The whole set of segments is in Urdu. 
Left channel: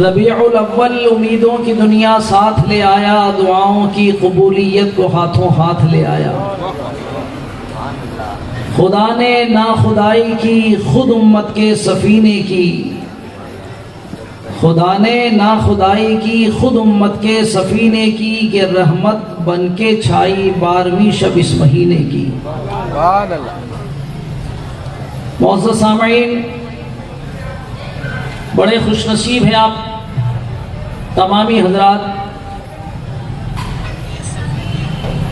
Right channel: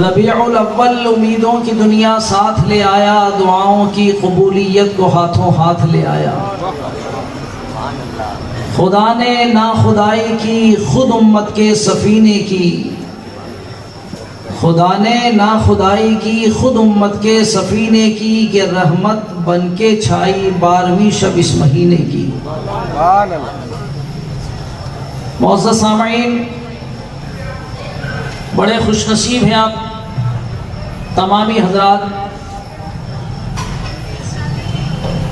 ربیع الاول امیدوں کی دنیا ساتھ لے آیا، دعاؤں کی قبولیت کو ہاتھوں ہاتھ لے آیا۔ خدا نے ناخدائی کی خود امت کے سفینے کی، خدا نے ناخدائی کی خود امت کے سفینے کی، کہ رحمت بن کے چھائی 12ویں شب اس مہینے کی۔ معزز سامعین، بڑے خوش نصیب ہیں آپ تمامی حضرات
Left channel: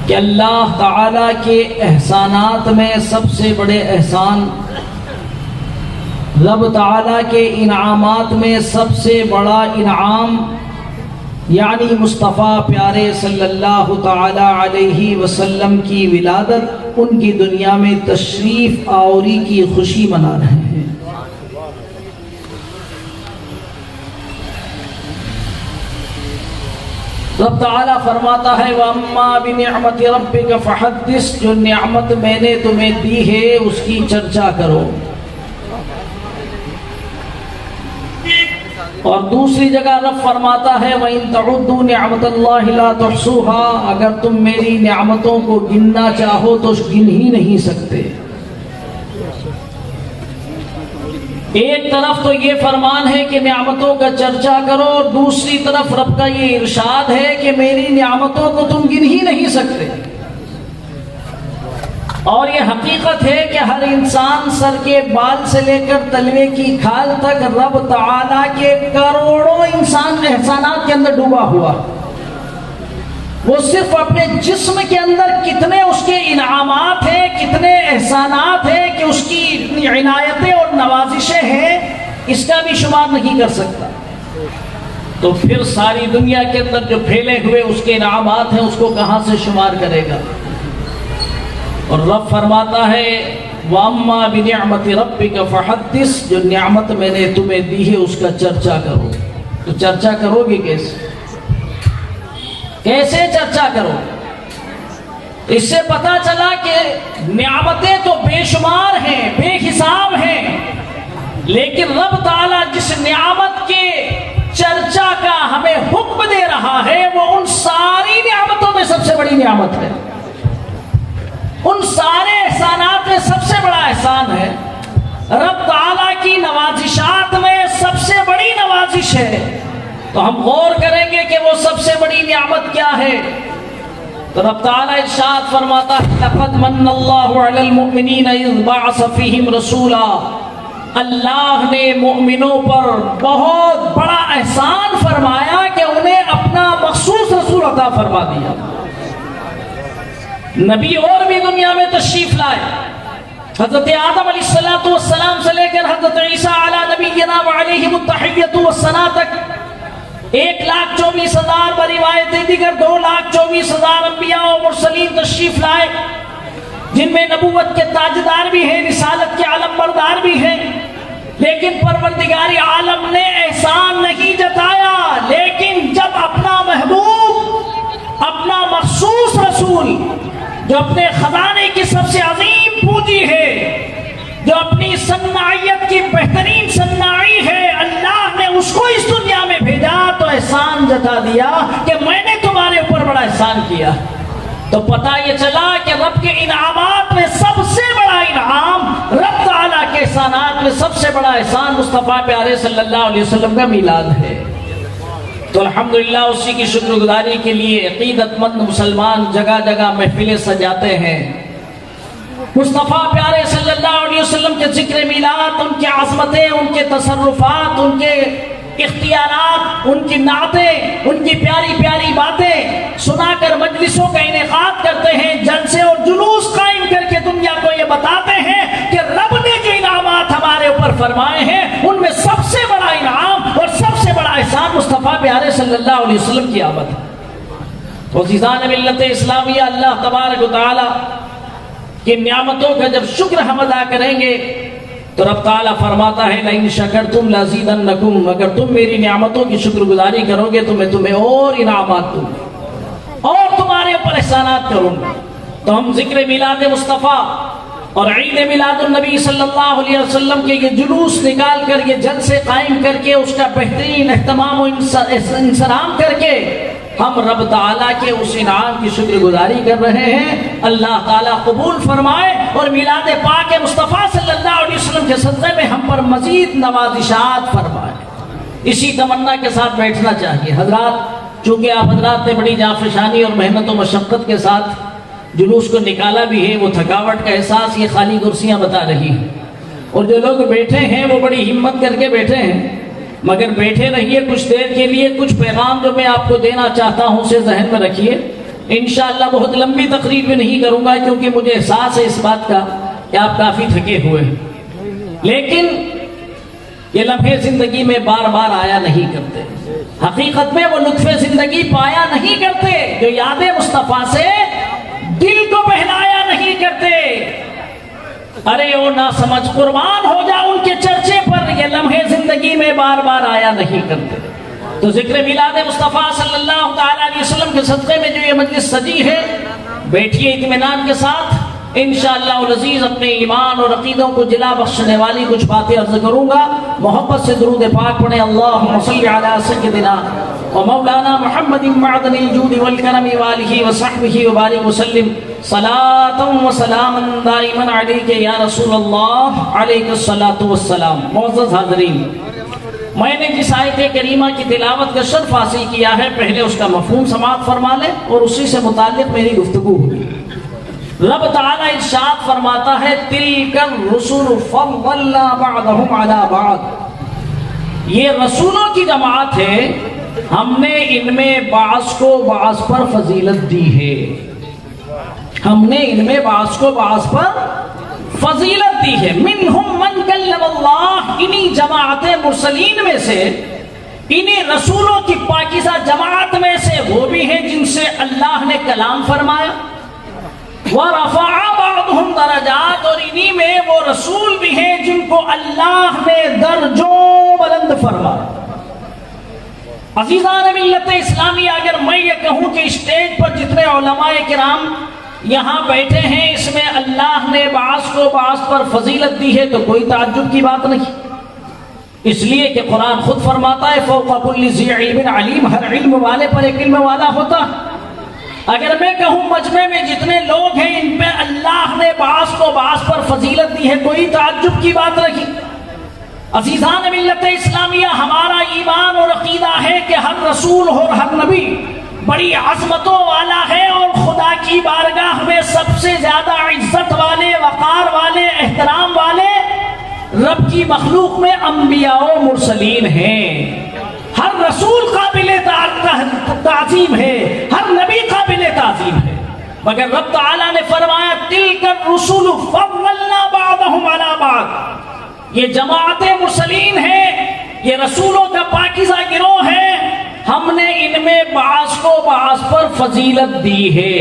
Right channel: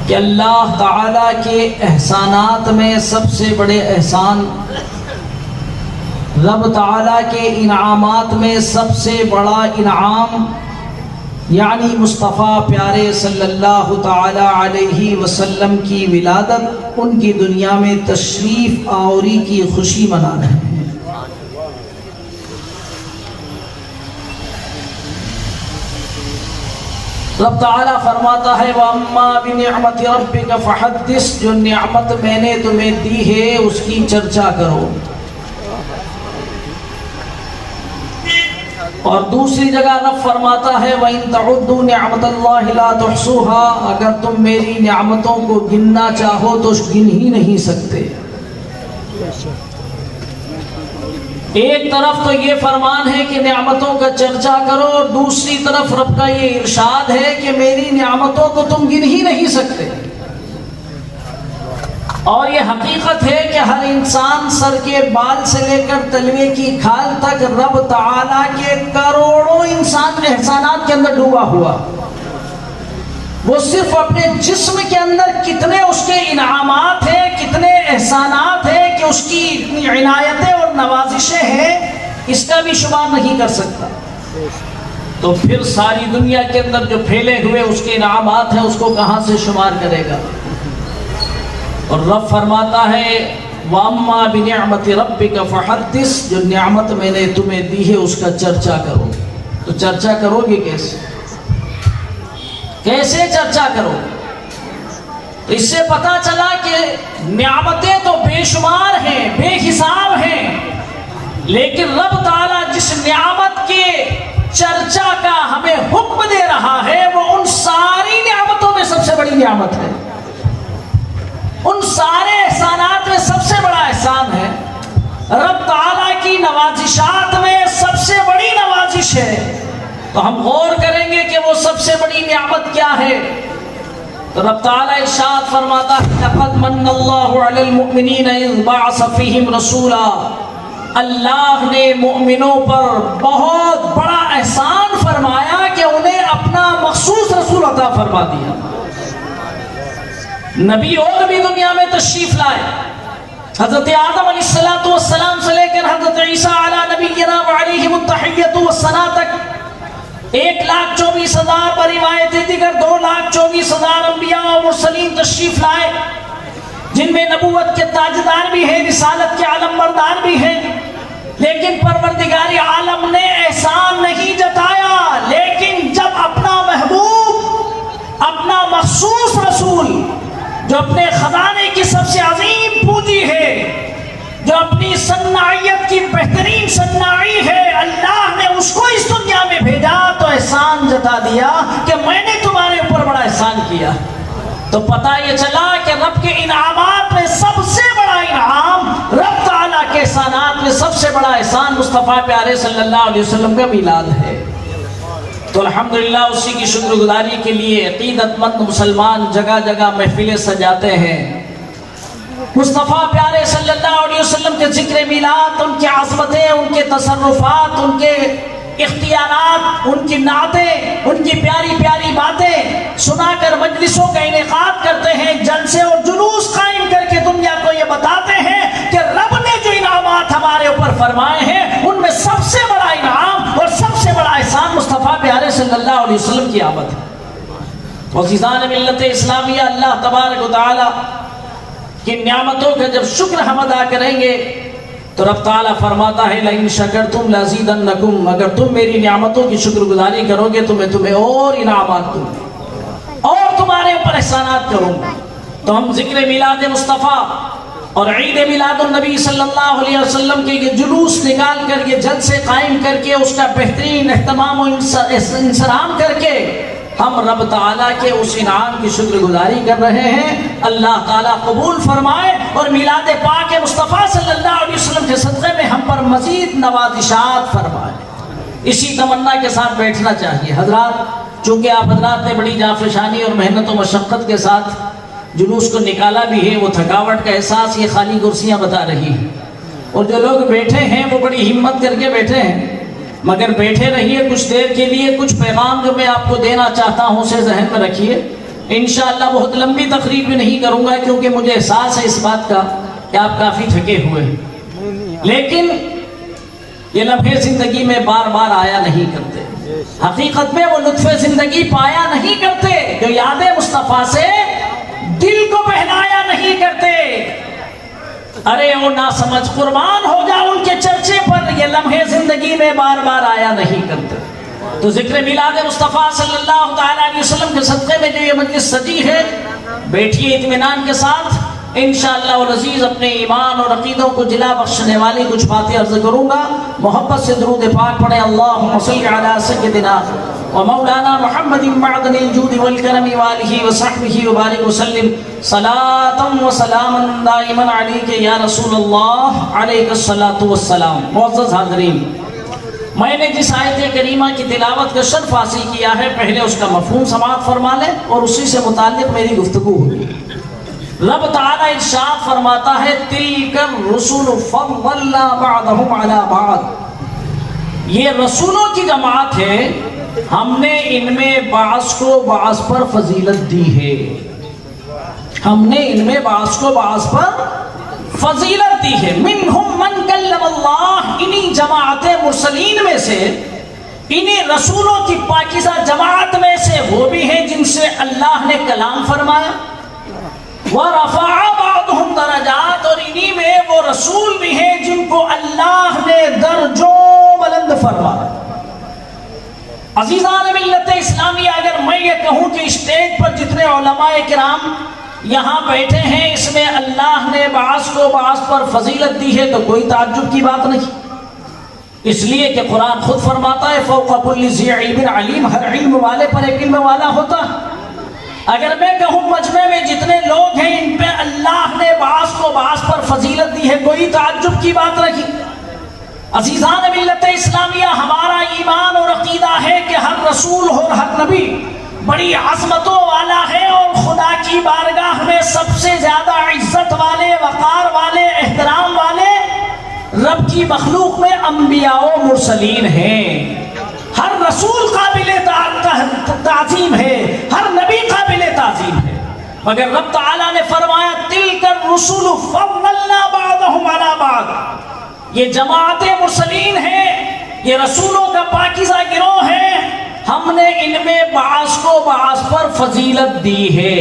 کہ اللہ تعالیٰ کے احسانات میں سب سے بڑے احسان، رب تعالیٰ کے انعامات میں سب سے بڑا انعام یعنی مصطفیٰ پیارے صلی اللہ تعالی علیہ وسلم کی ولادت، ان کی دنیا میں تشریف آوری کی خوشی منا رہے ہیں۔ رب تعالیٰ فرماتا ہے وَأَمَّا بِنِعْمَةِ رَبِّكَ فَحَدِّثْ، جو نعمت میں نے تمہیں دی ہے اس کی چرچا کرو۔ اور دوسری جگہ رب فرماتا ہے وَإِن تَعُدُّوا نِعْمَةَ اللَّهِ لَا تُحْصُوهَا، اگر تم میری نعمتوں کو گننا چاہو تو گن ہی نہیں سکتے۔ ایک طرف تو یہ فرمان ہے کہ نعمتوں کا چرچا کرو، اور دوسری طرف رب کا یہ ارشاد ہے کہ میری نعمتوں کو تم گن ہی نہیں سکتے۔ اور یہ حقیقت ہے کہ ہر انسان سر کے بال سے لے کر تلوے کی کھال تک رب تعالیٰ کے کروڑوں انسان احسانات کے اندر ڈوبا ہوا۔ وہ صرف اپنے جسم کے اندر کتنے اس کے انعامات ہیں، کتنے احسانات ہیں کہ اس کی عنایتیں اور نوازشیں ہیں، اس کا بھی شمار نہیں کر سکتا۔ تو پھر ساری دنیا کے اندر جو پھیلے ہوئے اس کے انعامات ہیں، اس کو کہاں سے شمار کرے گا؟ اور رب فرماتا ہے وَأَمَّا بِنِعْمَةِ رَبِّكَ فَحَدِّثْ، جو نعمت میں نے تمہیں دی ہے اس کا چرچا کرو۔ تو چرچا کرو گے کیسے چرچا کرو؟ تو اس سے پتا چلا کہ نعمتیں تو بے شمار ہیں، بے حساب ہیں، لیکن رب تعالیٰ جس نعمت کے چرچا کا ہمیں حکم دے رہا ہے وہ ان ساری نعمتوں میں سب سے بڑی نعمت ہے، ان سارے احسانات میں سب سے بڑا احسان ہے، رب تعالیٰ کی نوازشات میں سب سے بڑی نوازش ہے۔ تو ہم غور کریں گے کہ وہ سب سے بڑی نعمت کیا ہے۔ تو رب تعالیٰ ارشاد فرماتا ہے لَقَدْ مَنَّ اللَّهُ عَلَى الْمُؤْمِنِينَ إِذْ بَعَثَ فِيهِمْ رَسُولًا، اللہ نے مومنوں پر بہت بڑا احسان فرمایا کہ انہیں اپنا مخصوص رسول عطا فرما دیا۔ نبی اور بھی دنیا میں تشریف لائے، حضرت آدم علیہ السلام سے لے کر حضرت عیسیٰ علی نبینا وعلیہ التحیۃ والثناء تک 1,24,000 پر روایتیں دیگر 2,24,000 انبیاء و مرسلین تشریف لائے، جن میں نبوت کے تاجدار بھی ہیں، رسالت کے علم بردار بھی ہیں، لیکن پروردگار عالم نے احسان نہیں جتایا۔ لیکن جب اپنا محبوب، اپنا مخصوص رسول جو اپنے خزانے کی سب سے عظیم پونجی ہے، جو اپنی صناعیت کی بہترین صناعی ہے، اللہ نے اس کو اس دنیا میں بھیجا تو احسان جتا دیا کہ میں نے تمہارے اوپر بڑا احسان کیا۔ تو پتہ یہ چلا کہ رب کے انعامات میں سب سے بڑا انعام، رب تعالیٰ کے احسانات میں سب سے بڑا احسان مصطفیٰ پیارے صلی اللہ علیہ وسلم کا میلاد ہے۔ تو الحمدللہ اسی کی شکر گزاری کے لیے عقیدت مند مسلمان جگہ جگہ محفلیں سجاتے ہیں، مصطفیٰ پیارے صلی اللہ علیہ وسلم کے ذکر میلاد، ان کی عظمتیں، ان کے تصرفات، ان کے اختیارات، ان کی نعتیں، ان کی پیاری پیاری باتیں سنا کر مجلسوں کا انعقاد کرتے ہیں، جلسے اور جلوس قائم کر کے دنیا کو یہ بتاتے ہیں کہ رب نے جو انعامات ہمارے اوپر فرمائے ہیں ان میں سب سے بڑا انعام اور سب سے بڑا احسان مصطفیٰ پیارے صلی اللہ علیہ وسلم کی آمد ہے۔ عزیزان ملت اسلامیہ، اللہ تبارک و تعالی کی نعمتوں کا جب شکر ہم ادا کریں گے تو رب تعالیٰ فرماتا ہے لَإِن شَكَرْتُمْ لَأَزِيدَنَّكُمْ، اگر تم میری نعمتوں کی شکر گزاری کرو گے تو میں تمہیں اور انعامات دوں گا اور تمہارے اوپر احسانات کروں گا۔ تو ہم ذکر میلاد مصطفیٰ اور عید میلاد النبی صلی اللہ علیہ وسلم کے یہ جلوس نکال کر، یہ جلسے قائم کر کے، اس کا بہترین اہتمام و انصرام کر کے ہم رب تعالیٰ کے اس انعام کی شکر گزاری کر رہے ہیں۔ اللہ تعالیٰ قبول فرمائے اور میلاد پاک مصطفیٰ صلی اللہ علیہ وسلم کے صدقے میں ہم پر مزید نوازشات فرمائے۔ اسی تمنا کے ساتھ بیٹھنا چاہیے حضرات، چونکہ آپ حضرات نے بڑی جانفشانی اور محنت و مشقت کے ساتھ جلوس کو نکالا بھی ہے، وہ تھکاوٹ کا احساس یہ خالی کرسیاں بتا رہی ہیں، اور جو لوگ بیٹھے ہیں وہ بڑی ہمت کر کے بیٹھے ہیں، مگر بیٹھے رہیے کچھ دیر کے لیے۔ کچھ پیغام جو میں آپ کو دینا چاہتا ہوں اسے ذہن میں رکھیے۔ انشاءاللہ بہت لمبی تقریر بھی نہیں کروں گا، کیونکہ مجھے احساس ہے اس بات کا کہ آپ کافی تھکے ہوئے ہیں، لیکن یہ لمحے زندگی میں بار بار آیا نہیں کرتے، حقیقت میں وہ لطف زندگی پایا نہیں کرتے جو یاد مصطفیٰ سے دل کو بہلایا نہیں کرتے۔ ارے وہ نہ سمجھ قربان ہو جا ان کے چرچے پر، یہ لمحے زندگی میں بار بار آیا نہیں کرتے۔ تو ذکر میلاد مصطفیٰ صلی اللہ تعالیٰ علیہ وسلم کے صدقے میں جو یہ مجلس سجی ہے، بیٹھیے اطمینان کے ساتھ۔ انشاءاللہ العزیز اپنے ایمان اور عقیدوں کو جلا بخشنے والی کچھ باتیں عرض کروں گا۔ محبت سے درود پاک پڑھیں، اللہم صلی علی سیدنا ومولانا محمد معدن الجود والکرم وآلہ وصحبہ وبارک وسلم صلاة و سلاما دائما علیک یا رسول اللہ علیک الصلاۃ والسلام۔ معزز حاضرین، میں نے جس آیت کریمہ کی تلاوت کا شرف حاصل کیا ہے، پہلے اس کا مفہوم سماعت فرما لیں اور اسی سے متعلق میری گفتگو ہوگی۔ رب تعالیٰ ارشاد فرماتا ہے تِلْكَ الرُّسُلُ فَضَّلْنَا بَعْضَهُمْ عَلَى بَعْضٍ، یہ رسولوں کی جماعت ہے، ہم نے ان میں بعض کو بعض پر فضیلت دی ہے، ہم نے ان میں بعض کو بعض پر فضیلت دی ہے۔ مِنْهُمْ مَنْ كَلَّمَ اللَّهُ، انہی جماعت مرسلین میں سے، انہی رسولوں کی پاکیزہ جماعت میں سے وہ بھی ہیں جن سے اللہ نے کلام فرمایا۔ وَرَفَعَ بَعْضُهُمْ دَرَجَاتٍ، اور انہی میں وہ رسول بھی ہیں جن کو اللہ نے درجوں بلند فرمایا۔ عزیزان ملت اسلامیہ، اگر میں یہ کہوں کہ اسٹیج پر جتنے علماء کرام یہاں بیٹھے ہیں، اس میں اللہ نے بعض کو بعض پر فضیلت دی ہے، تو کوئی تعجب کی بات نہیں، اس لیے کہ قرآن خود فرماتا ہے فوق کل ذی علم علیم، ہر علم والے پر ایک علم والا ہوتا ہے۔ اگر میں کہوں مجمع میں جتنے لوگ ہیں ان پہ اللہ نے بعض کو بعض پر فضیلت دی ہے، کوئی تعجب کی بات نہیں۔ عزیزان ملت اسلامیہ، ہمارا ایمان اور عقیدہ ہے کہ ہر رسول اور ہر نبی بڑی عظمتوں والا ہے، اور خدا کی بارگاہ میں سب سے زیادہ عزت والے، وقار والے، احترام والے رب کی مخلوق میں انبیاء و مرسلین ہیں۔ ہر رسول قابل تعظیم ہے، ہر نبی قابل تعظیم ہے، مگر رب تعالیٰ نے فرمایا تِلْكَ الرُّسُلُ فَضَّلْنَا بَعْضَهُمْ عَلَى بَعْضٍ، یہ جماعت مرسلین ہے، یہ رسولوں کا پاکیزہ گروہ ہے، ہم نے ان میں بعض کو بعض پر فضیلت دی ہے۔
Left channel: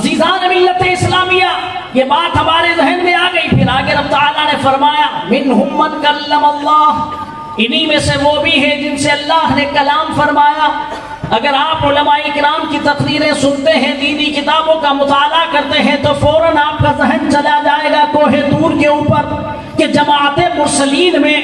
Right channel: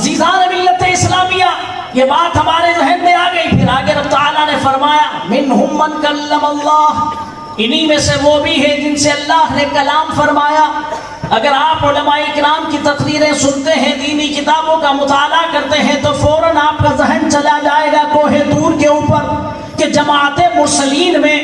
عزیزان ملت اسلامیہ، یہ بات ہمارے ذہن میں آ گئی۔ پھر آگے رب تعالیٰ نے فرمایا مِنْهُمْ مَنْ كَلَّمَ اللَّهُ، انہی میں سے وہ بھی ہیں جن سے اللہ نے کلام فرمایا۔ اگر آپ علماء کرام کی تقریریں سنتے ہیں، دینی کتابوں کا مطالعہ کرتے ہیں، تو فوراً آپ کا ذہن چلا جائے گا کوہ طور کے اوپر کہ جماعت مرسلین میں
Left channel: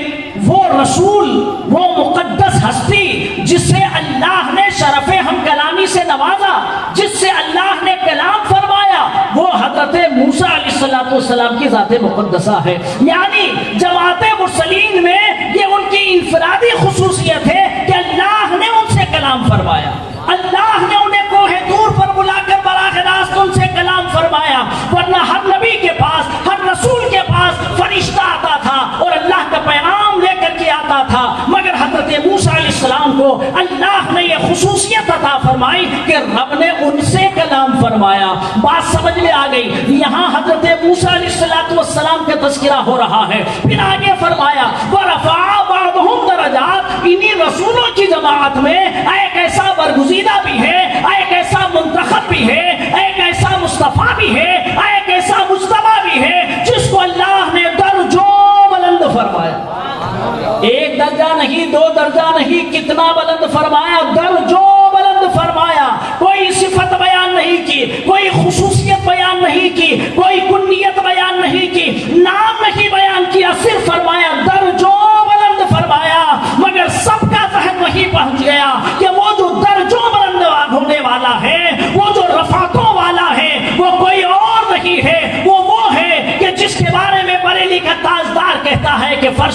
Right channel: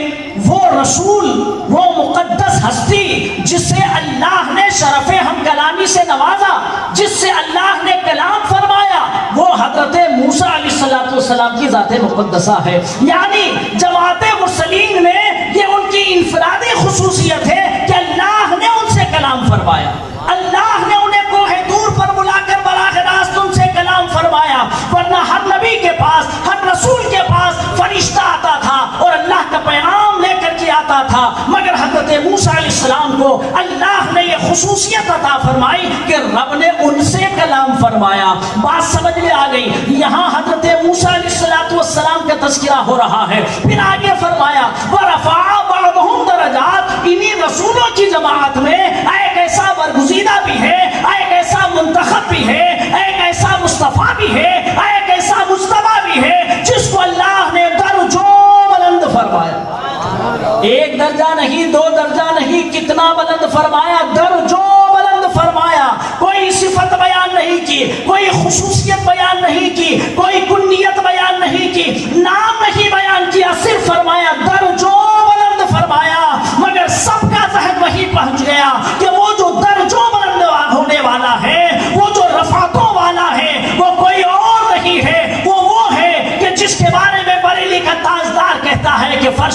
وہ رسول، وہ مقدس ہستی جس سے اللہ نے شرف ہم کلامی سے نوازا، جس سے اللہ نے کلام فرمایا، وہ حضرت موسیٰ علیہ السلام کی ذات مقدسہ ہے۔ یعنی جماعت مرسلین میں یہ ان کی انفرادی خصوصیت ہے کہ اللہ نے ان سے کلام فرمایا، اللہ نے انہیں کوہ طور پر بلا کر براہ راست ان سے کلام فرمایا، ورنہ ہر نبی کے پاس، ہر رسول کے پاس فرشتہ آتا تھا اور اللہ کا پیغام لے کر کے آتا تھا، مگر حضرت موسیٰ علیہ السلام کو اللہ نے یہ خصوصیت عطا فرمائی کہ رب نے ان سے کلام فرمایا۔ بات سمجھ میں آ گئی؟ یہاں حضرت موسیٰ علیہ السلام کا تذکرہ ہو رہا ہے۔ پھر آگے فرمایا وَرَفَعَ بَعْضُهُمْ دَرَجَاتٍ، انہی رسولوں کی جماعت میں ایک ایسا برگزیدہ بھی ہے، ایک ایسا منتخب بھی ہے، ایک ایسا مصطفیٰ بھی ہے، ایک ایسا مجتبیٰ بھی ہے جس کو اللہ نے درجوں بلند فرمایا۔ ایک درجہ نہیں، دو درجہ نہیں، کتنا بلند فرمایا؟ درجوں بلند فرمایا۔ کوئی صفت بیان نہیں کی، کوئی خصوصیت بیان نہیں کی، کوئی کنیت بیان نہیں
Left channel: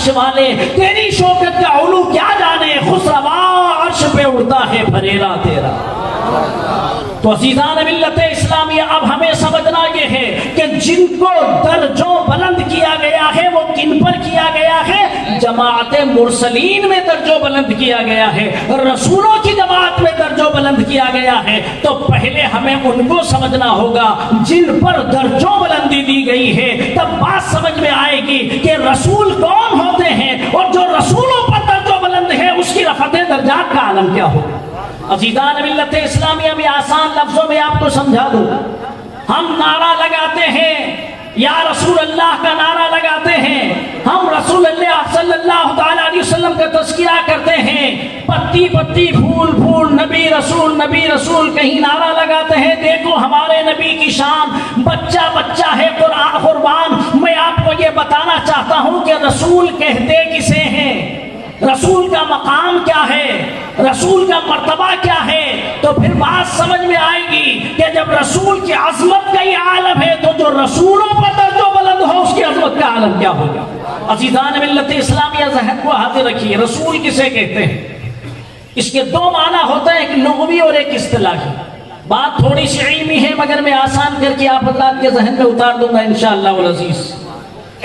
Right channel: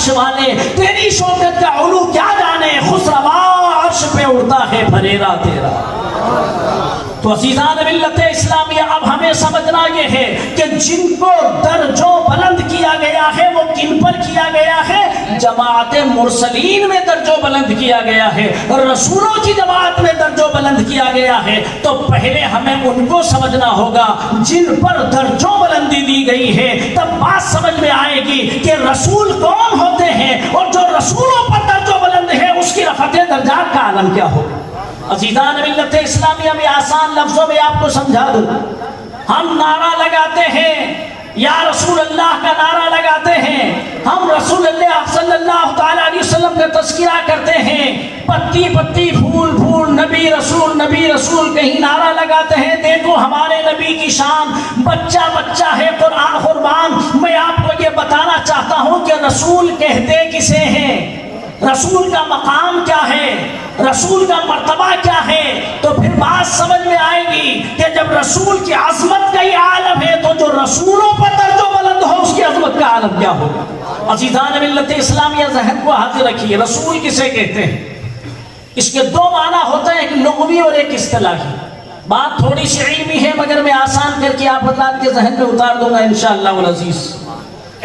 عرش والے تیری شوکت کا علو کیا جانے، خسروا عرش پہ اڑتا ہے بھریرا تیرا۔ تو عزیزان ملت اسلامیہ، اب ہمیں سمجھنا یہ ہے کہ جن کو درجوں بلند کیا گیا ہے وہ کن پر کیا گیا ہے؟ جماعت مرسلین میں درجوں بلند کیا گیا ہے، رسولوں کی جماعت میں درجوں بلند کیا گیا ہے۔ تو پہلے ہمیں ان کو سمجھنا ہوگا جن پر درجوں بلندی دی گئی ہے، تب بات سمجھ میں آئے گی کہ رسول کون ہوتے ہیں، اور جو رسولوں پر درجوں بلند ہے اس کی رفعت درجات کا عالم کیا ہوگا۔ عزیزان ملت اسلامیہ، میں آسان لفظوں میں آپ کو سمجھا دوں۔ ہم نعرہ لگاتے ہیں، یا رسول اللہ کا نعرہ لگاتے ہیں، ہم رسول اللہ صلی اللہ تعالیٰ علیہ وسلم کا تذکرہ کرتے ہیں، پتی پتی پھول پھول نبی رسول کہیں نعرہ لگاتے ہیں، دیکھو ہمارے نبی کی شان، بچہ بچہ ہے قرآن قربان۔ میں آپ کو یہ بتانا چاہتا ہوں کہ رسول کہتے کسے ہیں، رسول کا مقام کیا ہے، رسول کا مرتبہ کیا ہے، تو پھر بات سمجھ میں آئے گی کہ جب رسول کی عظمت کا یہ عالم ہے تو جو رسولوں پر درجہ بلند ہو اس کی عظمت کا عالم کیا ہوگا۔ عزیزان ملت اسلامیہ، ذہن کو حاضر رکھیے، رسول کسے کہتے ہیں؟ اس کے دو معنی ہوتا ہے، ایک لغوی اور ایک اصطلاحی۔ بات تھوڑی سی علمی ہے مگر میں آسان کر کے آپ حضرات کے ذہن میں اتار دوں گا انشاءاللہ العزیز۔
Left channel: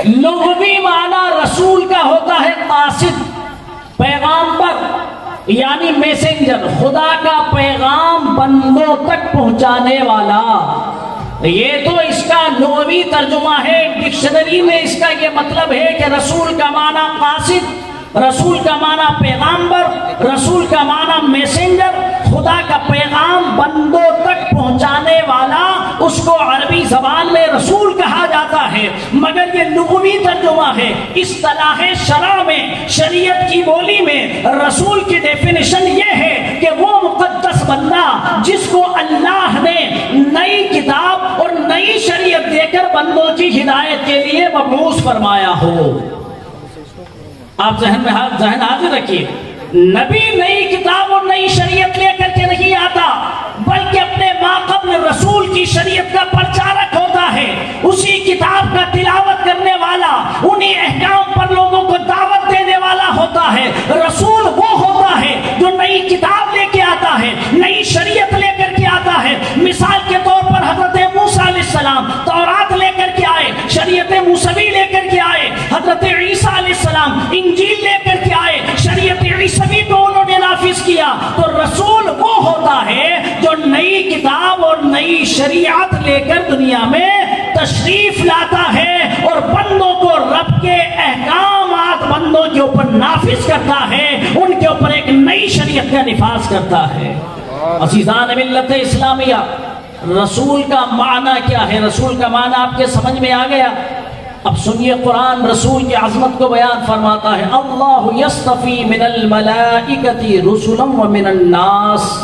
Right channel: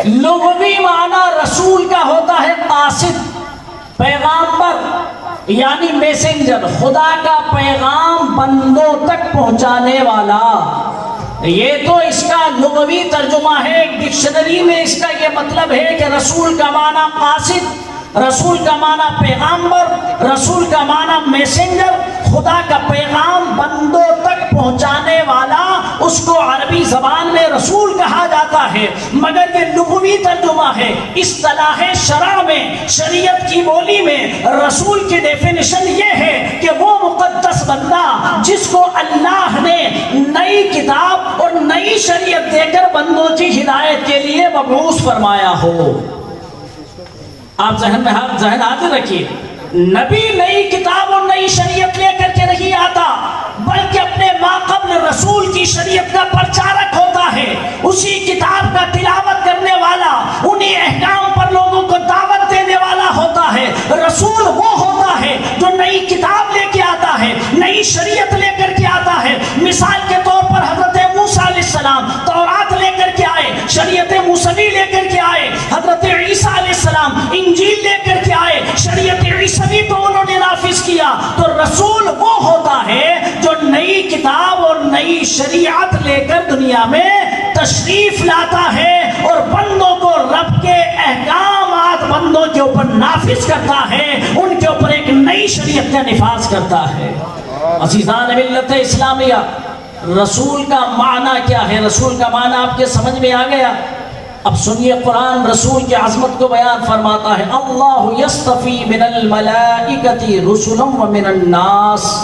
لغوی معنی رسول کا ہوتا ہے قاصد، پیغامبر یعنی میسنجر، خدا کا پیغام بندوں تک پہنچانے والا۔ یہ تو اس کا لغوی ترجمہ ہے، ڈکشنری میں اس کا یہ مطلب ہے کہ رسول کا معنی قاصد، رسول کا معنی پیغامبر، رسول کا معنی میسنجر، خدا کا پیغام بندوں تک پہنچانے والا، اس کو عربی زبان میں رسول کہا جاتا ہے، مگر یہ لغوی ترجمہ ہے۔ اصطلاح شرع میں، شریعت کی بولی میں رسول کی ڈیفینیشن یہ ہے کہ وہ مقدس بندہ جس کو اللہ نے نئی کتاب اور نئی شریعت دے کر بندوں کی ہدایت کے لیے مبعوث فرمایا ہو۔ آپ ذہن حاضر رکھیے، نبی نئی کتاب اور نئی شریعت لے کر کے نہیں آتا، بلکہ اپنے ما قبل رسول کی شریعت کا پرچارک ہوتا ہے، اسی کتاب کا تلاوت کرنے والا، انہی احکام پر لوگوں کو دعوت دینے والا ہوتا ہے۔ رسول وہ ہوتا ہے جو نئی کتاب لے کے آتا ہے، نئی شریعت لے کر کے آتا ہے۔ مثال کے طور پر حضرت موسیٰ علیہ السلام تورات لے کر کے آئے، شریعت موسوی لے کر کے آئے۔ حضرت عیسیٰ علیہ السلام انجیل لے کر کے آئے، شریعت عیسوی کو انہوں نے نافذ کیا۔ تو رسول وہ ہوتا ہے جو نئی کتاب اور نئی شریعت لے کر دنیا میں تشریف لاتا ہے اور بندوں کو رب کے احکامات بندوں کے اوپر نافذ کرتا ہے، ان کے اوپر ایک نئی شریعت کا نفاذ کرتا ہے۔ عزیزان ملت اسلامیہ، رسول کا معنی کیا ہے؟ رسول کا معنی آپ کے سمجھ میں آ گیا؟ اب سنیے، قرآن رسول کی عظمت کو بیان فرماتا ہے، اللہ یصطفی من الملائکۃ رسلا ومن الناس۔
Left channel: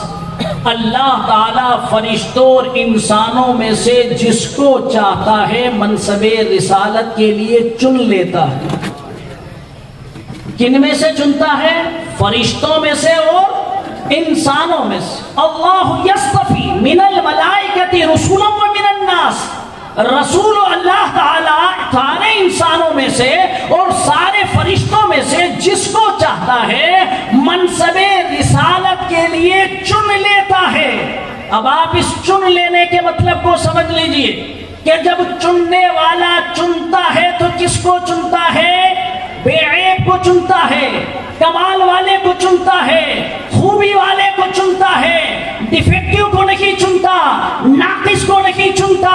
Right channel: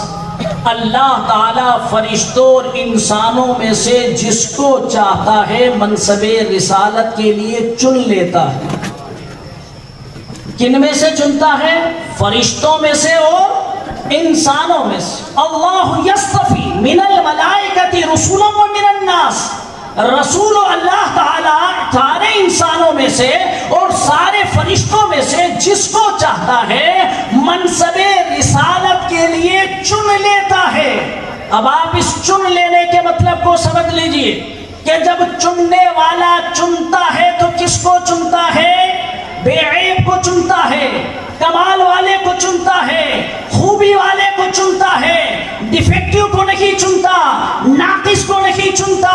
اللہ تعالیٰ فرشتوں اور انسانوں میں سے جس کو چاہتا ہے منصب رسالت کے لیے چن لیتا ہے۔ کن میں سے چنتا ہے؟ فرشتوں میں سے اور انسانوں میں سے۔ اللہ یصطفی من الملائکۃ رسلا ومن الناس، رسول اللہ تعالیٰ سارے انسانوں میں سے اور سارے فرشتوں میں سے جس کو چاہتا ہے منصب رسالت کے لیے چن لیتا ہے۔ اب آپ اس چن لینے کے مطلب کو سمجھ لیجئے کہ جب چننے والا چنتا ہے تو کس کو چنتا ہے؟ بے عیب کو چنتا ہے، کمال والے کو چنتا ہے، خوبی والے کو چنتا ہے، ڈیفیکٹیو کو نہیں چنتا، ناقص کو نہیں چنتا۔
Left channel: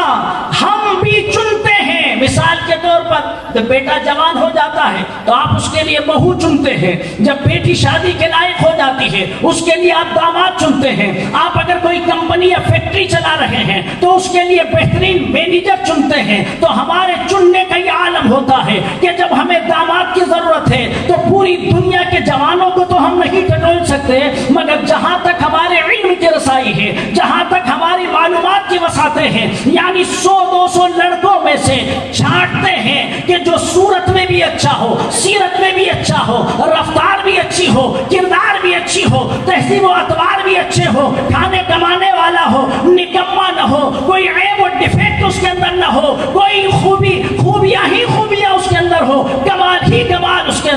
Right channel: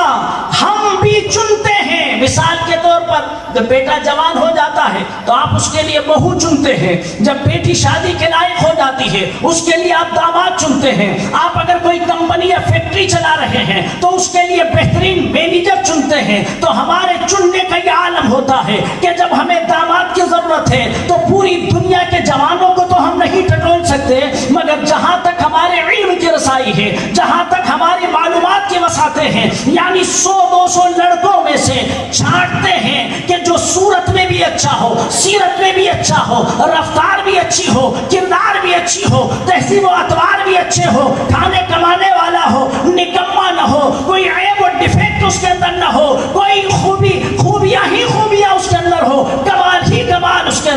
ہم بھی چنتے ہیں۔ مثال کے طور پر جب بیٹا جوان ہو جاتا ہے تو آپ اس کے لیے بہو چنتے ہیں، جب بیٹی شادی کے لائق ہو جاتی ہے اس کے لیے آپ داماد چنتے ہیں، آپ اگر کوئی کمپنی یا فیکٹری چلا رہے ہیں تو اس کے لیے بہترین مینیجر چنتے ہیں۔ تو ہمارے چننے کا یہ عالم ہوتا ہے کہ جب ہمیں داماد کی ضرورت ہے تو پوری دنیا کے جوانوں کو تو ہم نہیں ٹٹول سکتے، مگر جہاں تک ہمارے علم کی رسائی ہے، جہاں تک ہماری معلومات کی وسعتیں ہیں، یعنی 100-200 لڑکوں میں سے چھانٹتے ہیں کہ جو صورت میں بھی اچھا ہو، سیرت میں بھی اچھا ہو، رفتار بھی اچھی ہو، کردار بھی اچھی ہو، تہذیب و اطوار بھی اچھے ہو، کھانے کمانے والا ہو، نکما نہ ہو، کوئی عیب و ڈیفیکٹ اس کے اندر نہ ہو، کوئی خوبیاں ہی خوبیاں اس کے اندر ہو، کمال ہی کمال اس کے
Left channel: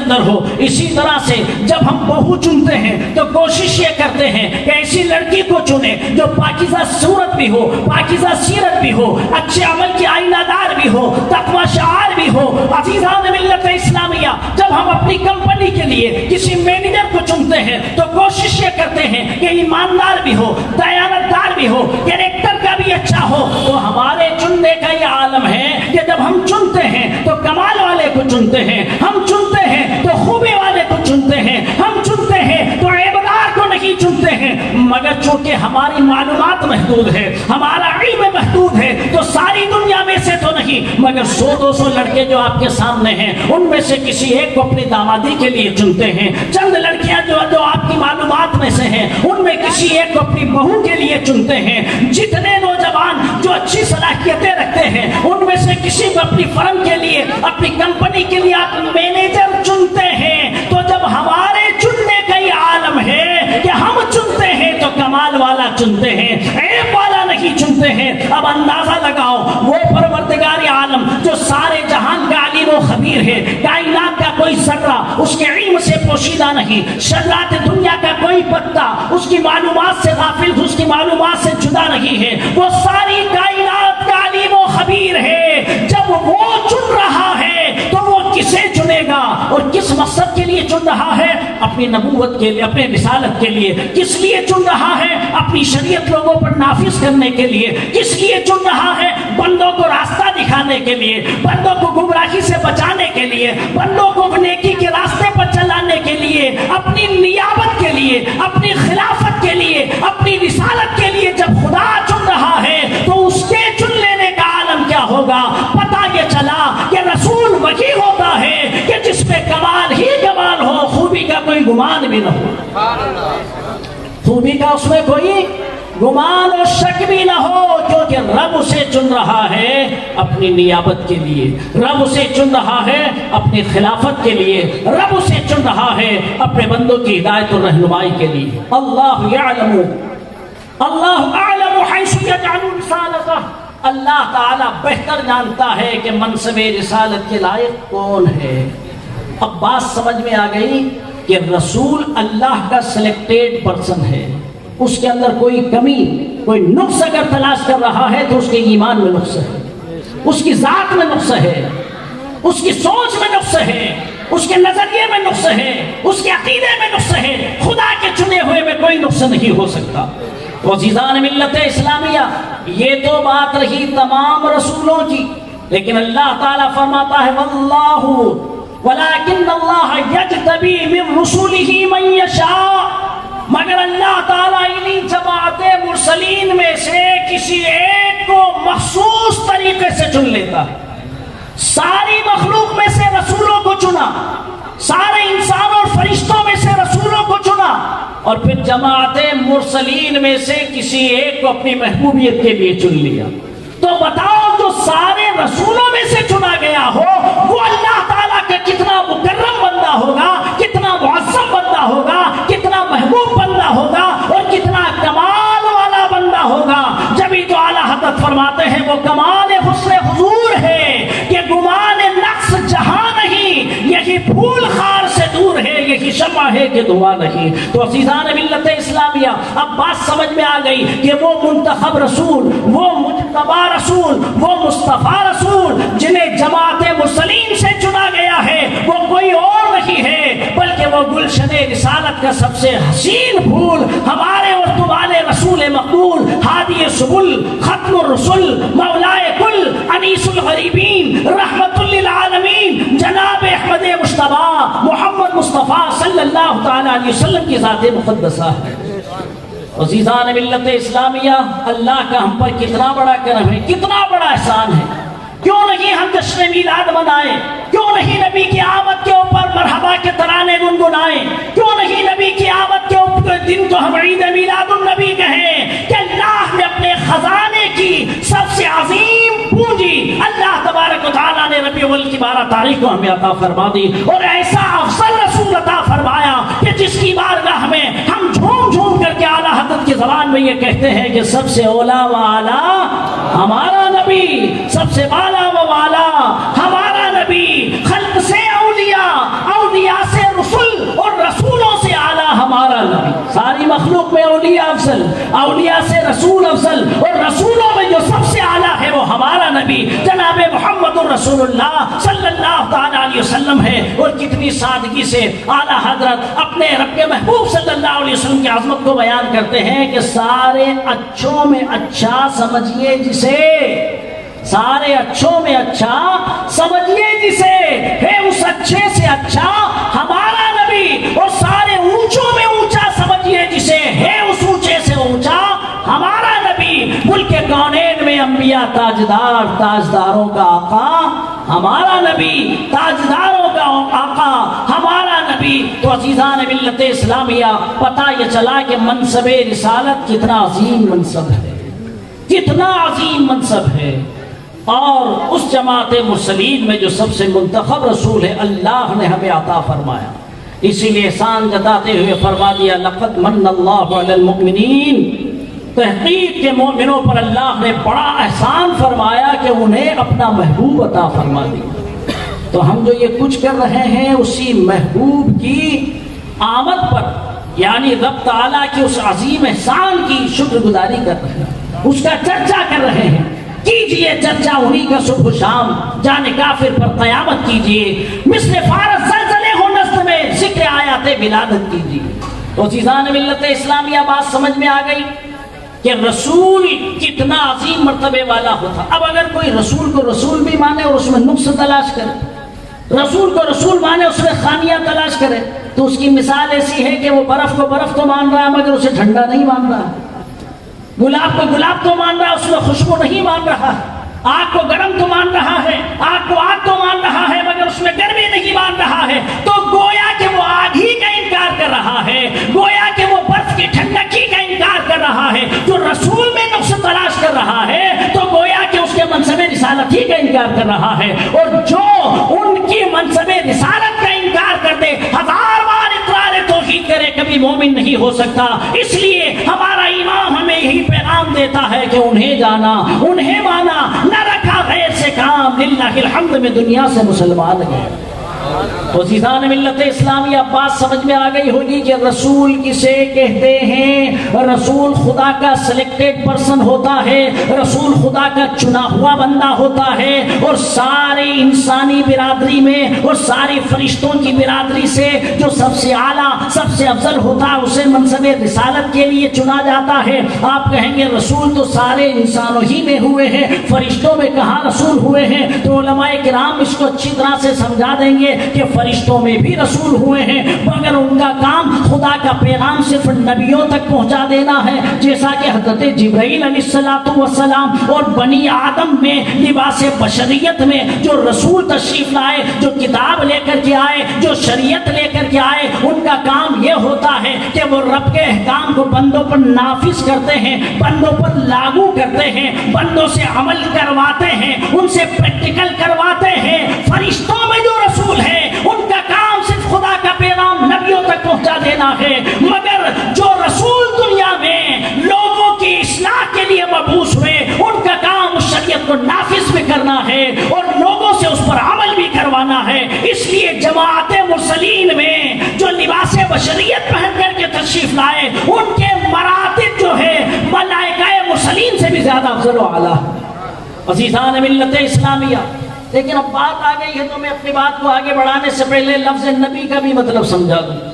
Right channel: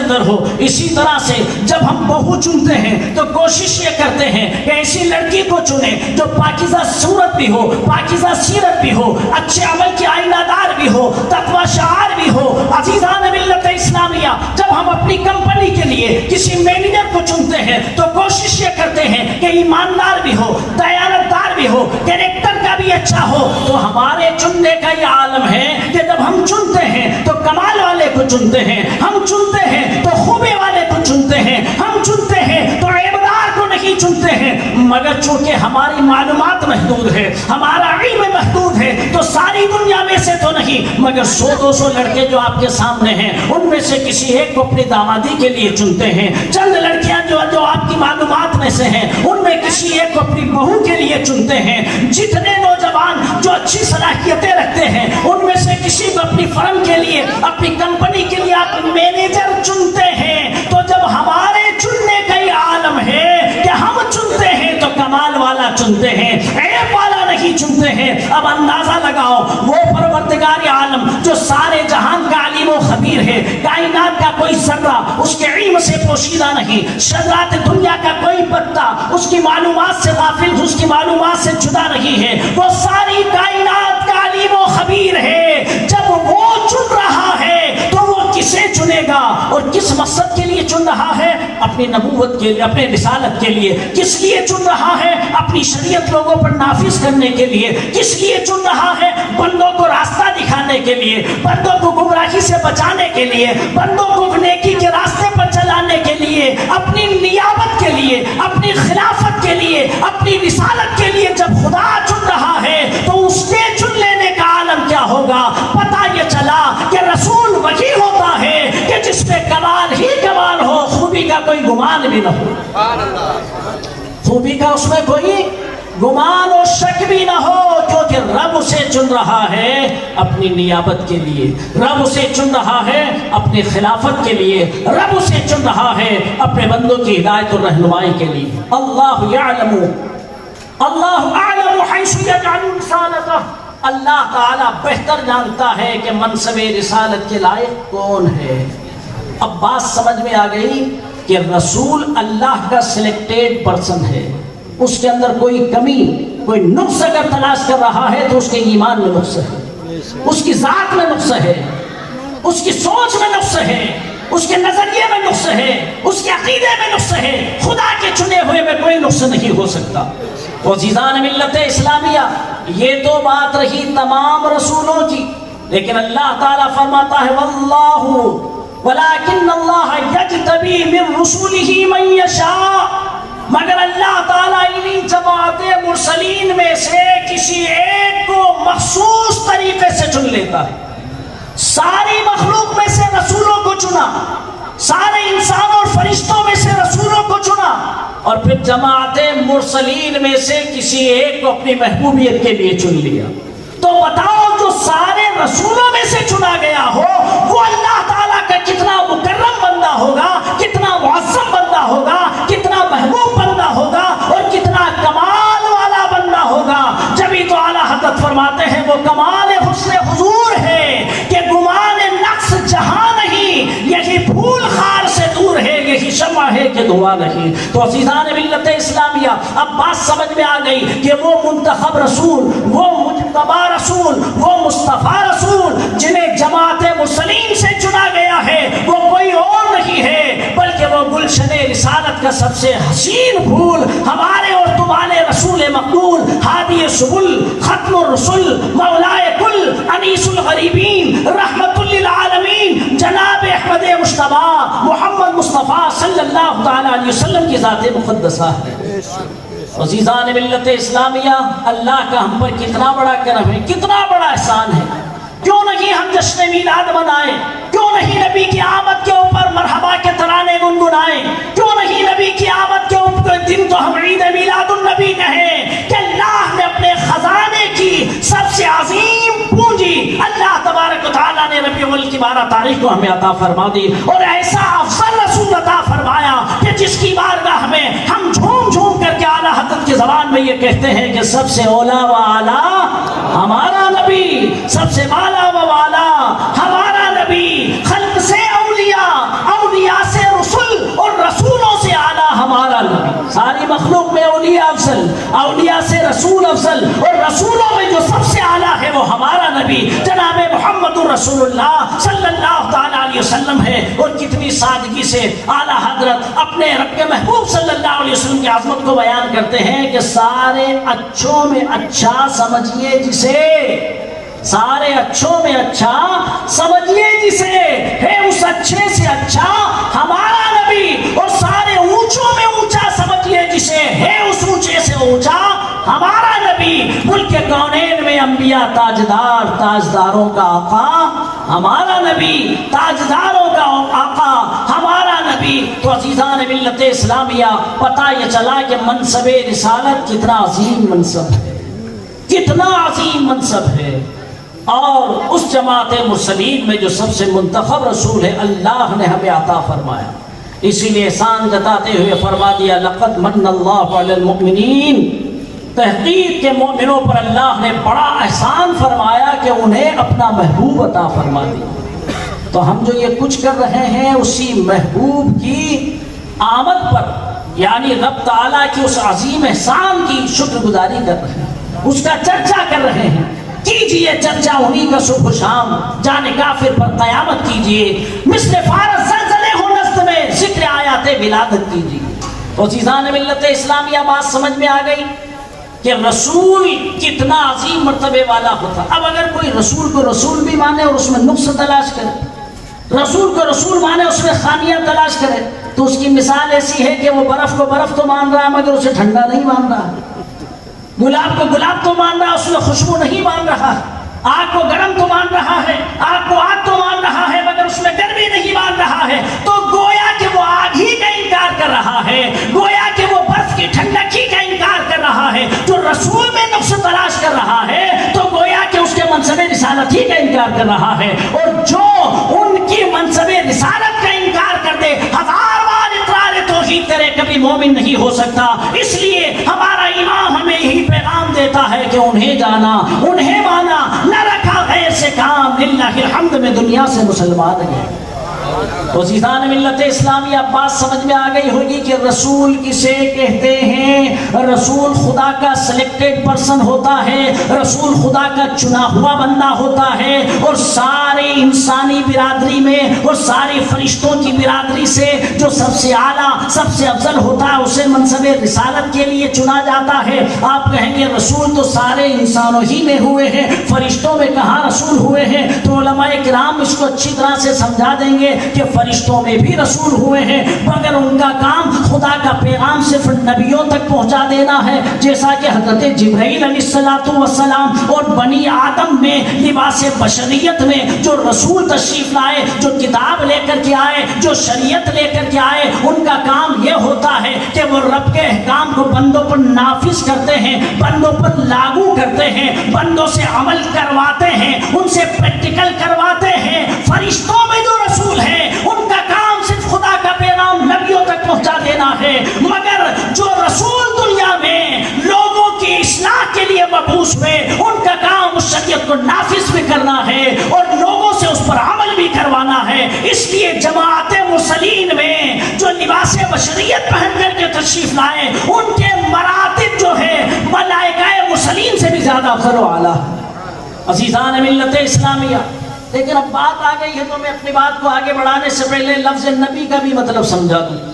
تو کوشش یہ کرتے ہیں کہ ایسی لڑکی کو چنے جو پاکیزہ صورت بھی ہو، پاکیزہ سیرت بھی ہو، اچھے عمل کی آئینہ دار بھی ہو، تقوی شعار بھی ہو۔ عزیزان ملت اسلامیہ، جب ہم اپنی کمپنی کے لیے کسی مینیجر کو چنتے ہیں تو کوشش یہ کرتے ہیں کہ ایماندار بھی ہو، دیانت دار بھی ہو، کریکٹر کا بھی اچھا ہو۔ تو ہمارے چننے کا یہ عالم ہے کہ جب ہم چنتے ہیں تو کمال والے کو چنتے ہیں، ہم چنتے ہیں تو خوبی والے کو چنتے ہیں، ہم چنتے ہیں تو عیبدار کو نہیں چنتے ہیں۔ مگر چونکہ ہماری معلومات محدود ہے، ہمارا علم محدود ہے، تو ساری دنیا میں سے تو نہیں مگر 100-200 لڑکے جو آپ کے سامنے ہیں ان میں سے کسی ایک کو اپنی دامادی کے لیے چنتے ہیں۔ چند لڑکیاں جو آپ کی معلومات میں سے ہیں ان میں کسی ایک کو اپنی بہو کے لیے چنتے ہیں۔ جتنے نوجوان جو اچھی صلاحیتیں رکھتے ہیں ان میں سے کسی کو اپنی فرم کے لیے، اپنی کمپنی کے لیے آپ مینیجر چنتے ہیں۔ تو جب ہمارے چننے کا یہ عالم ہے کہ ہم چنتے ہیں تو کمال والا چنتے ہیں، عیب والا نہیں چنتے ہیں۔ اب اندازہ لگاؤ، وہ پروردگار عالم جو سارے جہان کا علیم و خبیر ہے، کائنات کا کوئی ذرہ اس کے علم سے پوشیدہ نہیں، شذرات دنیا کا کوئی پتا اس کی معلومات سے غافل، اس کی معلومات سے جدا نہیں ہے، وہ ساری کائنات کا علیم و خبیر ہے۔ جب وہ چن رہا ہے تو وہ کسے چنے گا اور کس مقصد کے لیے چن رہا ہے؟ اپنی نبوت کے لیے، اپنے رسالت کے لیے۔ کس لیے چن رہا ہے؟ اپنی شریعت لوگوں پر نافذ کرنے کے لیے۔ کس لیے چن رہا ہے؟ بندوں کو راستہ دکھانے کے لیے، بندوں کو گمراہی سے بچانے کے لیے، بندوں کو نیکی کے راستے پر چلانے کے لیے، اپنی نیابت کے لیے، اپنی خلافت کے لیے، اپنی رسالت کے لیے۔ جب خدا چن رہا ہے تو اس کے چن لینے کا عالم کیا ہوگا؟ پتہ یہ چلا کہ رسول وہی ہوتا ہے کہ جس پہ کمال ہی کمال ہو، خوبی کا کوئی گمان بھی نہ ہو، خوبی کا اس میں کوئی گمان و شک بھی نہ ہو، کیونکہ رب اسے چن رہا ہے اپنی نیابت کے لیے، رب اسے چن رہا ہے اپنی خلافت کے لیے، رب اسے چن رہا ہے اپنے بندوں کی ہدایت و رہنمائی کے لیے۔ اللہ یعلم، اللہ اعلم حیث یجعل رسالتہ، اللہ تعالی بہتر جانتا ہے کہ منصب رسالت کے لائق کون ہے۔ اب بات سمجھ میں آ گئی کہ رسول اللہ کا سلیکٹڈ پرسن ہے، اس کے اندر کوئی کمی، کوئی نقص اگر تلاش کر رہا ہے تو اس کے ایمان میں نقص ہے، اس کی ذات میں نقص ہے، اس کی سوچ میں نقص ہے، اس کے نظریے میں نقص ہے، اس کے عقیدے میں نقص ہے۔ خدا کے چنے ہوئے میں کوئی نقص نہیں ہو سکتا۔ عزیزان ملت اسلامیہ، یہ تو بات رہی تمام رسولوں کی، لیکن اللہ تعالیٰ فرماتا ہے واللہ ولیکن اللہ یجتبی من رسولہ من یشاء، مگر اللہ تعالیٰ انہی جماعت مرسلین میں سے کسی ایک کو مخصوص طریقے سے چن لیتا ہے۔ ساری مخلوق میں سے رسولوں کو چنا، سارے انسان اور فرشتوں میں سے رسولوں کو چنا، اور پھر جماعت مرسلین میں سے کسی ایک کو اپنی محبوبیت کے لیے چن لیا۔ تو بتاؤ، جو سارے رسولوں میں سے چنا گیا ہو وہ اللہ تعالیٰ کا کتنا مکرم بندہ ہوگا، کتنا معظم بندہ ہوگا، کتنا محبوب بندہ ہوگا اور کتنا کمال والا بندہ ہوگا۔ جبھی تو اعلیٰ حضرت فرماتے ہیں وہ کمال حسن حضور ہے کہ گمان نقص جہاں نہیں، یہی پھول خار سے دور ہے، یہی شمع ہے کہ دھواں نہیں۔ تو عزیزان ملت اسلامیہ، اب بات سمجھ میں آ گئی کہ وہ منتخب رسول، وہ مجتبی رسول، وہ مصطفیٰ رسول جنہیں جماعت مسلمین سے چنا گیا ہے، وہ کوئی اور نہیں ہے بلکہ وہ گلشن رسالت کا سب سے حسین پھول، ہمارے اور تمہارے رسول مقبول، ہادی سبل، ختم الرسل، مولائے کل، انیس الغریبین، رحمت للعالمین، جناب احمد مصطفیٰ محمد مصطفیٰ صلی اللہ تعالی علیہ وسلم کی ذات مقدسہ ہے۔ عزیزان ملت اسلامیہ، اللہ کا ہم پر کتنا بڑا کرم ہے، کتنا بڑا احسان ہے۔ کیوں نہیں ہم جشن میلاد منائیں؟ کیوں نہیں نبی کی آمد کے اوپر مرحبا کے ترانے گنگنائیں؟ کیوں نہیں نبی کی آمد کے اوپر دن کو ہم عید میلاد النبی کہیں کہ اللہ نے اپنے خزانے کی سب سے عظیم پونجی اللہ تبارک و تعالیٰ نے ربیع الاول کی 12 تاریخ کو ہمیں عطا فرما دی، اور ایسا افضل رسول عطا فرمایا کہ جس کی بارگاہ میں ہم جھوم جھوم کر کے اعلیٰ حضرت کی زبان میں یہ کہتے ہیں کہ سب سے اولا و اعلیٰ ہمارا نبی، سب سے بالا و والا ہمارا نبی، خلق سے اولیاء، اولیاء سے رسول اور رسولوں سے اعلیٰ ہمارا نبی۔ رسول اللہ صلی اللہ تعالی علیہ وسلم ہے، اور کتنی سادگی سے اعلیٰ حضرت اپنے رب کے محبوب صلی اللہ علیہ وسلم کی عظمت کو بیان کرتے ہیں کہ سارے اچھوں میں اچھا سمجھیے جسے، سارے اچھوں میں اچھا سمجھیے جسے، ہے اس اچھے سے اچھا ہمارا نبی، اور سارے اونچوں میں اونچا سمجھیے جسے، ہے اس اونچے سے اونچا ہمارا نبی۔ ملک کونین میں انبیاء تاجدار، تاجداروں کا آقا ہمارا نبی، تاجداروں کا آقا ہمارا نبی۔ تو عزیزان ملت اسلامیہ، پتہ یہ چلا کہ منصب رسالت کتنا عظیم منصب ہے، کتنا عظیم منصب ہے، اور اس جماعت مرسلین میں جو سب سے منتخب رسول ہے اللہ نے ہمیں عطا فرمایا۔ اسی لیے احسان جتاتے ہوئے فرما دیا لقد من اللہ علی المؤمنین، تحقیق کے مومنوں پر اللہ نے بڑا احسان فرمایا کہ انہیں اپنا محبوب عطا فرما دیا۔ تو ہم جو یہ کچھ کر رہے ہیں اسی محبوب کی آمد پر، یعنی رب تعالیٰ کی اس عظیم احسان کی شکر گزاری کر رہے ہیں، اس کا چرچا کر رہے ہیں۔ کیجئے چرچا انہی کا صبح و شام، جان کافر پر قیامت کیجئے، مثل فارس زلزلے ہو نزد میں ذکر آیات ولادت کیجئے۔ تو عزیزان ملت اسلامیہ، بات سمجھ میں آ گئی کہ رسول کتنا عظیم مرتبے والا ہوتا۔ اب اگر کوئی رسول کو رسول بھی مانے اور اس میں نقص تلاش کرے، رسول کو رسول مانے اس میں خامیاں تلاش کرے، تو اس کی مثال ایسی ہے کہ وہ برف کو برف تو مان رہا مگر اسے ٹھنڈا نہیں مان رہا، گلاب کو گلاب تو مان رہا اس میں خوشبو نہیں مان رہا، آگ کو گرم تو مان رہا ہے، آگ کو آگ تو مان رہا ہے مگر اس میں گرمی نہیں مان رہا ہے، تو گویا کہ وہ آگ ہی کا انکار کر رہا ہے، گویا کہ وہ برف کی ٹھنڈکی کا انکار کر رہا ہے۔ جو رسول میں نقص تلاش کر رہا ہے تو گویا کہ اس کے منصب رسالت ہی کا انکار کر رہا ہے، اور جو ان کی منصب رسالت کا انکار کر دے، ہزار بار اقرار توحید کرے، کبھی مومن نہیں ہو سکتا۔ اس لیے ہمارا ایمان ہمیں یہی پیغام دیتا ہے کہ انہیں جانا، انہیں مانا، نہ رکھا غیر سے کام، للہ الحمد میں دنیا سے مسلمان گئے۔ تو عزیزان ملت اسلامی، اب بات سمجھ میں آ گئی ہوگی کہ رسول کسے کہتے ہیں۔ رسول خدا کا سلیکٹڈ پرسن ہوتا ہے، رسول خدا کا چنا ہوا بندہ ہوتا ہے، اور سارے انسانی برادری میں اور سارے فرشتوں کی برادری سے جو سب سے اعلیٰ، سب سے افضل ہوتا ہے اسے منصب رسالت کے لیے چنا جاتا ہے۔ آپ کہیں گے رسول تو سارے انسانوں ہی میں ہوئے ہیں، فرشتوں میں کہاں رسول ہوئے ہیں؟ تو علماء کرام اس کو اچھی طرح سے سمجھا دیں گے کہ فرشتوں میں بھی رسول ہوئے ہیں، مگر ان کا کام خدا کا پیغام صرف نبیوں تک پہنچا دینا ہے، جیسا کہ حضرت جبرائیل علیہ السلام اور بنی آدم میں لباس بشریت میں جو رسول تشریف لائے، جو کتاب لے کر کے آئے، جو شریعت لے کر کے آئے، ان کا کام یہ ہوتا ہے کہ وہ رب کے احکام کو بندوں پر نافذ کرتے ہیں، بندوں پر لاگو کرتے ہیں، بندوں سے عمل کرواتے ہیں، ان سے پریکٹیکل کرواتے ہیں۔ فرشتوں میں جو رسول ہیں ان کا کام صرف خدا کا پیغام نبیوں تک پہنچا دینا ہے، مگر جو رسول دنیا میں لوگوں کی اصلاح کے لیے مبعوث ہوئے ان کا کام اس شریعت کو نافذ بھی کرنا ہے اور لوگوں سے اس پر عمل بھی کروانا ہے۔ اس لیے جماعت مرسلین میں جو لباس بشریت پہن کر کے تشریف لائے ان کے مراتب جو ہے ملائکہ مرسلین سے بھی زیادہ افضل و اعلیٰ۔ عزیزان ملت اسلامیہ، لیکن اب بات آ گئی ہے تو میں اپنی بات کو آگے بڑھانے سے پہلے لفظ نبی کا بھی مطلب سمجھا دوں،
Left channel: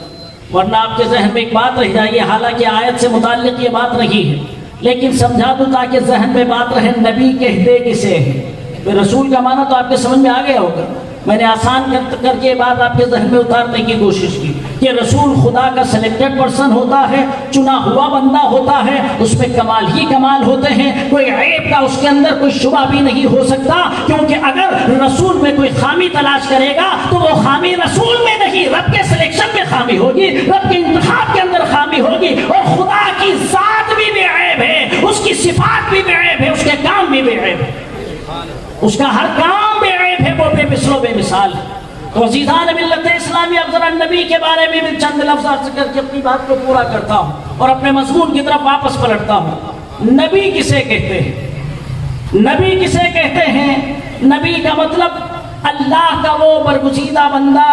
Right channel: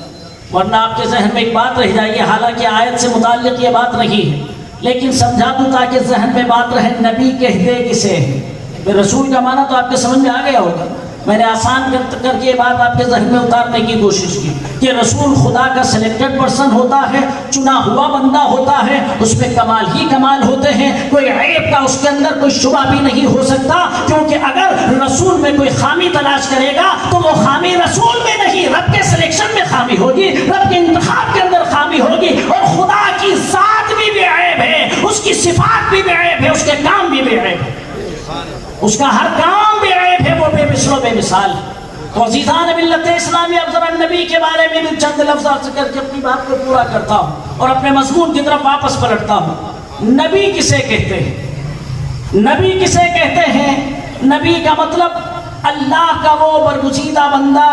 ورنہ آپ کے ذہن میں ایک بات رہ جائے گی، حالانکہ آیت سے متعلق یہ بات نہیں ہے، لیکن سمجھا دوں تاکہ ذہن میں بات رہے۔ نبی کہتے کسے ہیں؟ رسول کا معنی تو آپ کے سمجھ میں آ گیا ہوگا، میں نے آسان کر کے یہ بات آپ کے ذہن میں اتارنے کی کوشش کی کہ رسول خدا کا سلیکٹڈ پرسن ہوتا ہے، چنا ہوا بندہ ہوتا ہے، اس میں کمال ہی کمال ہوتے ہیں، کوئی عیب کا اس کے اندر کوئی شبہ بھی نہیں ہو سکتا، کیونکہ اگر رسول میں کوئی خامی تلاش کرے گا تو وہ خامی رسول میں نہیں، رب کے سلیکشن میں خامی ہوگی، رب کے انتخاب کے اندر خامی ہوگی، اور خدا کی ذات بھی بے عیب ہے، اس کی صفات بھی بے عیب ہے، اس کے کام بھی بے عیب ہے، اس کا ہر کام بے عیب ہے، وہ بے مثل و بے مثال۔ تو عزیزان ملت اسلامی، اب ذرا نبی کے بارے میں بھی چند لفظ کر کے اپنی بات کو پورا کرتا ہوں اور اپنے مضمون کی طرف واپس پلٹتا ہوں۔ نبی کسے کہتے ہیں؟ نبی کسے کہتے ہیں؟ نبی کا مطلب اللہ کا وہ برگزیدہ بندہ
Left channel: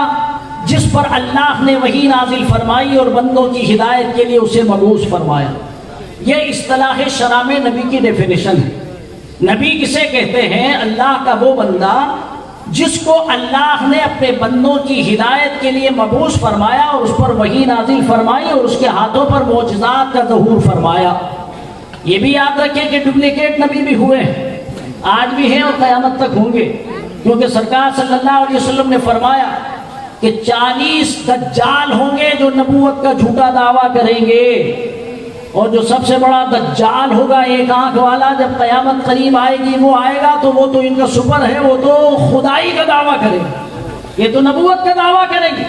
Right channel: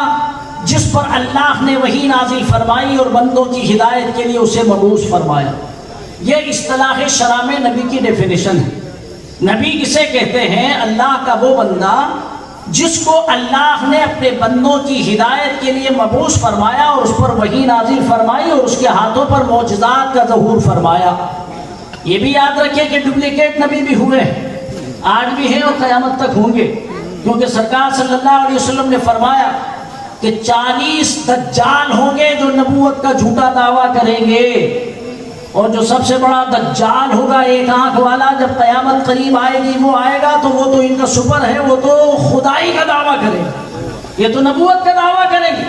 جس پر اللہ نے وحی نازل فرمائی اور بندوں کی ہدایت کے لیے اسے مبعوث فرمایا۔ یہ اصطلاح شرع میں نبی کی ڈیفینیشن ہے۔ نبی کسے کہتے ہیں؟ اللہ کا وہ بندہ جس کو اللہ نے اپنے بندوں کی ہدایت کے لیے مبعوث فرمایا اور اس پر وحی نازل فرمائی اور اس کے ہاتھوں پر معجزات کا ظہور فرمایا۔ یہ بھی یاد رکھیں کہ ڈپلیکیٹ نبی بھی ہوئے، آج بھی ہیں اور قیامت تک ہوں گے، کیونکہ سرکار صلی اللہ علیہ وسلم نے فرمایا کہ 40 دجال ہوں گے جو نبوت کا جھوٹا دعویٰ کریں گے، اور جو سب سے بڑا دجال ہوگا ایک آنکھ والا، جب قیامت قریب آئے گی وہ آئے گا تو وہ تو ان کا سپر ہے، وہ تو خدائی کا دعویٰ کرے گا، یہ تو نبوت کا دعویٰ کرے گی۔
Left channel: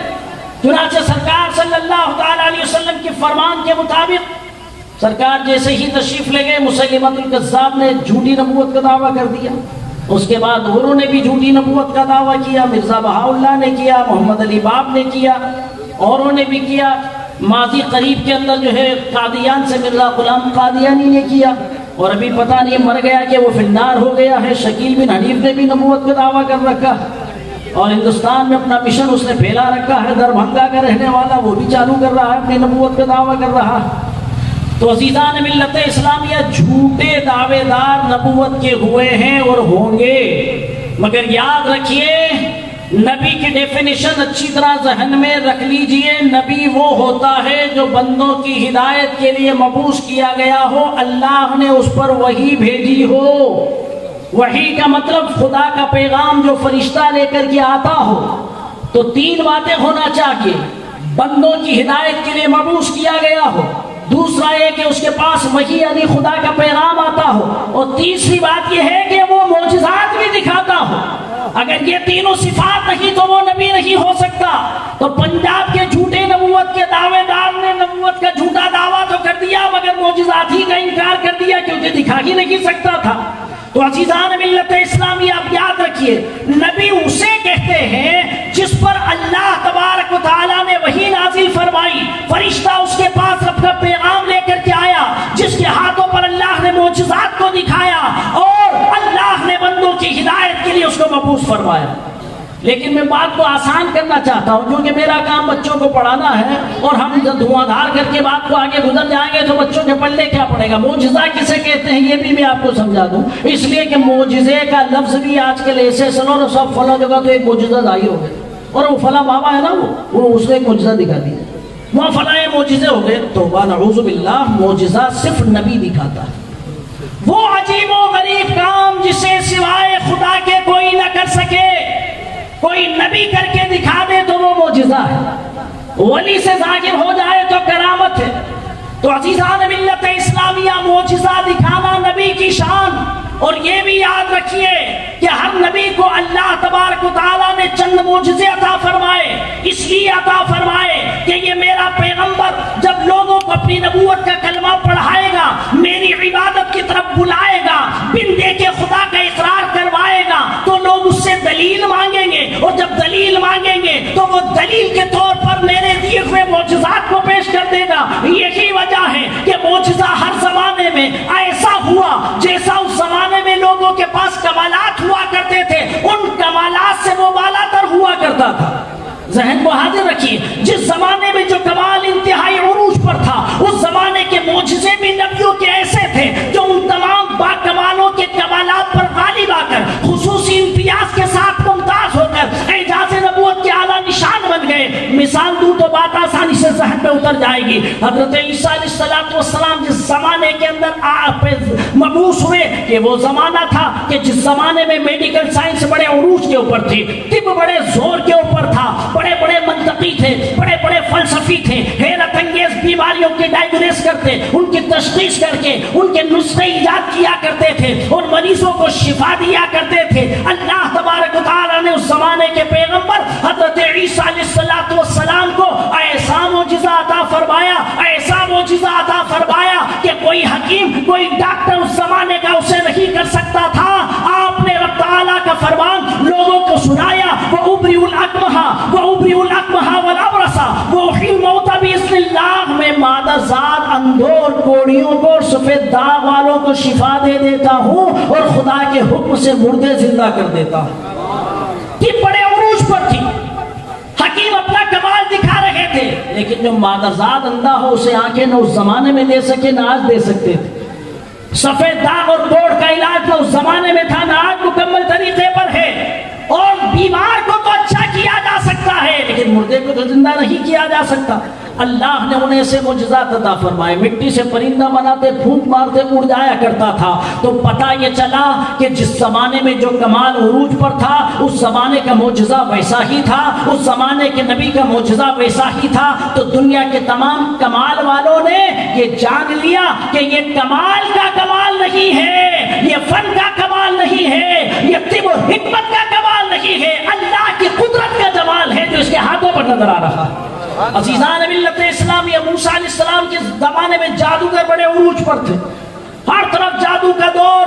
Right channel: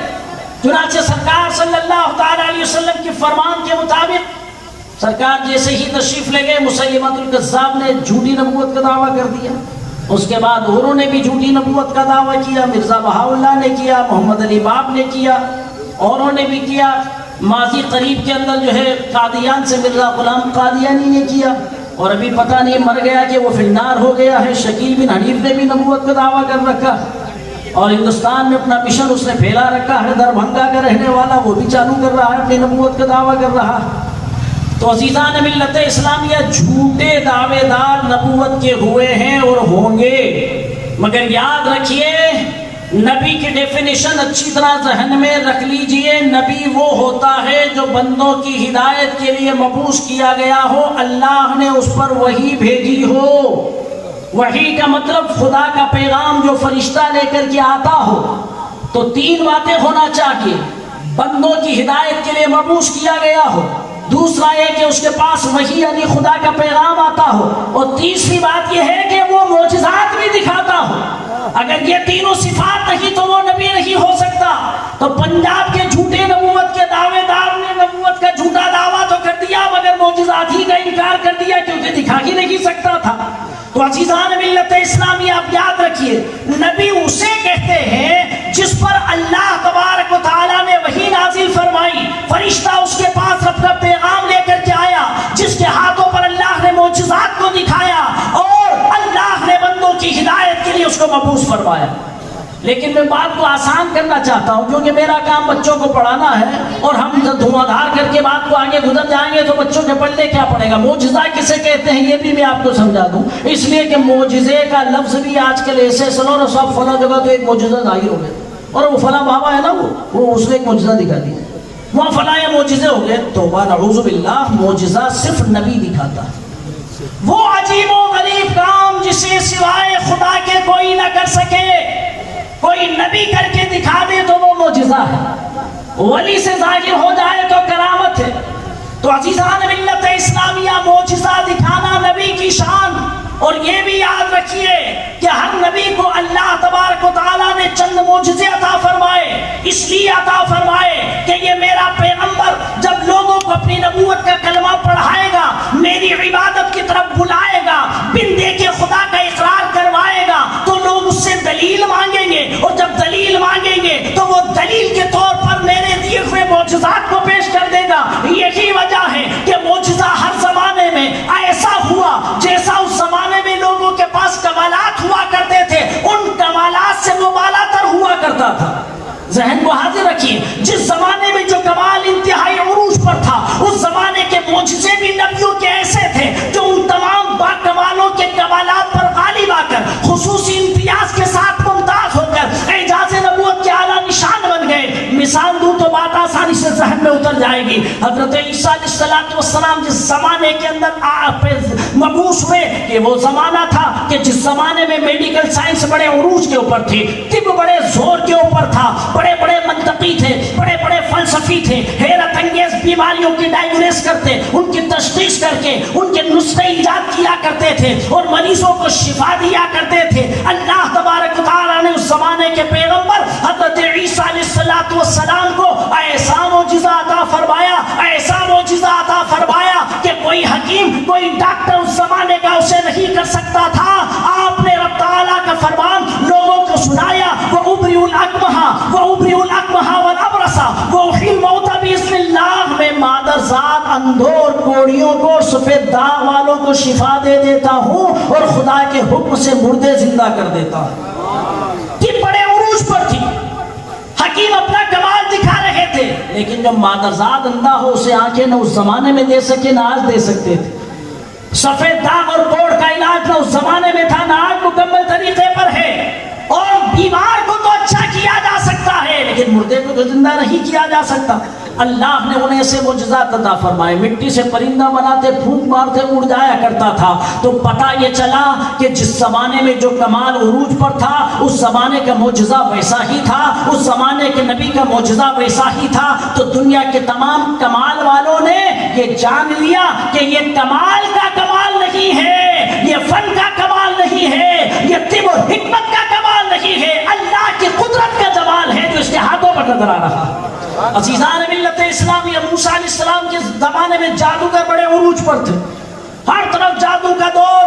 چنانچہ سرکار صلی اللہ تعالی علیہ وسلم کے فرمان کے مطابق سرکار جیسے ہی تشریف لے گئے، مسیلمۃ الکذاب نے جھوٹی نبوت کا دعویٰ کر دیا، اس کے بعد اوروں نے بھی جھوٹی نبوت کا دعویٰ کیا، مرزا بہاؤاللہ نے کیا، محمد علی باب نے کیا، اوروں نے بھی کیا، ماضی قریب کے اندر جو ہے قادیان سے مرزا غلام قادیانی نے کیا، اور ابھی پتہ نہیں مر گیا کہ وہ فنار ہو گیا ہے، شکیل بن حنیف نے بھی نبوت کا دعویٰ کر رکھا، اور ہندوستان میں اپنا مشن اس نے پھیلا رکھا ہے، دربھنگا کا رہنے والا وہ بھی چالو کر رہا ہے، اپنی نبوت کا دعویٰ کر رہا۔ تو عزیزان ملت اسلامیہ، جھوٹے دعوے دار نبوت کے ہوئے ہیں اور ہوں گے، مگر یاد رکھیے نبی کی ڈیفینیشن اچھی طرح ذہن میں رکھ لیجئے، نبی وہ ہوتا ہے جو بندوں کی ہدایت کے لیے مبعوث کیا گیا ہو، اللہ نے اس پر وحی بھیجی ہو۔ وحی کا مطلب خدا کا پیغام جو فرشتہ لے کر کے آتا ہو، تو 3 باتیں ہونا چاہیے، بندوں کی ہدایت کے لیے مبعوث کیا گیا ہو، دوسرا یہ کہ اس کے پاس وحی یعنی خدا کا پیغام آتا ہو، اور تیسری بات یہ ہے کہ وہ معجزات بھی دکھاتا ہو۔ اگر یہ تینوں صفات نہیں تو وہ نبی نہیں ہو سکتا۔ تو پنجاب کے جھوٹے نبوت کے دعوے دار نے نبوت کا جھوٹا دعویٰ تو کر دیا، مگر معجزات ہی کا انکار کر دیا کیونکہ دکھا ہی نہیں سکتا تھا۔ تو عزیزان ملت اسلامی، آپ یاد رکھیے نبی اسے کہتے ہیں جس پر اللہ تبارک و تعالیٰ نے وحی نازل فرمائی، فرشتہ اس کے پاس اپنا پیغام لے کر کے آیا، جس کے ہاتھوں پر اللہ نے معجزات کو دکھایا اور اللہ نے بندوں کی ہدایت کے لیے اس کو مبعوث فرمایا۔ لیکن میں بات کو آسان کرنا چاہتا ہوں کیونکہ میرا کام بچوں کو پڑھانا ہے، اور ہم دھواں دھار کر کے بات کو آگے گزر جائیں گے تو بچوں کے پڑھنے کیا پڑے گا۔ معجزہ کسے کہتے ہیں یہ بھی میں آپ کو سمجھا دوں، اس لیے کہ معجزے کا لفظ بھی آج کل ایسے سنو نا سب فلاں جگہ تو ایک معجزہ ظاہر ہو گئے، اور وہ فلاں بابا ہے نا وہ اس نے ایک معجزہ دکھا دیا، وہاں فلاں معجزے ہو گئے۔ توبہ نعوذ باللہ، معجزہ صرف نبی دکھاتا ہے، وہ عجیب و غریب کام جسے سوائے خدا کے کوئی نہ کر سکے، کوئی نبی کر کے دکھا دے تو وہ معجزہ ہے، ولی سے ظاہر ہو جائے تو کرامت ہے۔ تو عزیزان ملت اسلامیہ، معجزہ دکھانا نبی کی شان، اور یہ بھی یاد رکھیے کہ ہر نبی کو اللہ تبارک و تعالیٰ نے چند معجزے عطا فرمائے، اس لیے عطا فرمائے کہ یہ میرا پیغمبر جب لوگوں کو اپنی نبوت کا کلمہ پڑھائے گا، میری عبادت کی طرف بلائے گا، بن دیکھے خدا کا اقرار کروائے گا، تو لوگ اس سے دلیل مانگیں گے، اور جب دلیل مانگیں گے تو وہ دلیل کے طور پر میرے دیے ہوئے معجزات کو پیش کر دے گا۔ یہی وجہ ہے کہ معجزہ ہر زمانے میں ایسا ہوا جیسا اس زمانے میں لوگوں کے پاس کمالات ہوا کرتے تھے، ان کمالات سے وہ بالا تر ہوا کرتا تھا۔ ذہن کو حاضر رکھیے، جس زمانے میں جو کمال انتہائی عروج پر تھا، اس زمانے کے معجزے بھی نبیوں کے ایسے تھے جو ان تمام با کمالوں کے کمالات پر غالب آ کر خصوصی امتیاز کے ساتھ ممتاز ہو کر اعجاز نبوت کے اعلیٰ نشان بن گئے۔ مثال دوں تو بات آسانی سے ذہن میں اتر جائے گی۔ حضرت عیسیٰ علیہ السلام جس زمانے کے اندر آپ مبعوث ہوئے، کہ وہ زمانہ تھا کہ جس زمانے میں میڈیکل سائنس بڑے عروج کے اوپر تھی، طب بڑے زور کے اوپر تھا، بڑے بڑے منطقی تھے، بڑے بڑے فلسفی تھے، حیرت انگیز بیماریوں کی ڈائگنوس کرتے، ان کی تشخیص کر کے ان کے نسخے ایجاد کیا کرتے تھے اور مریضوں کو شفا دیا کرتے تھے۔ اللہ تبارک و تعالیٰ نے اس زمانے کے پیغمبر حضرت عیسیٰ علیہ السلام کو ایسا معجزہ عطا فرمایا، ایسا معجزہ عطا فرمایا کہ کوئی حکیم، کوئی ڈاکٹر اس زمانے کا اسے نہیں کر سکتا تھا۔ آپ نے رب تعالیٰ کا فرمان لوگوں کو سنایا، وہ ابری الاکمہ والابرص وأحیی الموتى بإذن اللہ، میں مادر ذات اندھور، کوڑیوں کو اور سفید داغ والوں کو شفا دے دیتا ہوں، اور خدا کے حکم سے مردے زندہ کر دیتا ہوں۔ یہ بڑے عروج پر تھی، حکیم اپنا کمال دکھا رہے تھے، لیکن جب مادر ذات اندھا ہو اسے آنکھیں نہ اس زمانے میں دے سکے نہ آج دے سکتے تھے۔ سفید داغ اور کوڑ کا علاج نہ اس زمانے میں تھا نہ آج مکمل طریقے پر ہے، اور کو زندہ نہیں کیا جا سکتا. اللہ نے انہیں سے معجزات عطا فرمائے. مٹی سے پرندہ بناتے, پھونک مارتے اڑ جایا کرتا تھا. تو پتہ یہ چلا کہ جس زمانے میں جو کمال عروج پر تھا اس زمانے کا معجزہ ویسا ہی تھا, اس زمانے کے نبی کا معجزہ ویسا ہی تھا. تو دنیا کے تمام کمال والوں نے یہ جان لیا کہ یہ کمال کا کمال نہیں ہے, یہ فن کا کمال نہیں ہے, یہ طب و حکمت کا کمال نہیں ہے, اللہ کی قدرت کا جمال ہے جو اس کے ہاتھوں پر نظر آ رہا ہے. عزیزان ملت اسلامی, موسیٰ علیہ السلام کے زمانے میں جادوگر بڑے عروج پر تھے, ہر طرف جادو کا دور,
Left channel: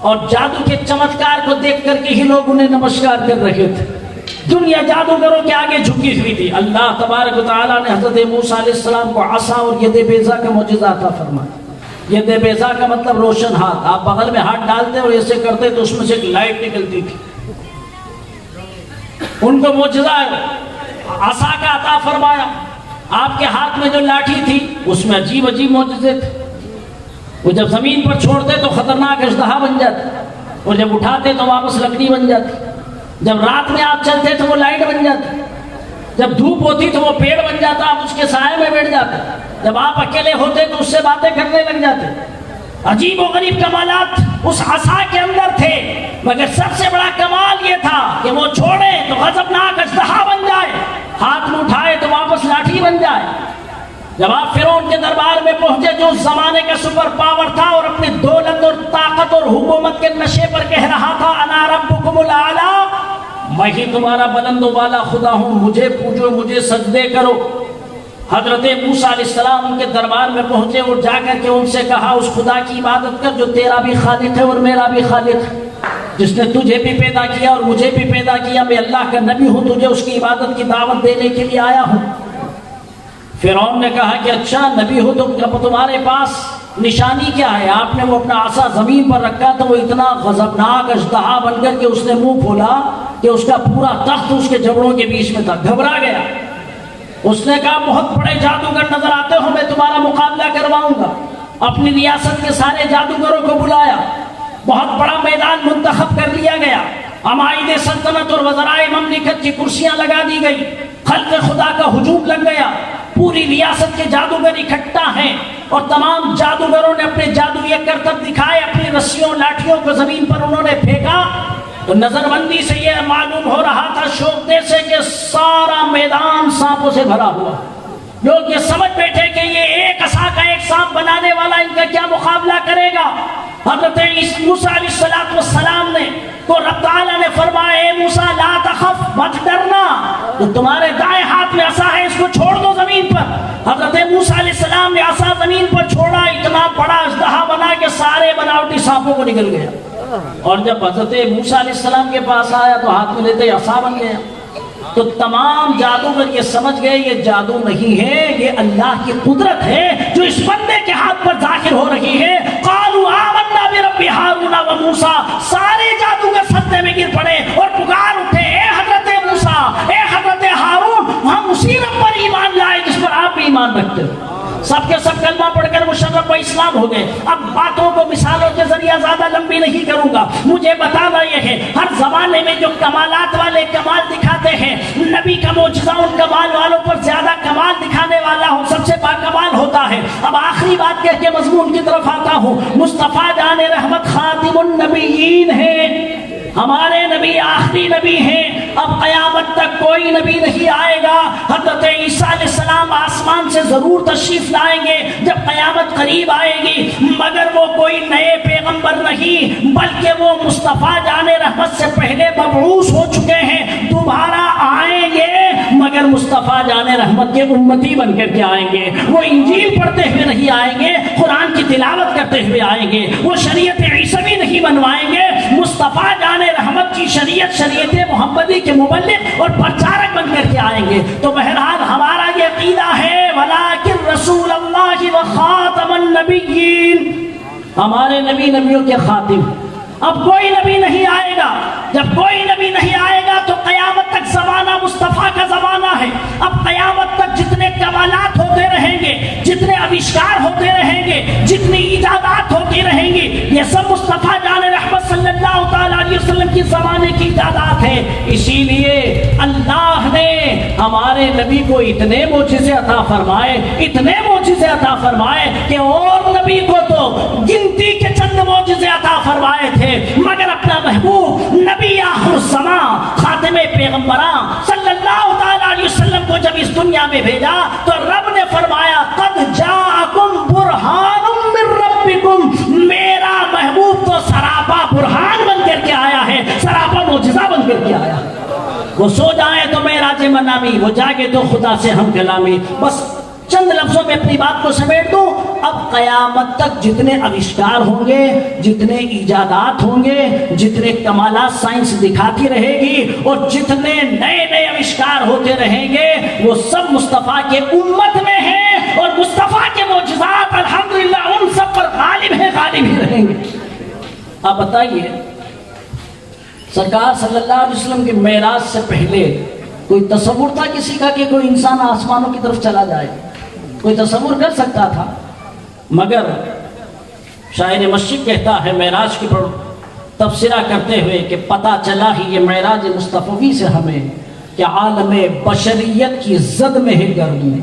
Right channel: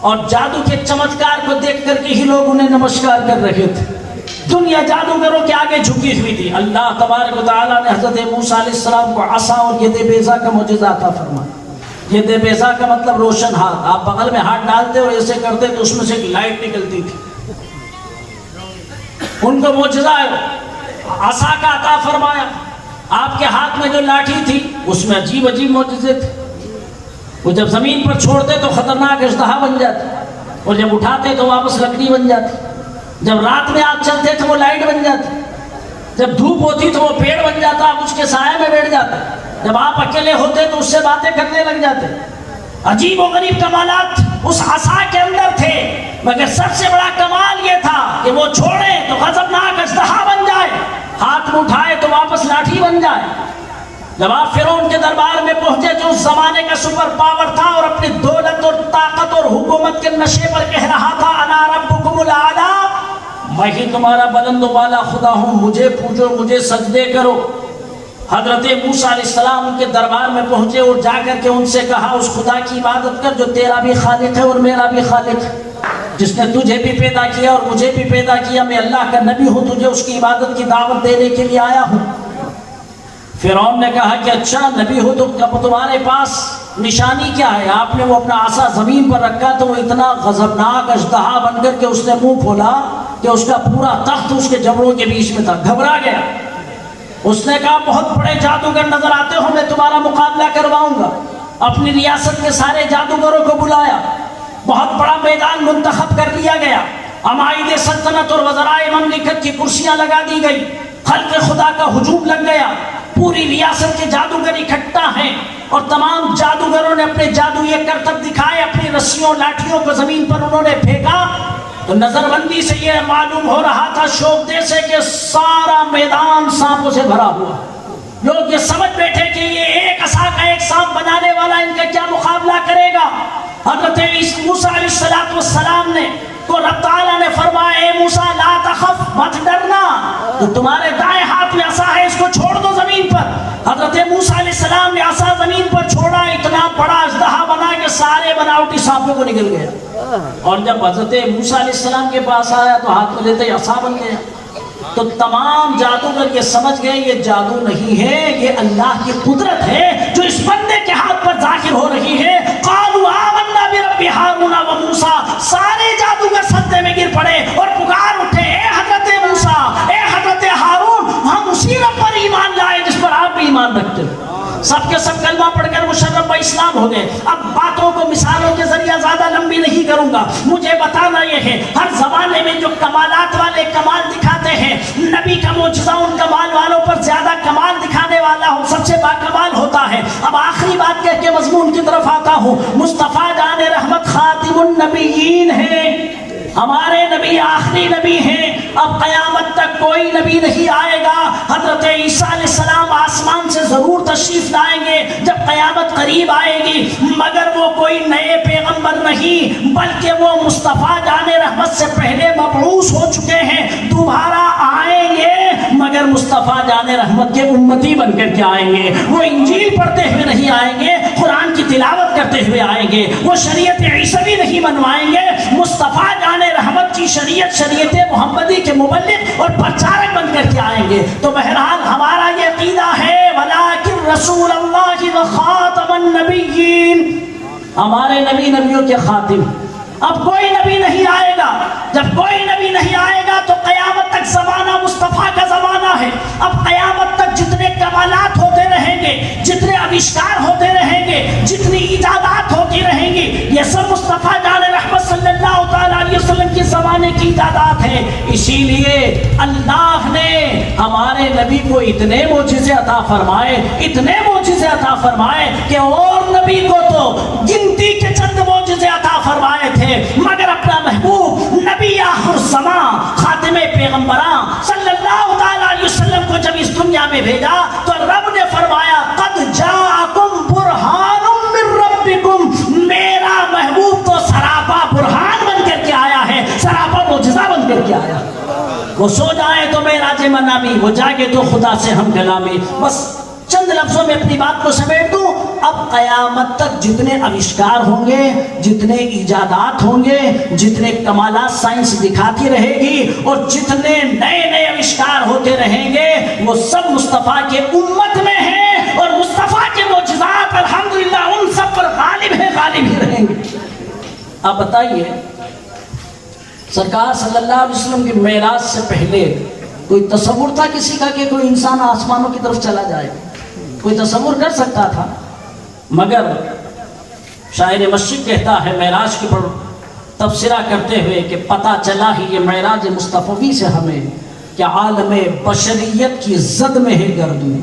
اور جادو کے چمتکار کو دیکھ کر کے ہی لوگ انہیں نمسکار کر رہے تھے. دنیا جادوگروں کے آگے جھکی ہوئی تھی. اللہ تبارک و تعالیٰ نے حضرت موسیٰ علیہ السلام کو عصا اور ید بیضا کا معجزہ عطا فرمایا. ید بیضا کا مطلب روشن ہاتھ. آپ بغل میں ہاتھ ڈالتے اور ایسے کرتے تو اس میں سے ایک لائٹ نکلتی تھی. ان کو معجزہ عصا کا عطا فرمایا. آپ کے ہاتھ میں جو لاٹھی تھی اس میں عجیب عجیب معجزے تھے. وہ جب زمین پر چھوڑتے تو خطرناک اژدہا بن جاتی, اور جب اٹھاتے تو واپس لکڑی بن جاتی. جب رات میں آپ چلتے تو وہ لائٹ بن جاتی, جب دھوپ ہوتی تو وہ پیڑ بن جاتا, آپ اس کے سائے میں بیٹھ جاتے. جب آپ اکیلے ہوتے تو اس سے باتیں کرنے لگ جاتے. عجیب و غریب کمالات اس عصا کے اندر تھے, مگر سب سے بڑا کمال یہ تھا کہ وہ چھوڑے تو غضبناک اژدہا بن جائے, ہاتھ میں اٹھائے تو واپس لاٹھی بن جائے. جب آپ فرعون کے دربار میں پہنچے جو اس زمانے کا سپر پاور تھا اور اپنی دولت اور طاقت اور حکومت کے نشے پر کہہ رہا تھا انا ربکم الاعلی, میں ہی تمہارا بلند و بالا خدا ہوں, مجھے پوجو, مجھے سجدے کرو. حضرت موسیٰ علیہ السلام ان کے دربار میں پہنچے اور جا کر کے ان سے کہا اس خدا کی عبادت کر جو تیرا بھی خالق ہے اور میرا بھی خالق ہے, جس نے تجھے بھی پیدا کیا اور مجھے بھی پیدا کیا. میں اللہ کا نبی ہوں, تجھے اس کی عبادت کی دعوت دینے کے لیے آیا ہوں. فرعون نے کہا کہ اچھا نبی ہو تو تمہارے پاس نشانی کیا ہے؟ آپ نے وہ اپنا عصا زمین پر رکھا تو وہ اتنا غضبناک اژدہا بن کر کے اس نے منہ کھولا کہ اس کا پورا تخت اس کے جبڑوں کے بیچ میں تھا. گھبرا گیا. اس نے کہا بہت بڑے جادوگر نظر آتے ہو, میں تمہارا مقابلہ کرواؤں گا. اپنی ریاست کے سارے جادوگروں کو بلایا, بہت بڑا میدان منتخب کر لیا گیا. عمائد سلطنت اور وزرائے مملکت کی کرسیاں لگا دی گئی. خلق خدا کا ہجوم لگ گیا. پوری ریاست کے جادوگر اکٹھا ہیں اور تمام جادوگروں نے اپنے جادوئی کرتب دکھائے. اپنی رسیوں لاٹھیوں کو زمین پر انہوں نے پھینکا تو نظر بندی سے یہ معلوم ہو رہا تھا شوقتے سے کہ سارا میدان سانپوں سے بھرا ہوا. لوگ یہ سمجھ بیٹھے کہ یہ ایک عصا کا ایک سانپ بنانے والا ان کا کیا مقابلہ کرے گا. حضرت موسیٰ علیہ السلام نے تو رب تعالیٰ نے فرمایا اے موسیٰ لا تخف, مت ڈرنا, تو تمہارے دائیں ہاتھ میں عصا ہے, اس کو چھوڑ دو زمین پر. حضرت موسیٰ علیہ السلام نے عصا زمین پر چھوڑا, اتنا بڑا اژدہا بنا کہ سارے بناوٹی سانپوں کو نکل گیا. اور جب حضرت موسیٰ علیہ السلام کے پاس آیا تو ہاتھ میں لیتے عصا بن گیا. تو تمام جادوگر یہ سمجھ گئے یہ جادو نہیں ہے, یہ اللہ کی قدرت ہے جو اس بندے کے ہاتھ پر ظاہر ہو رہی ہے. قالوا آمنا برب ہارون و موسیٰ, سارے جادوگر سجدے میں گر پڑے اور پکار اٹھے اے حضرت موسیٰ, اے حضرت ہارون, ہم اسی رب پر ایمان لائے جس پر آپ بھی ایمان رکھتے ہیں. سب کے سب کلمہ پڑھ کر مشرف و اسلام ہو گئے. اب باتوں کو مثالوں کے ذریعے زیادہ لمبی نہیں کروں گا. مجھے بتا رہے ہیں ہر زمانے میں جو کمالات والے کمال دکھاتے ہیں, نبی کا معجزہ ان کمال والوں پر زیادہ کمال دکھانے والا ہوں, سب سے باکمال ہوتا ہے. اب آخری بات کہہ کے مضمون کی طرف آتا ہوں. مصطفیٰ جان رحمت خاتم النبیین ہیں, ہمارے نبی آخری نبی ہیں. اب قیامت تک کوئی نبی نہیں آئے گا. حضرت عیسیٰ علیہ السلام آسمان سے ضرور تشریف لائیں گے جب قیامت قریب آئے گی, مگر وہ کوئی نئے پیغمبر نہیں بلکہ وہ مصطفیٰ جان رحمت سے پہلے مبعوث ہو چکے ہیں. دوبارہ آئیں گے مگر مصطفیٰ جان رحمت کے امتی بن کر کے آئیں گے. وہ انجیل پڑھتے ہوئے نہیں آئیں گے, قرآن کی تلاوت کرتے ہوئے آئیں گے. وہ شریعت عیسوی نہیں بنوائیں گے, مصطفیٰ جان رحمت کی شریعت محمدی کے مبلغ اور پرچارک بن کر کے آئیں گے. تو بہرحال ہمارا یہ عقیدہ ہے ولیکن رسول اللہ و خاتم النبیین, ہمارے نبی نبیوں کے خاتم. اب کوئی نبی نہیں آئے گا. جب کوئی نبی نہیں آئے گا تو قیامت تک زمانہ مصطفیٰ کا زمانہ ہے. اب قیامت تک جتنے کمالات ہوتے رہیں گے, جتنے آوشکار ہوتے رہیں گے, جتنی ایجادات ہوتی رہیں گی, یہ سب مصطفیٰ جان رحمت صلی اللہ تعالیٰ علیہ وسلم کی زمانے کی ایجادات ہیں. اسی لیے اللہ نے ہمارے نبی کو اتنے معجزے عطا فرمائے، اتنے معجزے عطا فرمائے کہ اور نبی کو تو گنتی کے چند معجزے عطا فرمائے تھے، مگر اپنا محبوب نبی آخر الزمان خاتم پیغمبراں صلی اللہ تعالی علیہ وسلم کو جب اس دنیا میں بھیجا تو رب نے فرمایا قد جاءکم برہان من ربکم، میرا محبوب تو سراپا برہان بن کر کے آیا ہے، سراپا معجزہ بن کر کے آیا ہے۔ وہ سو جائے تو معراج منامی، وہ جاگے تو خدا سے ہم کلامی۔ بس چند لفظوں میں اپنی بات کو سمیٹ دوں، اب قیامت تک جتنے آوشکار ہوں گے، جتنے ایجادات ہوں گے، جتنے کمالات سائنس دکھاتی رہے گی اور جتنے نئے نئے آوشکار ہوتے رہیں گے، وہ سب مصطفیٰ کے امت میں ہیں، اور مصطفیٰ کے معجزات الحمدللہ ان سب پر غالب ہیں، غالب ہی رہیں گے۔ آپ بتائیے سرکار صلی اللہ علیہ وسلم کی معراج سے پہلے کوئی تصور تھا کسی کا کہ کوئی انسان آسمانوں کی طرف چلا جائے؟ کوئی تصور کر سکتا تھا؟ مگر شاعر مسجد کہتا ہے معراج کی پر تبصرہ کرتے ہوئے کہ پتہ چلا ہی یہ معراج مصطفی سے ہمیں کہ عالم بشریت کی زد میں ہے گردوں،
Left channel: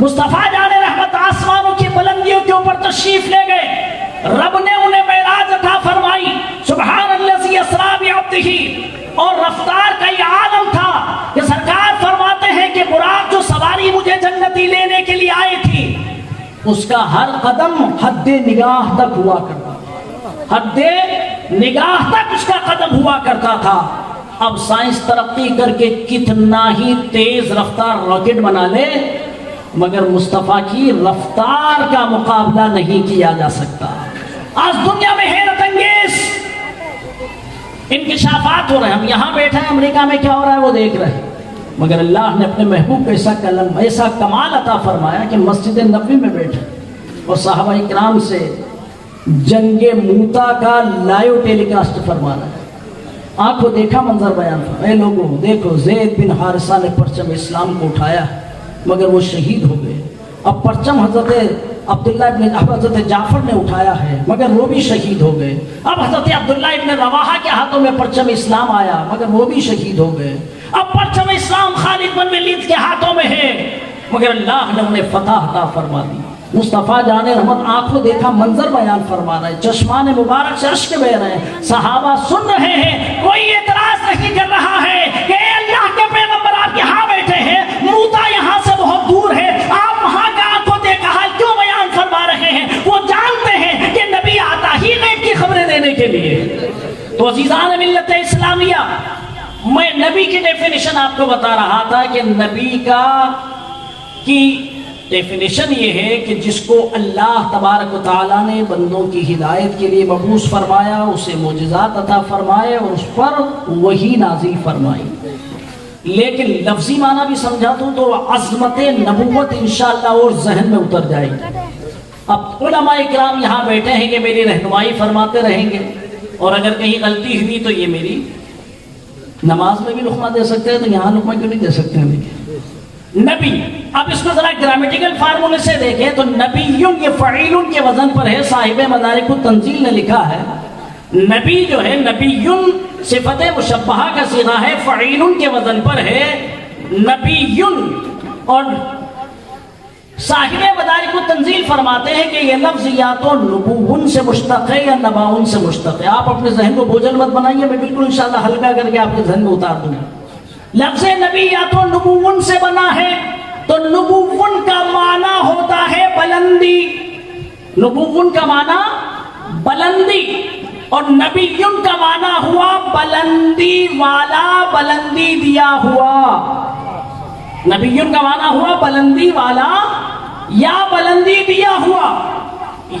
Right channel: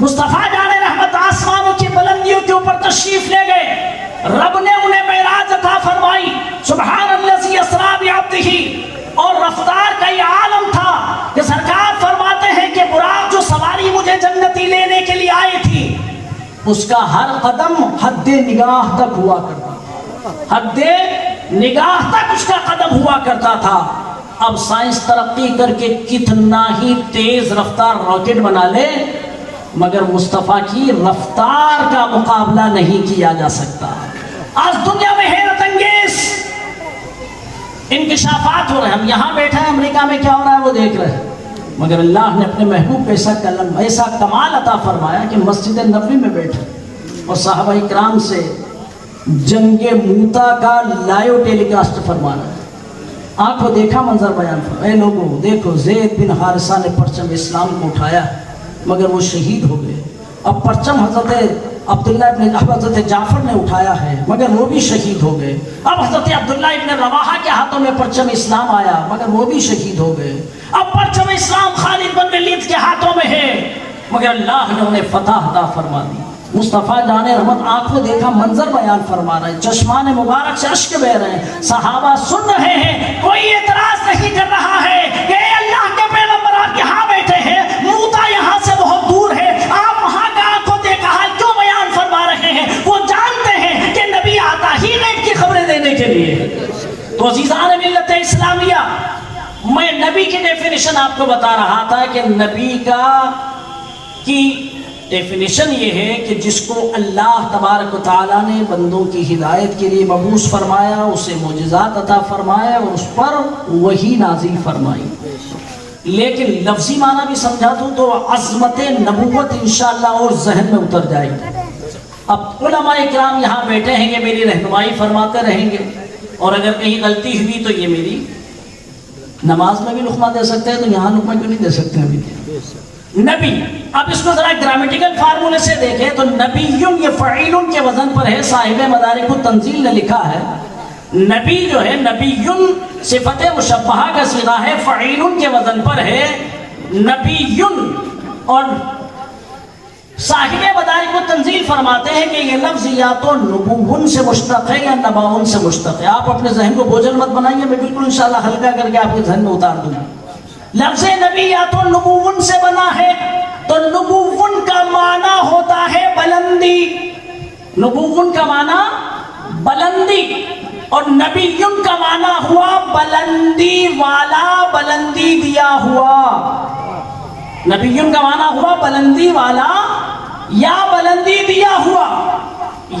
مصطفیٰ جان رحمت آسمانوں کی بلندیوں کے اوپر تشریف لے گئے، رب نے انہیں معراج عطا فرمائی، سبحان الذی اسریٰ بعبدہ، اور رفتار کا یہ عالم تھا کہ سرکار فرماتے ہیں کہ براق جو سواری مجھے جنتی لینے کے لیے آئی تھی، اس کا ہر قدم حد نگاہ تک ہوا کرتا، حد نگاہ تک اس کا قدم ہوا کرتا تھا۔ اب سائنس ترقی کر کے کتنا ہی تیز رفتار راکٹ بنا لے، مگر مصطفیٰ کی رفتار کا مقابلہ نہیں کیا جا سکتا۔ آج دنیا میں حیرت انگیز انکشافات ہو رہے ہیں، ہم یہاں بیٹھے ہیں، امریکہ میں کیا ہو رہا ہے وہ دیکھ رہے ہیں، مگر اللہ نے اپنے محبوب کو ایسا کمال عطا فرمایا کہ مسجد نبوی میں بیٹھے اور صحابہ اکرام سے جنگ موتا کا لائیو ٹیلی کاسٹ فرما رہا ہے۔ آپ کو دیکھا منظر بیان فرما، اے لوگوں دیکھو زید بن حارثہ نے پرچم اسلام کو اٹھایا مگر وہ شہید ہو گئے، اب پرچم حضرت عبداللہ حضرت جعفر نے اٹھایا ہے مگر وہ بھی شہید ہو گئے، اب حضرت عبداللہ ابن رواحہ کے ہاتھوں میں پرچم اسلام آیا مگر وہ بھی شہید ہو گئے، اب پرچم اسلام خالد بن ولید کے ہاتھوں میں ہے مگر اللہ نے انہیں فتح عطا فرما دی۔ مصطفیٰ جان رحمت آنکھوں دیکھا منظر بیان فرما رہے ہیں، چشمان مبارک سے اشک بہہ رہے ہیں، صحابہ سن رہے ہیں، کوئی اعتراض نہیں کر رہا ہے کہ اے اللہ کے پیغمبر آپ یہاں بیٹھے ہیں، موتا یہاں سے بہت دور ہے، آپ وہاں کا آنکھوں دیکھا حال کیوں بیان فرما رہے ہیں؟ وہ جانتے ہیں کہ نبی آتا ہی غیب کی خبریں دینے کے لیے۔ تو عزیزان ملت اسلامیہ، میں نبی کی ڈیفینیشن آپ کو بتا رہا تھا کہ نبی کی ڈیفینیشن یہ ہے کہ جس کو اللہ تبارک و تعالیٰ نے بندوں کی ہدایت کے لیے مبعوث فرمایا، اسے معجزات عطا فرمائے اور اس پر وحی نازل فرمائی۔ لیکن لفظی معنی بھی سمجھا دوں تو عظمت نبوت انشاءاللہ اور ذہن میں اتر جائے گی۔ اب علماء کرام یہاں بیٹھے ہیں، یہ میری رہنمائی فرماتے رہیں گے، اور اگر کہیں غلطی ہوئی تو یہ میری نماز میں بھی لقمہ دے سکتے ہیں تو یہاں لقمہ کیوں نہیں دے سکتے ہیں؟ نبی، اب اس کو ذرا گرامیٹیکل فارمولے سے دیکھیں تو نبیون یہ فعیلون کے وزن پر ہے، صاحب مدارک التنزیل نے لکھا ہے نبی جو ہے نبیون صفت مشبہہ کا صیغہ ہے، فعیلون کے وزن پر ہے نبیون، اور صاحب مدارک التنزیل فرماتے ہیں کہ یہ لفظ یا تو نبوون سے مشتق ہے یا نباون سے مشتق ہے۔ آپ اپنے ذہن کو بوجھل مت بنائیے، میں بالکل انشاءاللہ ہلکا کر کے آپ کے ذہن میں اتار دوں گا۔ لفظ نبی یا تو نبوون سے بنا ہے، تو نبوون کا معنی ہوتا ہے بلندی، نبوون کا معنی بلندی، اور نبیون کا معنی ہوا بلندی والا، بلندی دیا ہوا۔ نبیون کا معنی ہوا بلندی والا یا بلندی دیا ہوا،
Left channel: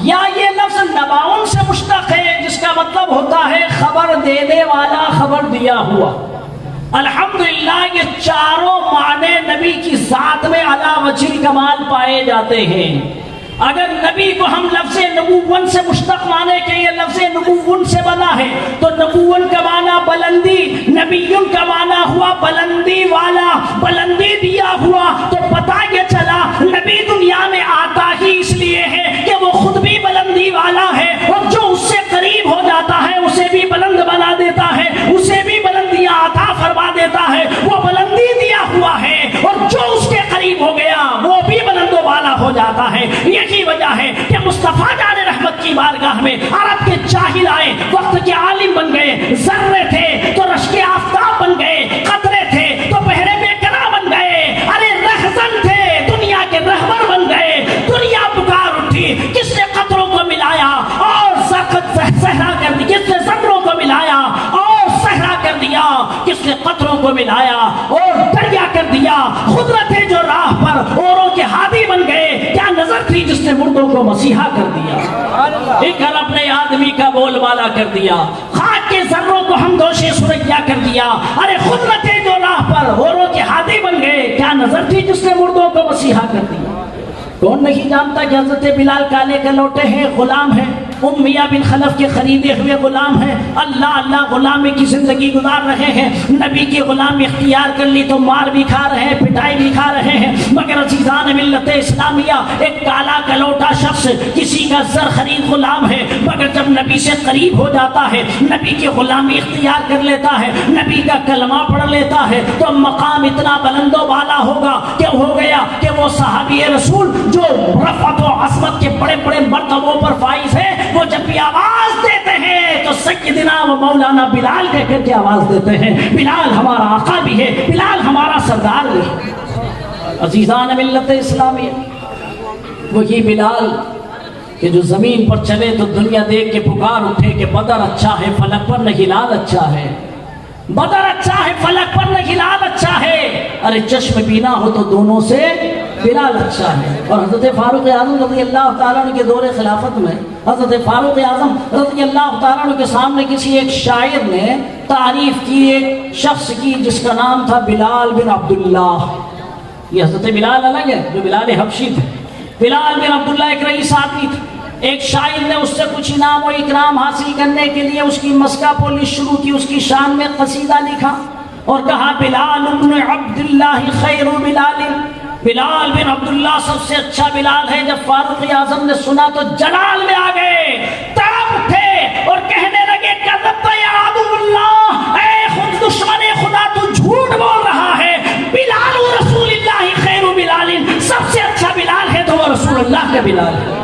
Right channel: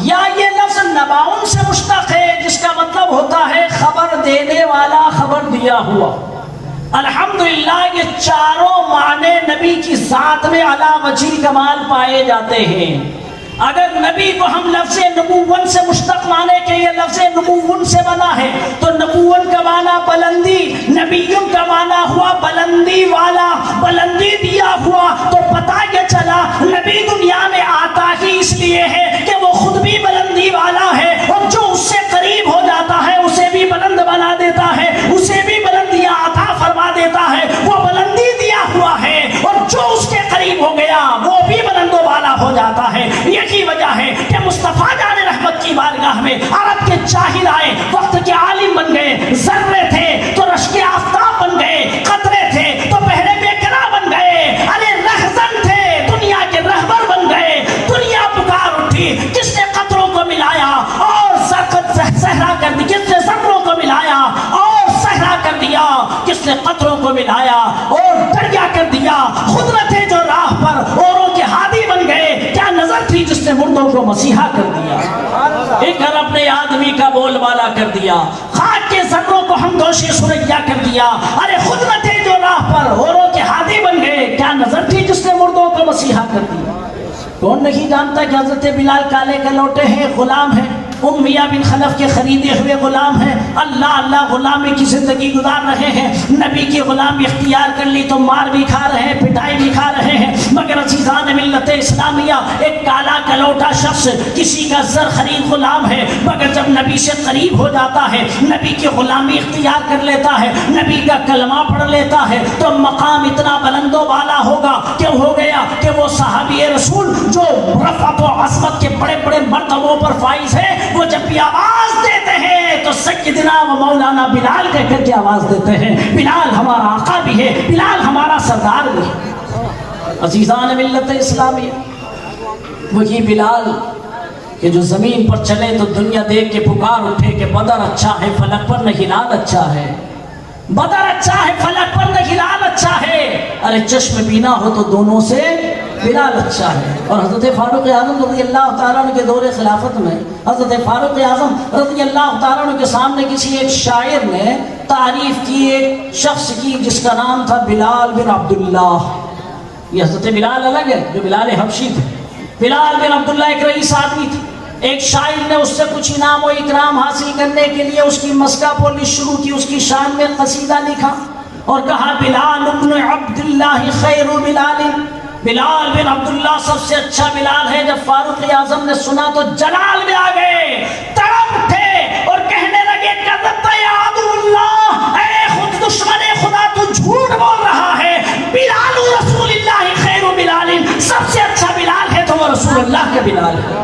یا یہ لفظ نباؤن سے مشتق ہے جس کا مطلب ہوتا ہے خبر دینے والا، خبر دیا ہوا۔ الحمدللہ یہ چاروں معنی نبی کی ذات میں علی وجہ الکمال پائے جاتے ہیں۔ اگر نبی کو ہم لفظ نبوون سے مشتق مانے کہ یہ لفظ نبوون سے بنا ہے تو نبوون کا معنی بلندی، نبیون کا معنی ہوا بلندی والا، بلندی دیا ہوا، تو پتہ یہ چلا نبی دنیا میں آتا ہی اس لیے ہے کہ وہ خود بھی بلندی والا ہے، اور جو اس سے قریب ہو جاتا ہے اسے بھی بلند بنا دیتا ہے، اسے بھی بلندیاں عطا فرما دیتا ہے، وہ بلندی دیا ہوا ہے، اور جو اس کے قریب میں عرب کے جاہل آئے وقت کے عالم بن گئے، ذرے تھے تو رشک آفتاب بن گئے، قطرے تھے تو بحر بیکرا بن گئے، ارے رہزن تھے دنیا کے رہبر بن گئے۔ دنیا پکار اٹھی، کس نے قطروں کو ملایا اور صحرا کر دی، کس نے ذروں کو ملایا اور صحرا کر دیا، کس نے قطروں کو ملایا اور دریا کر دیا۔ قدرتیں جو راہ پر اوروں کے ہادی بن گئے، کیا نظر تھی جس نے مردوں کو مسیحا کر دیا، ایک ارب نے آدمی کا بول بالا کر دیا، خاک کے ذروں کو ہمدوش سریا کر دیا۔ ارے قدرتیں جو راہ پر اوروں کے ہادی بن گئے، کیا نظر تھی جس نے مردوں کو مسیحا کر دیا۔ کون نہیں جانتا کہ حضرت بلال کالے کے لوٹے ہیں، غلام ہیں، امیہ بن خلف کے خریدے ہوئے غلام ہیں، اللہ اللہ غلامی کی زندگی گزار رہے ہیں، نبی کی غلامی اختیار کر لی تو مار بھی کھا رہے ہیں، پٹائی بھی کھا رہے ہیں، مگر عزیزان ملت اسلامیہ ایک کالا کلوٹا شخص کسی کا زر خرید غلام ہے، مگر جب نبی سے قریب ہو جاتا ہے، نبی کی غلامی اختیار کر لیتا ہے، نبی کا کلمہ پڑھ لیتا ہے تو مقام اتنا بلند و بالا ہوگا کہ ہو گیا کہ وہ صحابی رسول جو رفعت و عظمت کے بڑے بڑے مرتبوں پر فائز ہے، وہ جب بھی آواز دیتے ہیں تو سیدنا و مولانا بلال کہہ کر کے آواز دیتے ہیں۔ بلال ہمارا آقا بھی ہے، بلال ہمارا سردار بھی ہے۔ عزیزان ملت اسلامی، وہی بلال کہ جو زمین پر چلے تو دنیا دیکھ کے پکار اٹھے کہ بدر اچھا ہے فلک پر نہ ہلال اچھا ہے، بدر اچھا ہے فلک پر نہ ہلال اچھا ہے۔ ارے چشم بینا ہو تو دونوں سے بلال اچھا ہے۔ اور حضرت فاروق اعظم رضی اللہ تعالیٰ عنہ کے دور خلافت میں حضرت فاروق اعظم رضی اللہ تعالیٰ عنہ کے سامنے کسی ایک شاعر نے تعریف کی ایک شخص کی جس کا نام تھا بلال بن عبداللہ۔ یہ حضرت بلال الگ ہے جو بلال حبشی تھے، بلال بن عبداللہ ایک رئیس آدمی تھے۔ ایک شاعر نے اس سے کچھ انعام و اکرام حاصل کرنے کے لیے اس کی مسکہ پولی شروع کی، اس کی شان میں قصیدہ لکھا اور کہا بلال بن عبداللہ خیر بلال، بلال بن عبداللہ سب سے اچھا بلال ہے۔ جب فاروق اعظم نے سنا تو جلال میں آ گئے، تڑپ اٹھے اور کہنے لگے کذبت یا عدو اللہ، اے خود دشمن خدا تو جھوٹ بول رہا ہے، بلال رسول اللہ خیر بلال، سب سے اچھا بلال ہے تو وہ رسول اللہ کا بلال ہے۔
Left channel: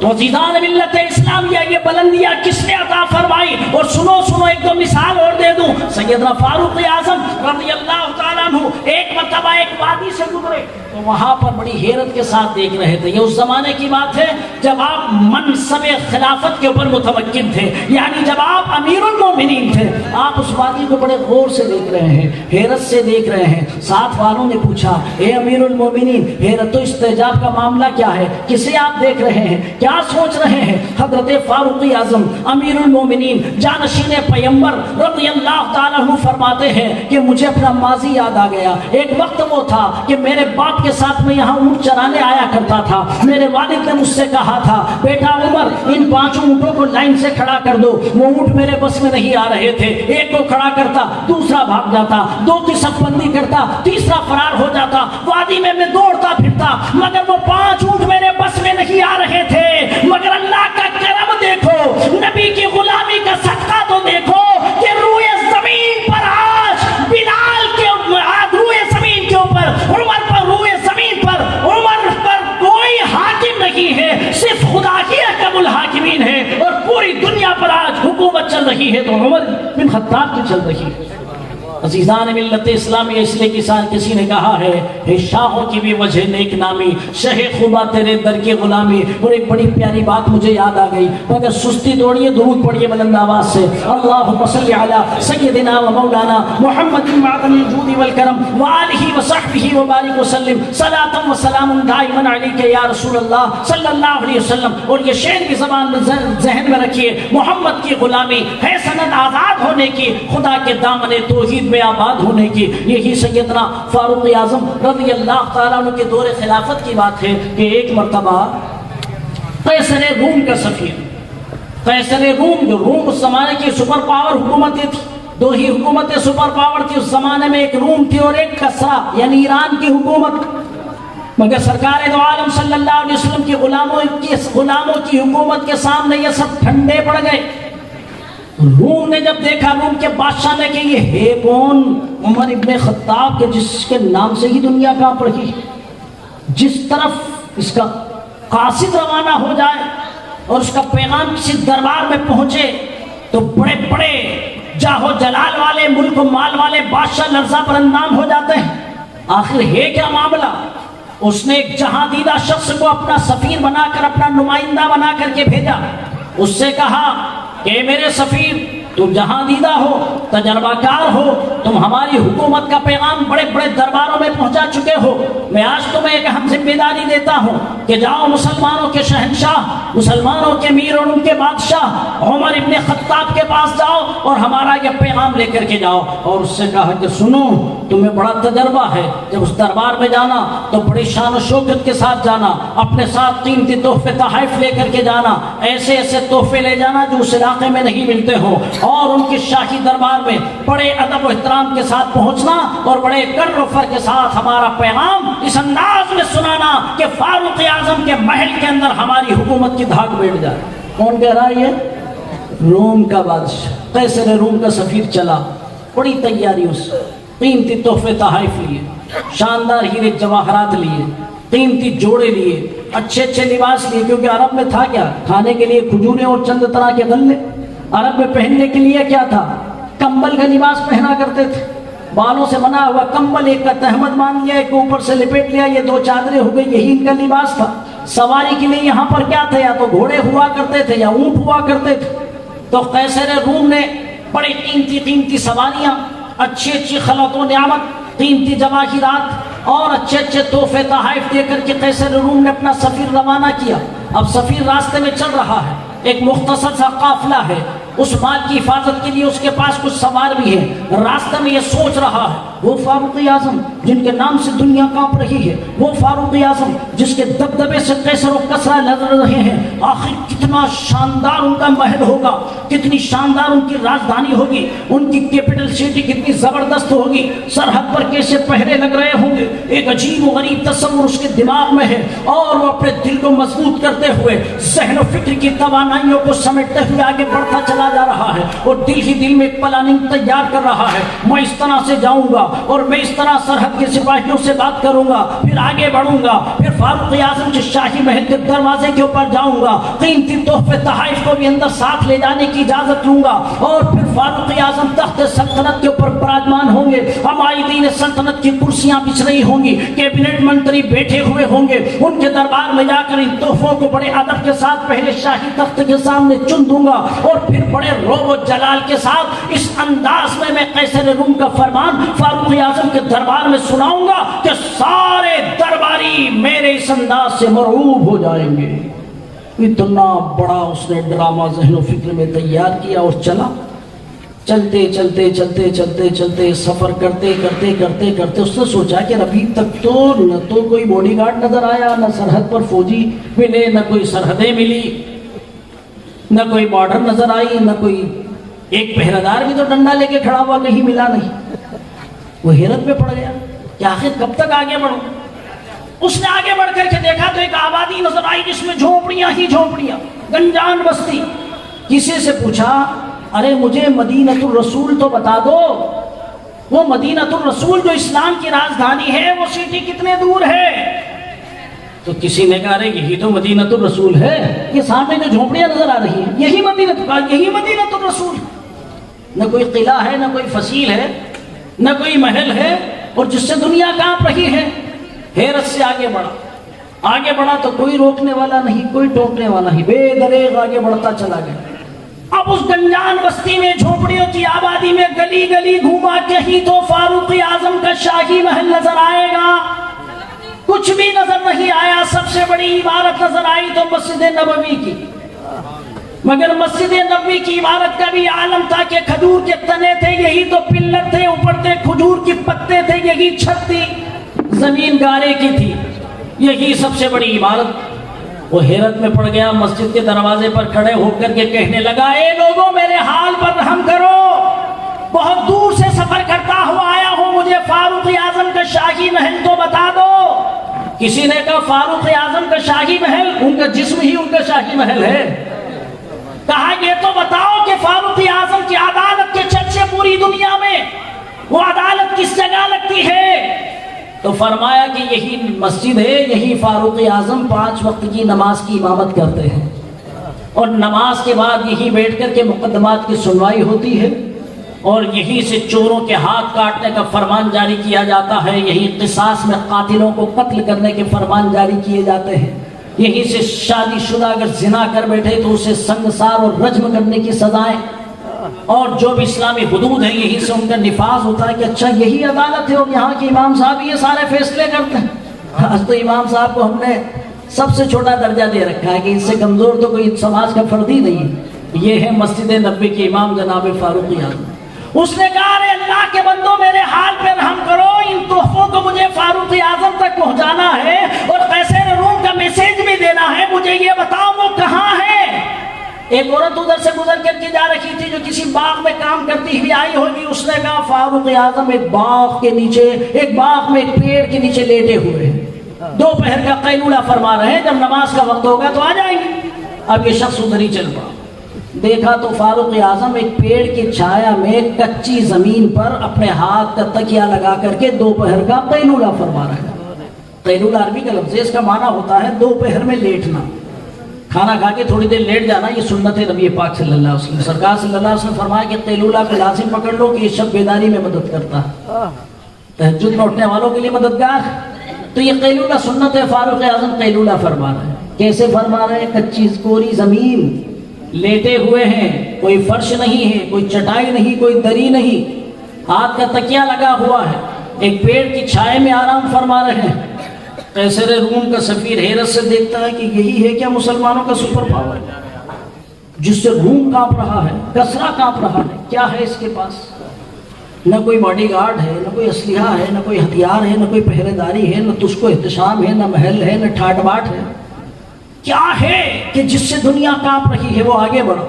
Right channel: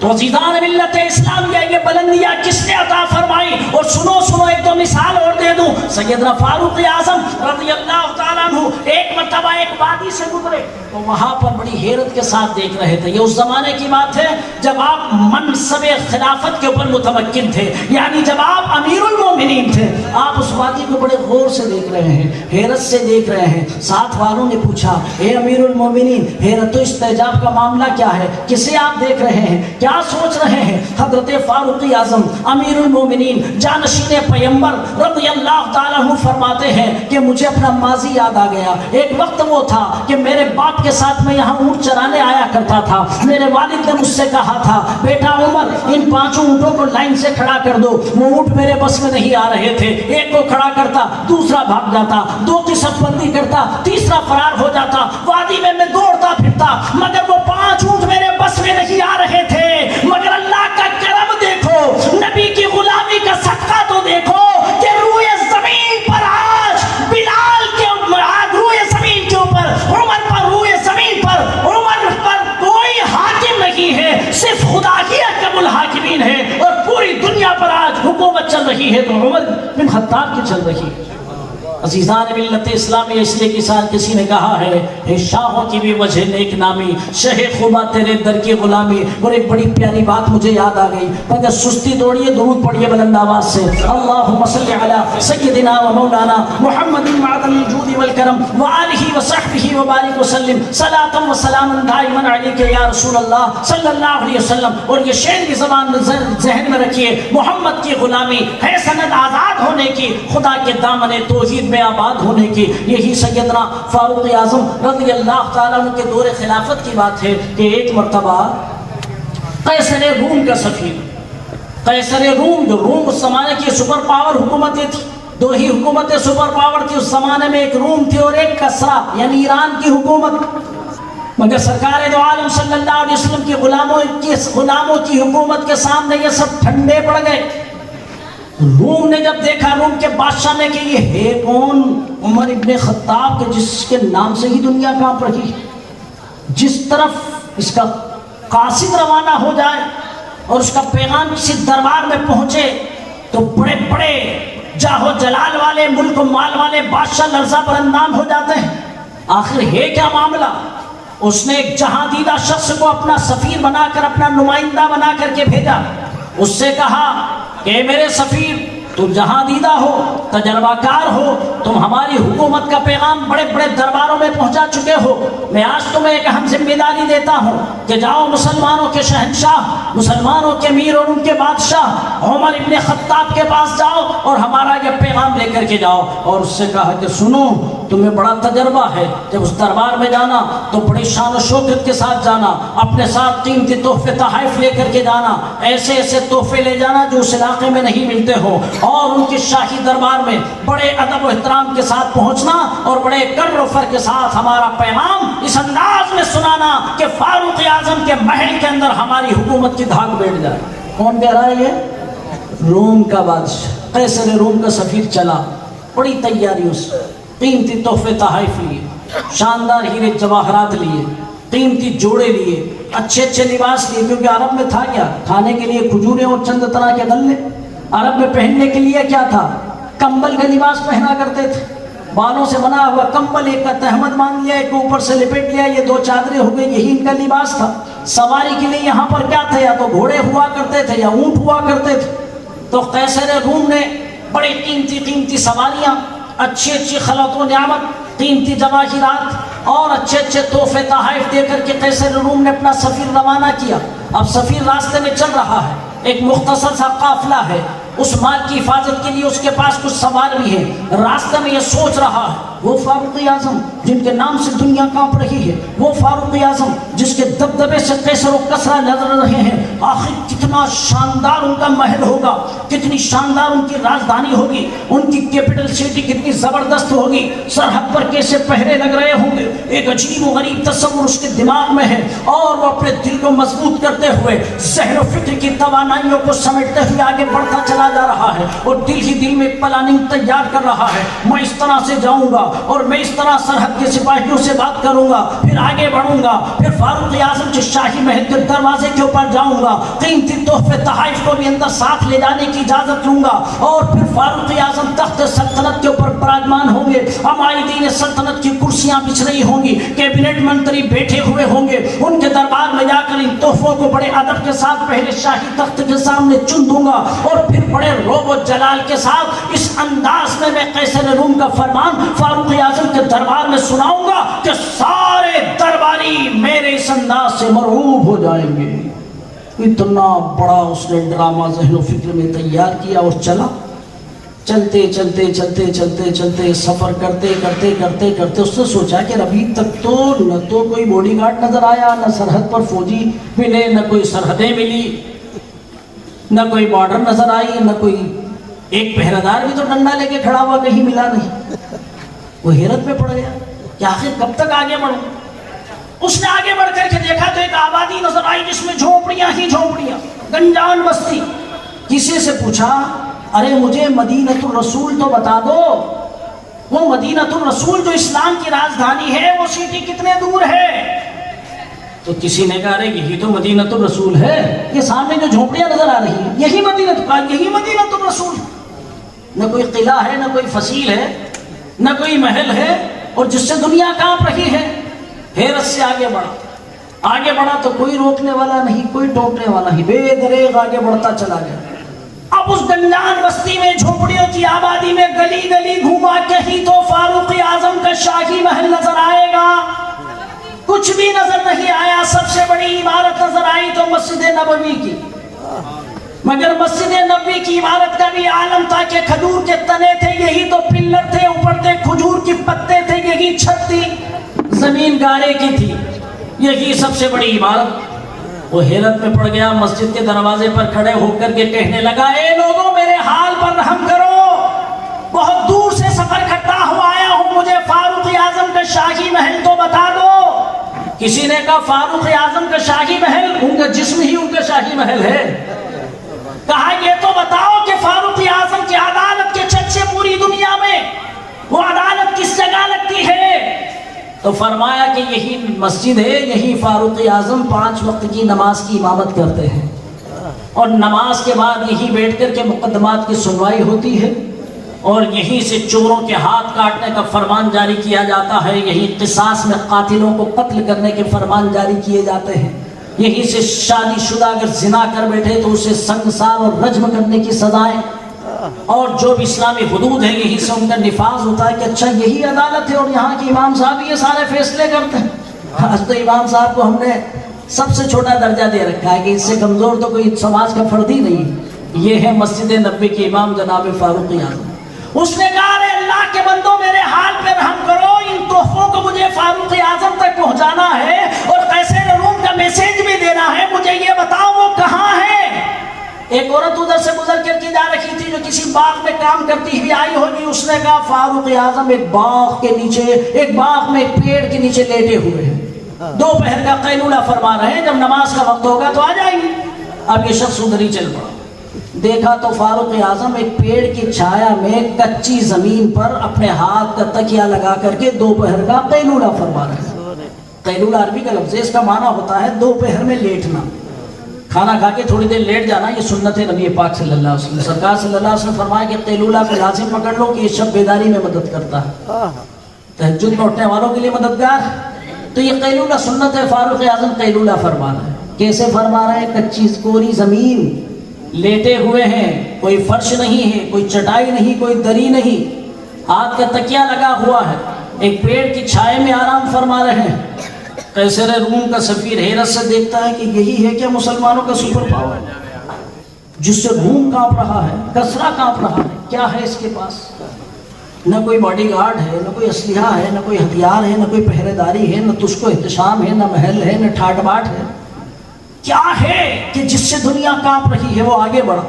تو عزیزان ملت اسلامیہ یہ بلندیاں کس نے عطا فرمائی؟ اور سنو سنو ایک دو مثال اور دے دوں۔ سیدنا فاروق اعظم رضی اللہ تعالیٰ عنہ ایک مرتبہ ایک وادی سے گزرے تو وہاں پر بڑی حیرت کے ساتھ دیکھ رہے تھے، یہ اس زمانے کی بات ہے جب آپ منصب خلافت کے اوپر متمکن تھے، یعنی جب آپ امیر المومنین تھے، آپ اس وادی کو بڑے غور سے دیکھ رہے ہیں، حیرت سے دیکھ رہے ہیں۔ ساتھ والوں نے پوچھا اے امیر المومنین، حیرت و استعجاب کا معاملہ کیا ہے، کسے آپ دیکھ رہے ہیں، کیا سوچ رہے ہیں؟ حضرت فاروق اعظم امیر المومنین جانشین پیغمبر رضی اللہ تعالیٰ عنہ فرماتے ہیں کہ مجھے اپنا ماضی یاد آ گیا۔ ایک وقت وہ تھا کہ میرے باپ کے ساتھ میں یہاں اونٹ چرانے آیا کرتا تھا، میرے والد نے مجھ سے کہا تھا بیٹا عمر ان 5 اونٹوں کو لائن سے کھڑا کر دو۔ وہ اونٹ میرے بس میں نہیں آ رہے تھے، ایک کو کھڑا کرتا دوسرا بھاگ جاتا، 2 کی صف بندی کرتا تیسرا فرار ہو جاتا، وادی میں دوڑتا پھرتا، مگر وہ 5 اونٹ میرے بس میں نہیں آ رہے تھے۔ مگر اللہ کا کرم دیکھو، نبی کی غلامی کا صدقہ تو دیکھو کہ روئے زمین پر آج بلال کے روئے زمین کے اوپر عمر پر، روئے زمین پر عمر پر کوئی حاکم نہیں ہے، صرف خدا ہی احکم الحاکمین ہے، اور پوری دنیا پر آج حکومت چل رہی ہے تو عمر بن خطاب کی چل رہی ہے۔ عزیزان ملت اسلامی، اس لیے کسی نے کہا ہے شاہوں کی بھی وجہ نیک نامی، شہ خدا تیرے در کی غلامی۔ اور ایک بڑی پیاری بات مجھے یاد آ گئی، مگر سستی توڑیے، درود پڑھیے بلند آواز سے، اللہم صلی علی سیدنا و مولانا محمد معدن الجود والکرم وآلہ وصحبہ وبارک وسلم، صلاۃ و سلام دائما علیک یا رسول اللہ صلی اللہ علیہ وسلم۔ اور یہ شعر کی زبان ذہن میں رکھیے، محمد کی غلامی ہے سند آزاد ہونے کی، خدا کے دامن توحید میں آباد ہونے کی۔ یہی سیدنا فاروق اعظم رضی اللہ تعالیٰ عنہ کے دور خلافت کی بات ہے کہ ایک مرتبہ قیصر روم کا سفیر، قیصر روم، جو روم اس زمانے کی سپر پاور حکومتیں تھی، 2 ہی حکومتیں سپر پاور تھی اس زمانے میں، ایک روم تھی اور ایک کسرا یعنی ایران کی حکومت۔ مگر سرکار دو عالم صلی اللہ علیہ وسلم کی غلاموں کی حکومت کے سامنے یہ سب ٹھنڈے پڑ گئے۔ روم نے جب دیکھا، روم کے بادشاہ نے کہ یہ ہے کون؟ عمر ابن خطاب کے جس کے نام سے ہی دنیا کانپ رہی، جس طرف اس کا قاصد روانہ ہو جائے اور اس کا پیغام کسی دربار میں پہنچے تو بڑے بڑے جاہو جلال والے، ملک و مال والے بادشاہ لرزہ پر اندام ہو جاتے ہیں۔ آخر ہے کیا معاملہ؟ اس نے ایک جہاں دیدہ شخص کو اپنا سفیر بنا کر، اپنا نمائندہ بنا کر کے بھیجا۔ اس سے کہا کہ میرے سفیر، تم جہاں دیدہ ہو، تجربہ کار ہو، تم ہماری حکومت کا پیغام بڑے بڑے درباروں میں پہنچا چکے ہو، میں آج تمہیں ایک اہم ذمہ داری دیتا ہوں کہ جاؤ مسلمانوں کے شہنشاہ، مسلمانوں کے امیر اور ان کے بادشاہ عمر ابن خطاب کے پاس جاؤ اور ہمارا یہ پیغام لے کر کے جاؤ۔ اور اس سے کہا کہ سنو، تمہیں بڑا تجربہ ہے، جب اس دربار میں جانا تو بڑی شان و شوکت کے ساتھ جانا، اپنے ساتھ قیمتی تحفے تحائف لے کر کے جانا، ایسے ایسے تحفے لے جانا جو اس علاقے میں نہیں ملتے ہو، اور ان کے شاہی دربار میں بڑے ادب و احترام کے ساتھ پہنچنا اور بڑے کر و فر کے ساتھ ہمارا پیغام اس انداز میں سنانا کہ فاروق اعظم کے محل کے اندر ہماری حکومت کی دھاک بیٹھ جائے۔ کون کہہ رہا ہے یہ؟ روم کا بادشاہ قیصر روم کا سفیر چلا، بڑی تیاری، اس قیمتی تحفے تحائف لیے، شاندار ہیرے جواہرات لیے، قیمتی جوڑے لیے، اچھے اچھے لباس لیے، کیونکہ عرب میں تھا کیا؟ کھانے کے لیے کھجوریں اور چند طرح کے غلے۔ عرب میں پہننے کے لیے کیا تھا؟ کمبل کا لباس پہنا کرتے تھے، بالوں سے بنا ہوا کمبل، ایک کا تہمد مان لیا، ایک اوپر سے لپیٹ لیا، یہ دو چادریں ہو گئی، یہی ان کا لباس تھا۔ سواری کے لیے یہاں پر کیا تھا؟ یا تو گھوڑے ہوا کرتے تھے یا اونٹ ہوا کرتے تھے۔ تو قیصر روم نے بڑے قیمتی قیمتی سواریاں، اچھی اچھی خلعت و نعمت، قیمتی جواہرات اور اچھے اچھے تحفے تحائف دے کر کے قیصر روم نے اپنا سفیر روانہ کیا۔ اب سفیر راستے میں چل رہا ہے، ایک مختصر سا قافلہ ہے، اس مال کی حفاظت کے لیے اس کے پاس کچھ سوار بھی ہے۔ راستے میں یہ سوچ رہا ہے، وہ فاروق اعظم جن کے نام سے دنیا کانپ رہی ہے، وہ فاروق اعظم جس کے دبدبے سے قیصر و کسرا نظر رہے ہیں، آخر کتنا شاندار ان کا محل ہوگا، کتنی شاندار ان کی راجدھانی ہوگی، ان کی کیپٹل سٹی کتنی زبردست ہوگی، سرحد پر کیسے پہرے لگ رہے ہوں گے۔ ایک عجیب و غریب تصور اس کے دماغ میں ہے، اور وہ اپنے دل کو مضبوط کرتے ہوئے، ذہن و فکر کی توانائیوں کو سمیٹتے ہوئے آگے بڑھتا چلا جا رہا ہے، اور دل ہی دل میں ایک پلاننگ تیار کر رہا ہے۔ میں اس طرح سے جاؤں گا اور میں اس طرح سرحد کے سپاہیوں سے بات کروں گا، پھر آگے بڑھوں گا، پھر فاروق اعظم کے شاہی محل کے دروازے کے اوپر جاؤں گا، قیمتی تحفے تحائف کو بھی اندر ساتھ لے جانے کی اجازت لوں گا، اور پھر فاروق اعظم تخت سلطنت کے اوپر براجمان ہوں گے، عمائدین سلطنت کی کرسیاں بچھ رہی ہوں گی، کیبنٹ منتری بیٹھے ہوئے ہوں گے، ان کے دربار میں جا کر ان تحفوں کو بڑے ادب کے ساتھ پہلے شاہی تخت کے سامنے چن دوں گا، اور پھر بڑے روب و جلال کے ساتھ اس انداز میں قیصر روم کا فرمان فاروق اعظم کے دربار میں سناؤں گا کہ سارے درباری میرے اس انداز سے مرعوب ہو جائیں گے۔ اتنا بڑا اس نے ڈرامہ ذہن و فکر میں تیار کیا اور چلا۔ چلتے چلتے چلتے چلتے چلتے سفر کرتے کرتے کرتے کرتے اس نے سوچا کہ ابھی تک تو نہ تو کوئی باڈی گارڈ نظر آیا، نہ سرحد پر فوجی ملے، نہ کوئی سرحدیں ملی، نہ کوئی بارڈر نظر آئی، نہ کوئی ایک پہرےدار بھی تو ڈنڈا لے کے کھڑا ہوا کہیں ملا نہیں۔ وہ حیرت میں پڑ گیا کہ آخر کب تک آگے بڑھوں۔ اس نے آگے بڑھ کر کے دیکھا تو ایک آبادی نظر آئی جس میں جھونپڑیاں ہی جھونپڑیاں، گنجان بستی۔ کسی سے پوچھا، ارے مجھے مدینۃ الرسول تو بتا دو، وہ مدینۃ الرسول جو اسلام کی راجدھانی ہے وہ سٹی کتنے دور ہے؟ تو کسی نے کہا یہی تو مدینۃ الرسول ہے، یہ سامنے جو جھونپڑیاں نظر آ رہی ہیں یہی مدینۃ الرسول۔ نہ کوئی قلعہ ہے، نہ کوئی فصیل ہے، نہ کوئی محل ہے، اور جس سے دنیا کانپ رہی ہے۔ حیرت سے آگے بڑھا تو کوئی روکنے والا نہیں، کوئی ٹوکنے والا نہیں، بے دریغ آگے بڑھتا چلا گیا۔ اب اس گنجان بستی میں، جھونپڑیوں کی آبادی میں گلی گلی گھوما، کہیں تو فاروق اعظم کا شاہی محل نظر آئے گا، کچھ بھی نظر نہیں آیا۔ سب سے بڑی عمارت نظر آئی تو مسجد نبوی کی، مگر مسجد نبوی کی عمارت کا بھی عالم تھا کہ کھجور کے تنے تھے، یہی تو پلر تھے، اوپر تھے کھجور کی پتے تھے، یہی چھت تھی، زمین گارے کی تھی، یہی سب سے بڑی عمارت۔ وہ حیرت میں پڑ گیا، مسجد کے دروازے پر کھڑے ہو کر کے کہنے لگا، اے لوگوں میرے حال پر رحم کرو، بہت دور سے سفر کرتا ہوا آیا ہوں، مجھے فاروق اعظم کا شاہی محل تو بتا دو۔ کسی نے کہا فاروق اعظم کا شاہی محل، ان کا جسم ہی ان کا شاہی محل ہے۔ کہا یہ تو بتاؤ کہ فاروق اعظم کی عدالت کے چرچے پوری دنیا میں، وہ عدالت کس جگہ لگتی ہے؟ تو فرمایا کہ یہی مسجد ہے، یہی فاروق اعظم 5 وقت کی نماز کی امامت کرتے ہیں۔ اور نماز کے بعد یہی بیٹھ کر کے مقدمات کی سنوائی ہوتی ہے، اور یہیں سے چوروں کے ہاتھ کاٹنے کا فرمان جاری کیا جاتا ہے، یہی قصاص میں قاتلوں کو قتل کرنے کے فرمان جاری کیے جاتے ہیں، یہیں سے شادی شدہ اگر زنا کر بیٹھے تو اسے سنگسار اور رجم کرنے کی سزائیں، اور جو بھی اسلامی حدود ہیں یہی سے ان کا نفاذ ہوتا ہے کہ اچھا یہی عدالت ہے اور یہاں کے امام صاحب یہ سارے فیصلے کرتے ہیں۔ آج تو امام صاحب کو ہم نے سب سے چھوٹا درجہ دے رکھا ہے کہ اس سے کمزور تو کوئی سماج کا فرد ہی نہیں۔ یہ ہے مسجد نبوی کے امام جناب فاروق اعظم۔ اس نے کہا اے اللہ کے بندوں میرے حال پہ رحم کرو، ان تحفوں کو مجھے فاروق اعظم تک پہنچانا ہے اور قیصر روم کا میسج بھی دینا ہے، مجھے یہ بتاؤ وہ کہاں ہے۔ ایک عورت ادھر سے گزر کر کے جا رہی تھی جو کسی باغ میں کام کرتی ہوئی آئی ہوگی، اس نے کہا فاروق اعظم ایک باغ کے نیچے، ایک باغ میں ایک پیڑ کے نیچے لیٹے ہوئے ہیں، دوپہر کا قیلولہ فرما رہے ہیں، جب نماز کا وقت ہوگا تو آ جائیں گے۔ اب یہ شخص ادھر ہی چل پڑا، دیکھا تو فاروق اعظم ایک پیڑ کی چھایا میں کچی زمین پر اپنے ہاتھ کا تکیہ لگا کر کے دوپہر کا قیلولہ فرما رہے ہیں۔ قیلولہ عربی کا لفظ ہے، اس کا معنی ہوتا ہے دوپہر میں لیٹنا، کھانا کھا کے تھوڑی دیر لیٹ جانا۔ یہ سنت ہے نبی پاک صلی اللہ علیہ وسلم۔ سرکار صلی اللہ علیہ وسلم فرمایا کہ قیلولہ کو لازم پکڑ لو کہ یہ شب بیداری میں مدد کرتا ہے، تہجد میں اٹھنے والوں کے لیے مددگار۔ تو یہ قیلولہ سنت ہے، فاروق اعظم قیلولہ فرما رہے ہیں۔ کیسے فرما رہے ہیں؟ کچی کوری زمین، لیٹے ہوئے ہیں، کوئی فرش نہیں ہے، کوئی چٹائی نہیں، کوئی دری نہیں، ہاتھ کا تکیہ لگا ہوا ہے، ایک پیڑ کی چھائے میں آرام فرما رہے ہیں۔ قیصر روم کا سفیر حیرت سے دیکھتا ہے کہ یہی ہے کیا مسلمانوں کا سپر پاور، جس سے روم کانپ رہا ہے، کسرا کانپ رہا ہے، کیا ہے اس کے پاس؟ نہ کوئی باڈی گارڈ ہے، نہ کوئی اسلحہ ہے، نہ کوئی ہتھیار ہے، نہ کوئی پہرے داری ہے، نہ تجھ کو احتشام ہے، نہ محل ہے، نہ ٹھاٹ باٹ ہے، کیا ہے کہ جس سے دنیا کانپ رہی ہے؟ وہ آگے بڑھا،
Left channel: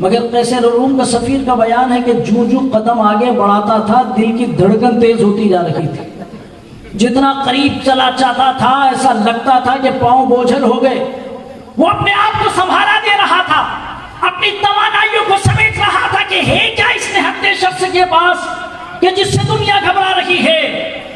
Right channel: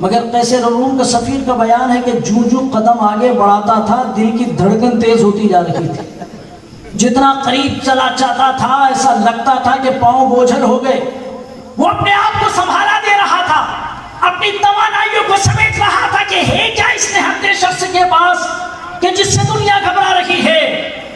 مگر قیصر روم کا سفیر کا بیان ہے کہ جو قدم آگے بڑھاتا تھا دل کی دھڑکن تیز ہوتی جا رہی تھی، جتنا قریب چلا جاتا تھا ایسا لگتا تھا کہ پاؤں بوجھل ہو گئے۔ وہ اپنے آپ کو سنبھالا دے رہا تھا، اپنی توانائیوں کو سمیٹ رہا تھا کہ ہے کیا اس نہتے شخص کے پاس کہ جس سے دنیا گھبرا رہی ہے،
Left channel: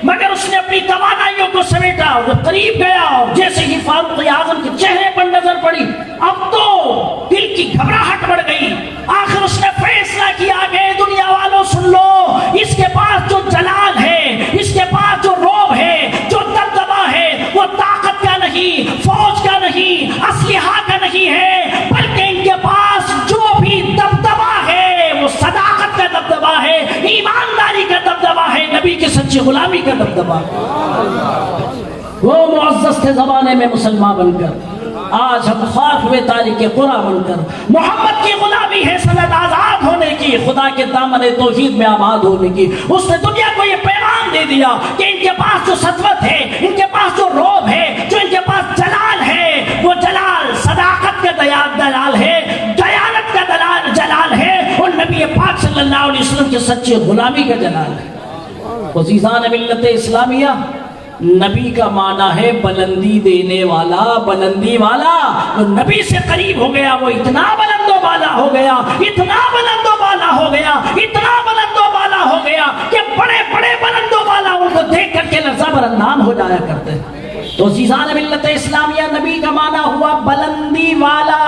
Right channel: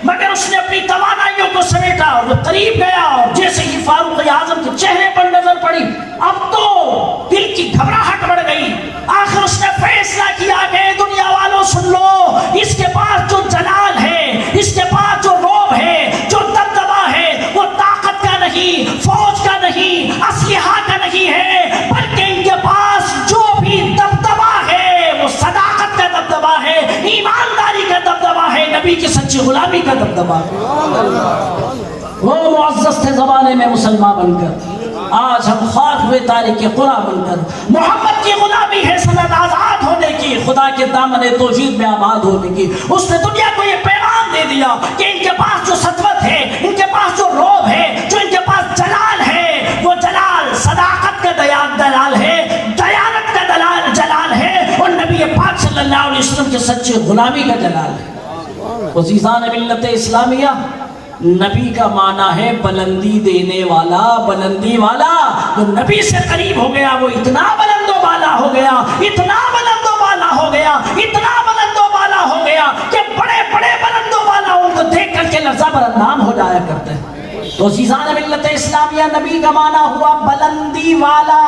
مگر اس نے اپنی توانائیوں کو سمیٹا، وہ قریب گیا اور جیسے ہی فاروق اعظم کے چہرے پر نظر پڑی اب تو دل کی گھبراہٹ بڑھ گئی۔ آخر اس نے فیصلہ کیا کہ دنیا والوں سن لو، اس کے پاس جو جلال ہے، اس کے پاس جو روب ہے، جو دبدبا ہے، وہ طاقت کا نہیں، فوج کا نہیں، اسلحہ کا نہیں ہے، بلکہ ان کے پاس جو بھی دبدبا ہے وہ صداقت کا دبدبا ہے، ایمانداری کا دبدبا ہے، نبی کی سچی غلامی کا دبدبا ہے۔ وہ معزز تھے زمانے میں مسلمان بن کر، آج ہم خاک ہوئے تاریخ قرآن بن کر۔ محمد کی غلامی ہے سند آزاد ہونے کی، خدا کے دامن توحید میں آباد ہونے کی۔ اس نے دنیا کو یہ پیغام دے دیا کہ ان کے پاس جو سطوت ہے، ان کے پاس جو روب ہے، جو ان کے پاس جلال ہے، وہ جلال صداقت کا دلال ہے، دیانت کا جلال ہے، اور نبی پاک صلی اللہ علیہ وسلم کے سچے غلامی کا جلال ہے۔ عزیزان ملت اسلامیہ، نبی کا معنی ہے بلندی دینے والا، بلندی والا۔ وہ نبی سے قریب ہو گیا، وہ اتنا بلند و بالا ہو گیا، اتنا بلند و بالا ہو گیا، اتنا بلند و بالا ہو گیا کہ بڑے بڑے بلند و بالا ان کو دیکھ کر کے لرزہ برہنام ہو جایا کرتے ہیں۔ تو عزیزان ملت اسلامیہ، نبی کا معنی ہوا بلندی والا،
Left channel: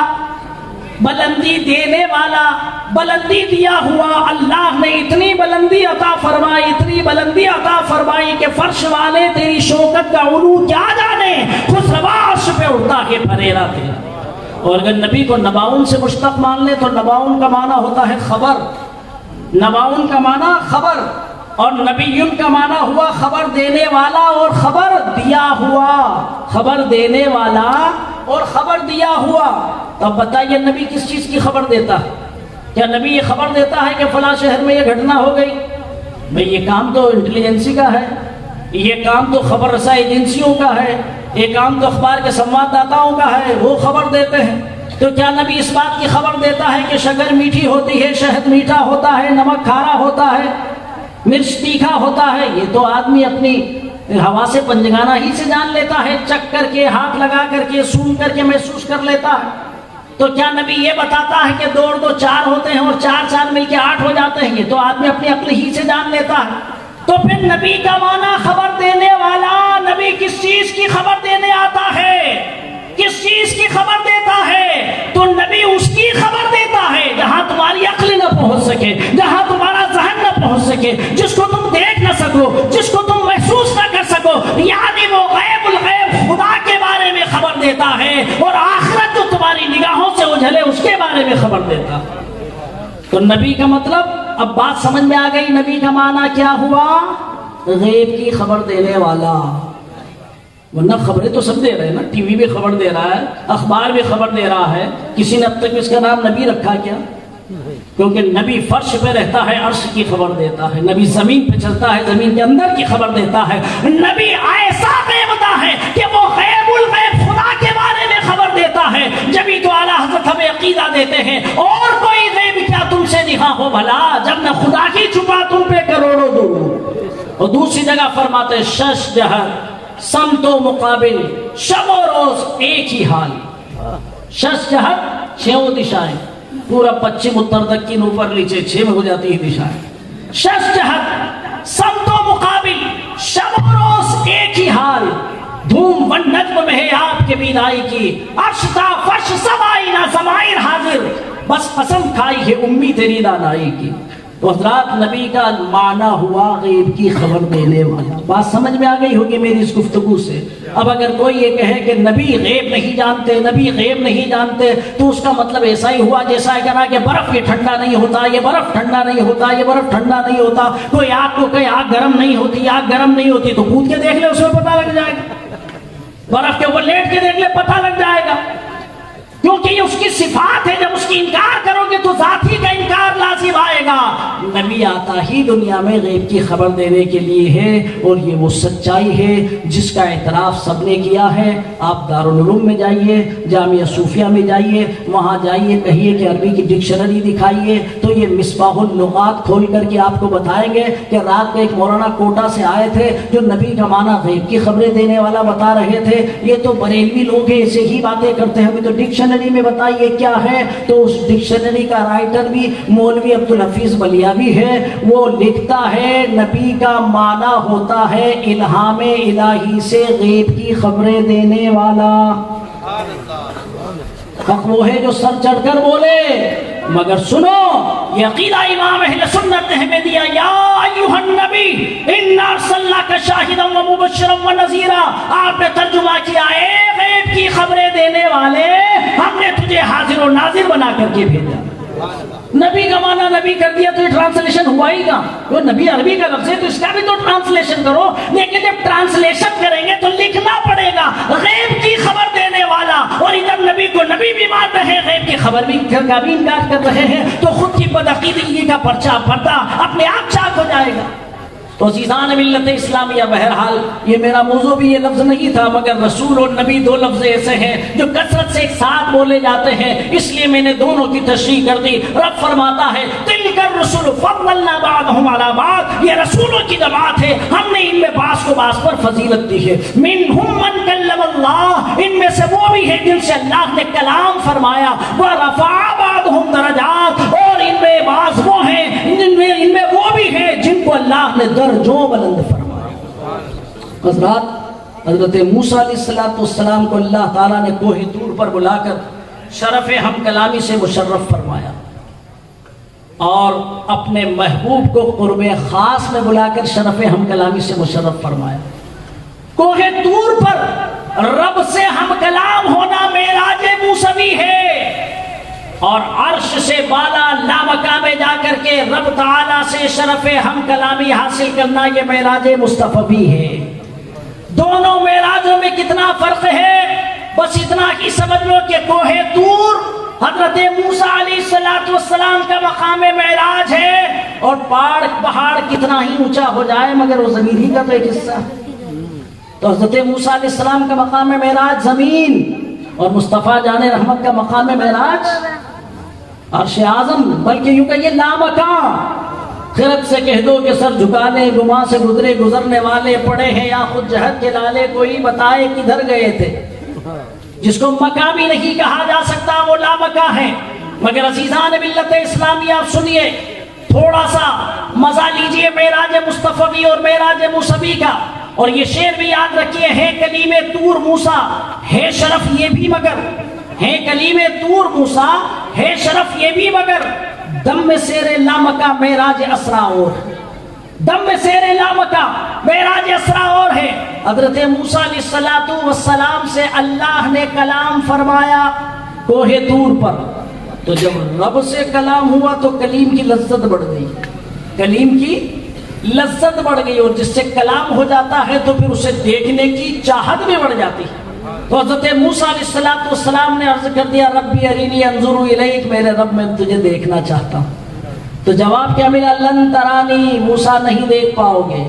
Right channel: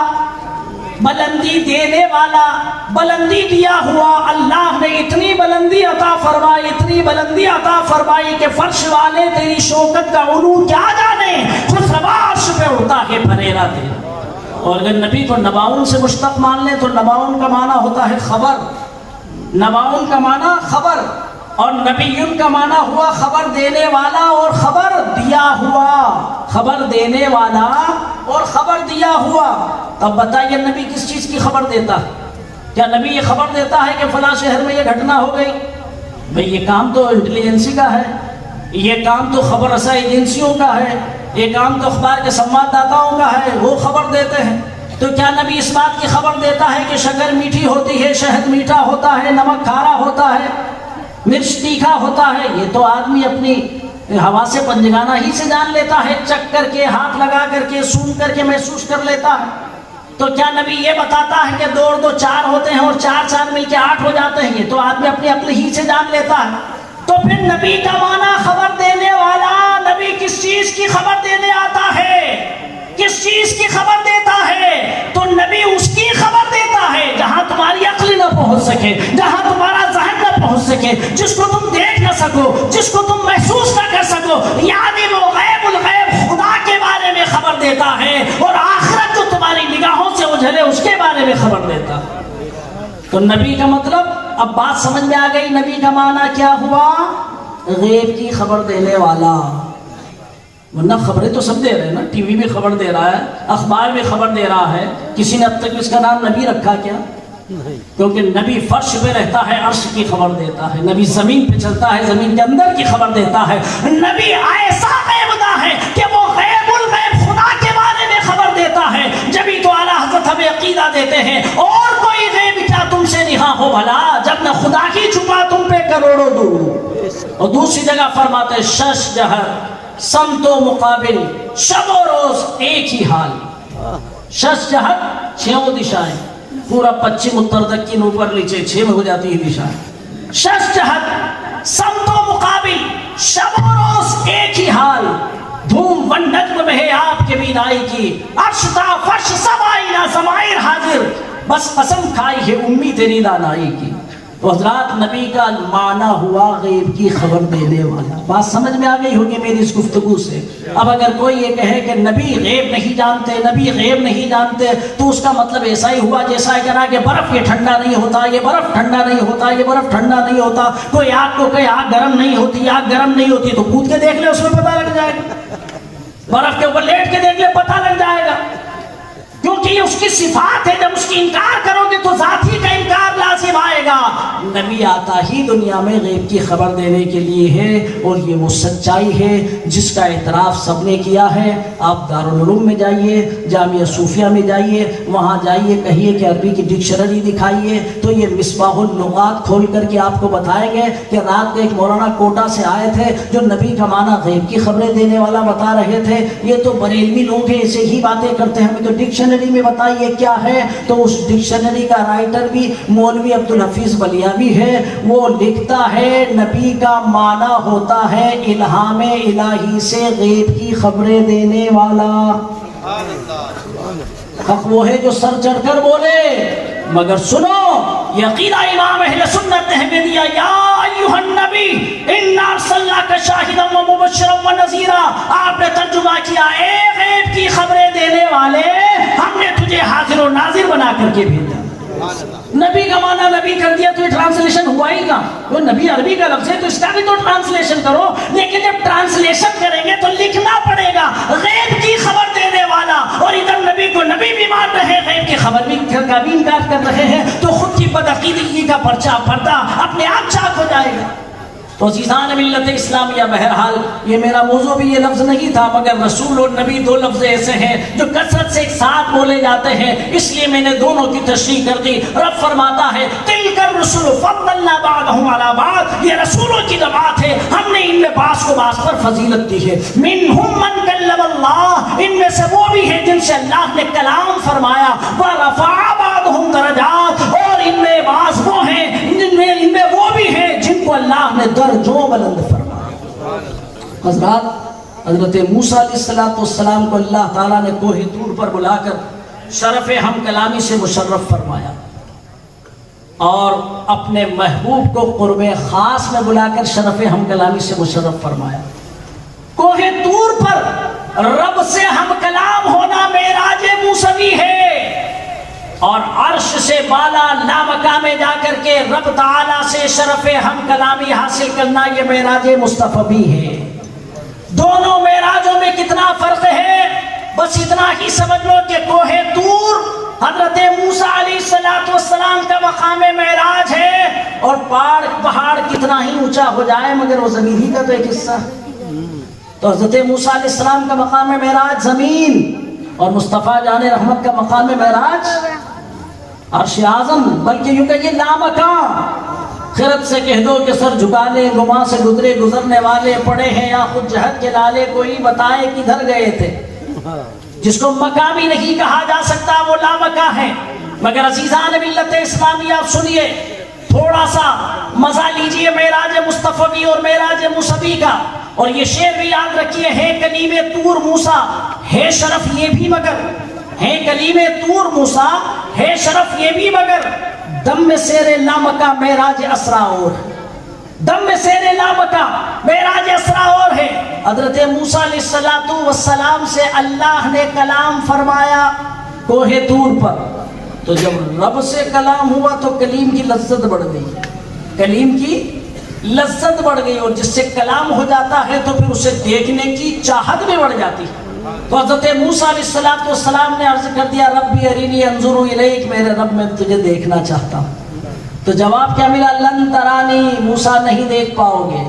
بلندی دینے والا، بلندی دیا ہوا۔ اللہ نے اتنی بلندی عطا فرمائی، اتنی بلندی عطا فرمائی کہ فرش والے تیری شوکت کا علو کیا جانے، پھر سواش پہ اڑتا ہے پھریرا دے۔ اور اگر نبی کو نباؤن سے مشتق مان لیں تو نباؤن کا معنی ہوتا ہے خبر، نباؤن کا معنی خبر، اور نبیون کا معنی ہوا خبر دینے والا اور خبر دیا ہوا، خبر دینے والا اور خبر دیا ہوا۔ اب بتائیے نبی کس چیز کی خبر دیتا ہے؟ کیا نبی یہ خبر دیتا ہے کہ فلاں شہر میں یہ گھٹنا ہو گئی؟ بھئی یہ کام تو انٹیلیجنسی کا ہے، یہ کام تو خبر رساں ایجنسیوں کا ہے، یہ کام تو اخبار کے سنوادداتاؤں کا ہے، وہ خبر دیتے ہیں۔ تو کیا نبی اس بات کی خبر دیتا ہے کہ شکر میٹھی ہوتی ہے، شہد میٹھا ہوتا ہے، نمک کھارا ہوتا ہے، مرچ تیکھا ہوتا ہے؟ یہ تو آدمی اپنی ہوا سے پنجگانہ ہی سے جان لیتا ہے، چک کر کے، ہاتھ لگا کر کے، سونگھ کر کے محسوس کر لیتا ہے۔ تو کیا نبی یہ بتاتا ہے کہ 2 اور 2 4 ہوتے ہیں اور 4 4 مل کے 8 ہو جاتے ہیں؟ یہ تو آدمی اپنی عقل ہی سے جان لیتا ہے۔ تو پھر نبی کا معنی خبر دینے والا، نبی کس چیز کی خبر دینے آتا ہے، کس چیز کی خبر دیتا ہے؟ تو نبی اس بارے میں خبر دیتا. تو نبی کا مطلب اب بات سمجھ میں آ گئی. نبی کا معنی کیا ہوا؟ غیب کی خبر دینے والا. ورنہ خبریں تو سب دے رہے ہیں نا, ٹی وی میں خبر دے رہا ہے, اخبار میں خبر دے رہا ہے. کسی نے اب تک اس کا نام نبی رکھا کیا؟ کیونکہ نبی فرش پہ رہتا ہے, عرش کی خبر دیتا ہے. نبی زمین پہ چلتا ہے, زمین کے اندر کی خبر دیتا ہے. نبی ایسا غیب دا ہے کہ وہ غیب الغیب خدا کے بارے میں خبر دیتا ہے. جبھی تو اعلیٰ حضرت ہمیں عقیدہ دیتے ہیں اور کوئی غیب کیا تم سے نہاں ہو بھلا, جب میں خدا کی چھپا تم پہ کروڑوں دوں. اور دوسری جگہ فرماتے شش جہر سمت و مقابل, شب و روز ایک ہی حال. شش جہر چھوں دشائیں, پورا پچھم اتر دکن اوپر نیچے 6 میں ہو جاتی ہے دشائیں. شش جہر سمت و مقابل, شب و روز ایک ہی حال. دھوم و نجم میں ہے آپ کے بینائی کی, عرش تا فرش سب آئینہ ضمائر حاضر, بس قسم کھائی ہے امی تیری دانائی کی. تو حضرات نبی کا معنی ہوا غیب کی خبر دینے والا. بات سمجھ میں آ گئی ہوگی میری اس گفتگو سے. اب اگر کوئی یہ کہے کہ نبی غیب نہیں جانتے, نبی غیب نہیں جانتے, تو اس کا مطلب ایسا ہی ہوا جیسا ہے کہنا کہ برف یہ ٹھنڈا نہیں ہوتا, یہ برف ٹھنڈا نہیں ہوتا, یہ برف ٹھنڈا نہیں ہوتا. کوئی آگ کو کہے آگ گرم نہیں ہوتی, آگ گرم نہیں ہوتی, تو کود کے دیکھ لے, اس میں پتہ لگ جائے گا. برف کے اوپر لیٹ کے دیکھ لے, پتہ لگ جائے گا. کیونکہ یہ اس کی صفات ہے. جب اس کی انکار کرو گے تو ذاتی کا انکار لازم آئے گا. نبی آتا ہی دنیا میں غیب کی خبر دینے کے لیے ہے, اور یہ وہ سچائی ہے جس کا اعتراف سب نے کیا ہے. آپ دارالعلوم میں جائیے, جامعہ صوفیہ میں جائیے, وہاں جائیے, کہیے کہ عربی کی ڈکشنری دکھائیے, تو یہ مصباح اللغات کھول کر کے آپ کو بتائیں گے کہ رات میں ایک مولانا کوٹا سے آئے تھے جو نبی کا معنی غیب کی خبریں دینے والا بتا رہے تھے. یہ تو بریلوی لوگ ہیں, ایسے ہی باتیں کرتے ہیں, ہمیں تو ڈکشنری میں بتائیے کیا ہے. تو اس ڈکشنری کا رائٹر بھی مولوی عبدالحفیظ بلیاوی ہے. وہ لکھتا ہے نبی کا معنی ہوتا ہے الہام الہی سے غیب کی خبریں دینے والا. حق وہ ہے جو سر چڑھ کر بولے. مگر سنو, یہ عقیدہ امام اہل سنت نے ہمیں دیا, یا ایھا النبی انا ارسلناک شاہدا ومبشرا ونذیرا. آپ نے ترجمہ کیا, اے غیب کی خبریں دینے والے, ہم نے تجھے حاضر و ناظر بنا کر کے بھیجا. نبی کا معنی نبی کر دیا تو یہ ٹرانسلیشن ہوا ہی گا. وہ نبی عربی کا لفظ ہے تو اس کا بھی تو ٹرانسلیشن کرو. لیکن جب ٹرانسلیشن کریں گے تو لکھنا پڑے گا غیب کی خبر دینے والا, اور ادھر نبی کو نبی بھی مان رہے ہیں, غیب کی خبر بھی کا بھی انکار کر رہے ہیں. تو خود کی بدعقیدگی کا پردہ اپنے آپ چاک ہو جائے گا. تو عزیزان ملت اسلامیہ, بہرحال یہ میرا موضوع بھی یہ لفظ نہیں تھا, مگر رسول اور نبی دو لفظ ایسے ہیں جو کثرت سے ایک ساتھ بولے جاتے ہیں, اس لیے میں نے دونوں کی تشریح کر دی. رب فرماتا ہے تلک الرسل فضلنا بعضهم علی بعض, یہ رسولوں کی جماعت ہے, ہم نے ان میں بعض کو بعض پر فضیلت دی ہے. منہم من کلم اللہ, ان میں سے وہ بھی ہے جن سے اللہ نے کلام فرمایا. ورفع بعضهم درجات, اور ان میں بعض وہ ہیں ان میں وہ بھی ہیں جن کو اللہ نے درجوں بلند فرمایا. حضرت موسیٰ علیہ السلام کو اللہ تعالیٰ نے کوہ طور پر بلا کر شرف ہم کلامی سے مشرف فرمایا, اور اپنے محبوب کو قرب خاص میں بلا کر شرف ہم کلامی سے مشرف فرمایا. کوہ طور پر رب سے ہم کلام ہونا معراج موسوی ہے, اور عرش سے بالا لامکان میں جا کر کے رب تعالیٰ سے شرف ہم کلامی حاصل کرنا یہ معراج مصطفی ہے. دونوں معراجوں میں کتنا فرق ہے, بس اتنا ہی سمجھ لو کہ کوہ طور حضرت موسیٰ علیہ السلام کا مقام معراج ہے, اور پہاڑ کتنا ہی اونچا ہو جائے مگر وہ زمین ہی کا تو ایک حصہ ہے. تو حضرت موسیٰ علیہ السلام کا مقام معراج زمین, اور مصطفیٰ جان رحمت کا مقام معراج عرش اعظم, بلکہ یوں کہ یہ لامکان. خرد سے کہہ دو کہ سر جھکا لے, وہاں سے گزرے گزرنے والے پڑے ہیں یا خود جہد کے لالے, کوئی بتائے کدھر گئے تھے. جس کو مقامی نہیں کہا جا سکتا وہ لامکاں ہے. مگر عزیزان ملت اسلامی, آپ سنیے, تھوڑا سا مزہ لیجئے معراج مصطفی اور معراج موسوی کا. اور یہ شعر بھی یاد رکھیے, ہے کلیم طور موسیٰ ہے شرف یہ بھی مگر, ہے کلیم طور موسیٰ ہے شرف یہ بھی مگر, دم میں سیر لامکا معراج اسرا اور, دم میں سیر لامکا معراج اسرا اور ہے. حضرت موسیٰ علیہ السلام سے اللہ نے کلام فرمایا کوہ طور پر, تو جب رب سے کلام ہوا تو کلیم کی لذت بڑھ گئی، کلیم کی لذت بڑھ گئی، اور جس سے کلام ہو جاتا ہے تو پھر اسے دیکھنے کی چاہت بھی بڑھ جاتی ہے۔ تو حضرت موسیٰ علیہ السلام نے عرض کر دیا ربی ارینی انظر الیک، میرے رب میں تجھے دیکھنا چاہتا ہوں۔ تو جواب کیا ملا؟ لن ترانی، موسیٰ نہیں دیکھ پاؤ گے۔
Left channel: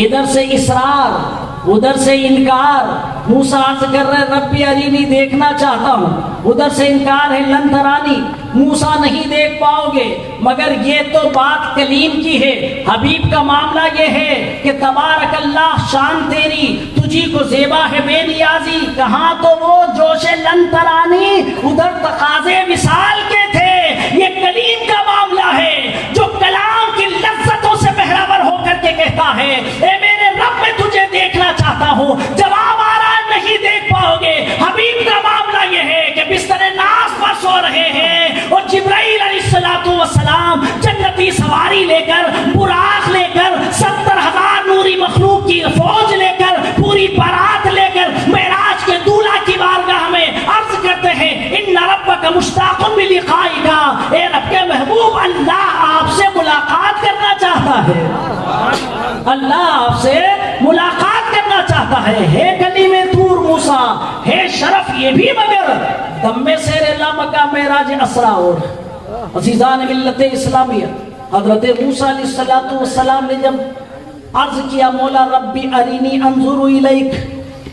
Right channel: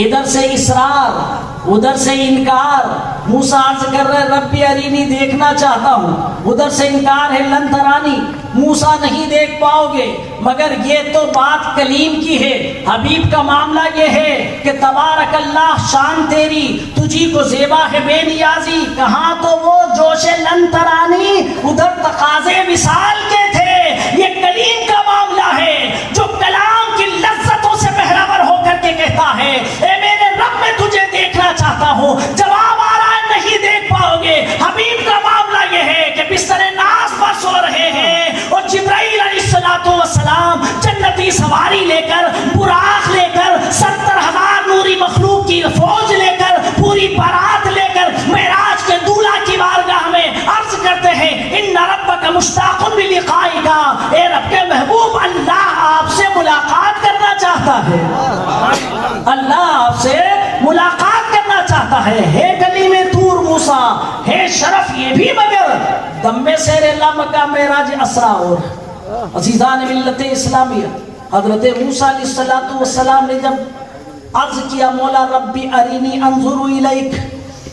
ادھر سے اصرار ادھر سے انکار، موسیٰ عرض کر رہے ربی ارینی دیکھنا چاہتا ہوں، ادھر سے انکار ہے لن ترانی، موسیٰ نہیں دیکھ پاؤ گے۔ مگر یہ تو بات کلیم کی ہے، حبیب کا معاملہ یہ ہے کہ تبارک اللہ شان تیری، تجھی کو زیبا ہے بے نیازی۔ کہاں تو وہ جوش لن ترانی، ادھر تقاضے وصال کے تھے۔ یہ کلیم کا معاملہ ہے جو کلام کی لذتوں سے بہرور ہو کر کے کہتا ہے اے میرے رب میں تجھے دیکھنا چاہتا ہوں۔ جواب آ رہا ہے نہیں دیکھ پاؤ گے۔ حبیب کا معاملہ یہ ہے کہ بستر ناز پر سو رہے ہیں اور جبرائیل علیہ السلام جنتی سواری لے کر، براق لے کر، 70,000 نوری مخلوق کی فوج لے کر، پوری بارات لے کر معراج کے دولہ کی بارگاہ میں عرض کرتے ہیں ان ربک مشتاق بلقائک، اے رب کے محبوب اللہ آپ سے ملاقات کرنا چاہتا ہے، اللہ آپ سے ملاقات کرنا چاہتا ہے کلیم طور موسیٰ، ہے شرف یہ بھی مگر دم میں سیر اللہ مکہ معراج اسرا۔ اور عزیزان ملت اسلامیہ، حضرت موسیٰ علیہ السلام نے جب عرض کیا مولا ربی ارینی انظر الیک،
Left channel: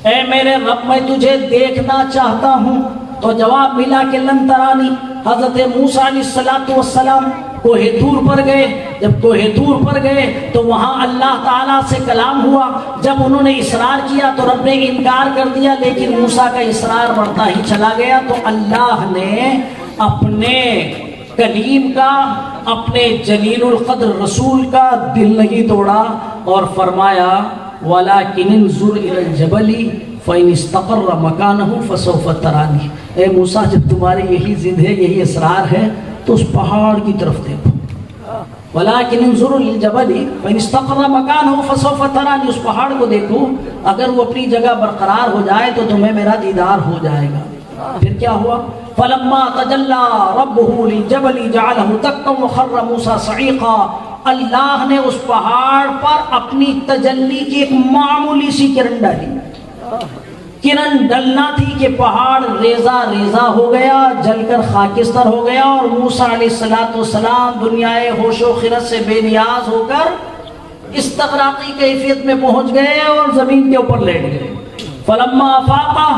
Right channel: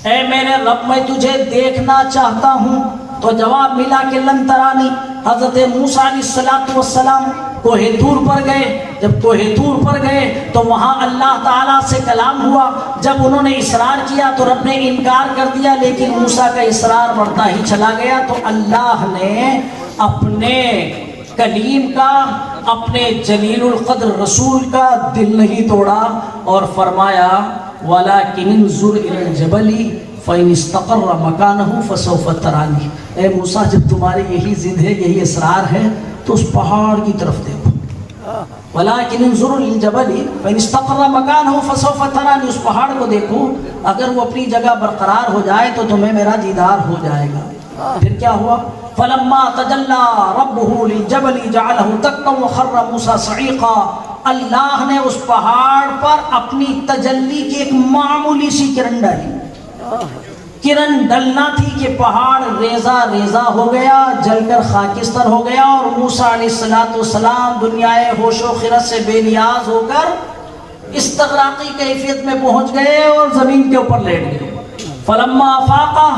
اے میرے رب میں تجھے دیکھنا چاہتا ہوں، تو جواب ملا کہ لن ترانی۔ حضرت موسیٰ علیہ السلام کوہ طور پر گئے، جب کوہ طور پر گئے تو وہاں اللہ تعالیٰ سے کلام ہوا۔ جب انہوں نے اصرار کیا تو رب نے انکار کر دیا، لیکن موسیٰ کا اصرار بڑھتا ہی چلا گیا، تو اللہ نے اپنے کلیم کا، اپنے جلیل القدر رسول کا دل نہیں توڑا اور فرمایا وَلَكِنِ انظُرْ إِلَى الْجَبَلِ فَإِنِ اسْتَقَرَّ مَكَانَهُ فَسَوْفَ تَرَانِي۔ اے موسیٰ جب تمہاری یہی ضد ہے، یہی اصرار ہے تو اس پہاڑ کی طرف دیکھو۔ وَلَكِنِ انظُرْ إِلَى الْجَبَلِ فَإِنِ اسْتَقَرَّ مَكَانَهُ فَسَوْفَ تَرَانِي، اس پہاڑ کو دیکھو، اگر وہ اپنی جگہ برقرار ہو جائے تو تمہیں میرا دیدار ہو جائے گا۔ پھر کیا ہوا؟ فَلَمَّا تَجَلَّى رَبُّهُ لِلْجَبَلِ جَعَلَهُ دَكًّا وَخَرَّ مُوسَىٰ صَعِيقًا، اللہ نے اس پہاڑ پر اپنی تجلی کی ایک معمولی سی کرن ڈالی، کرن ڈلنا تھی کہ پہاڑ ریزہ ریزہ ہو گیا، جل کر خاکستر ہو گیا، اور موسیٰ علیہ السلام دنیائے ہوش و خرد سے بے نیاز ہو کر استغراقی کیفیت میں پہنچ گئے اور زمین کے اوپر لیٹ گئے۔ فلما افاقہ،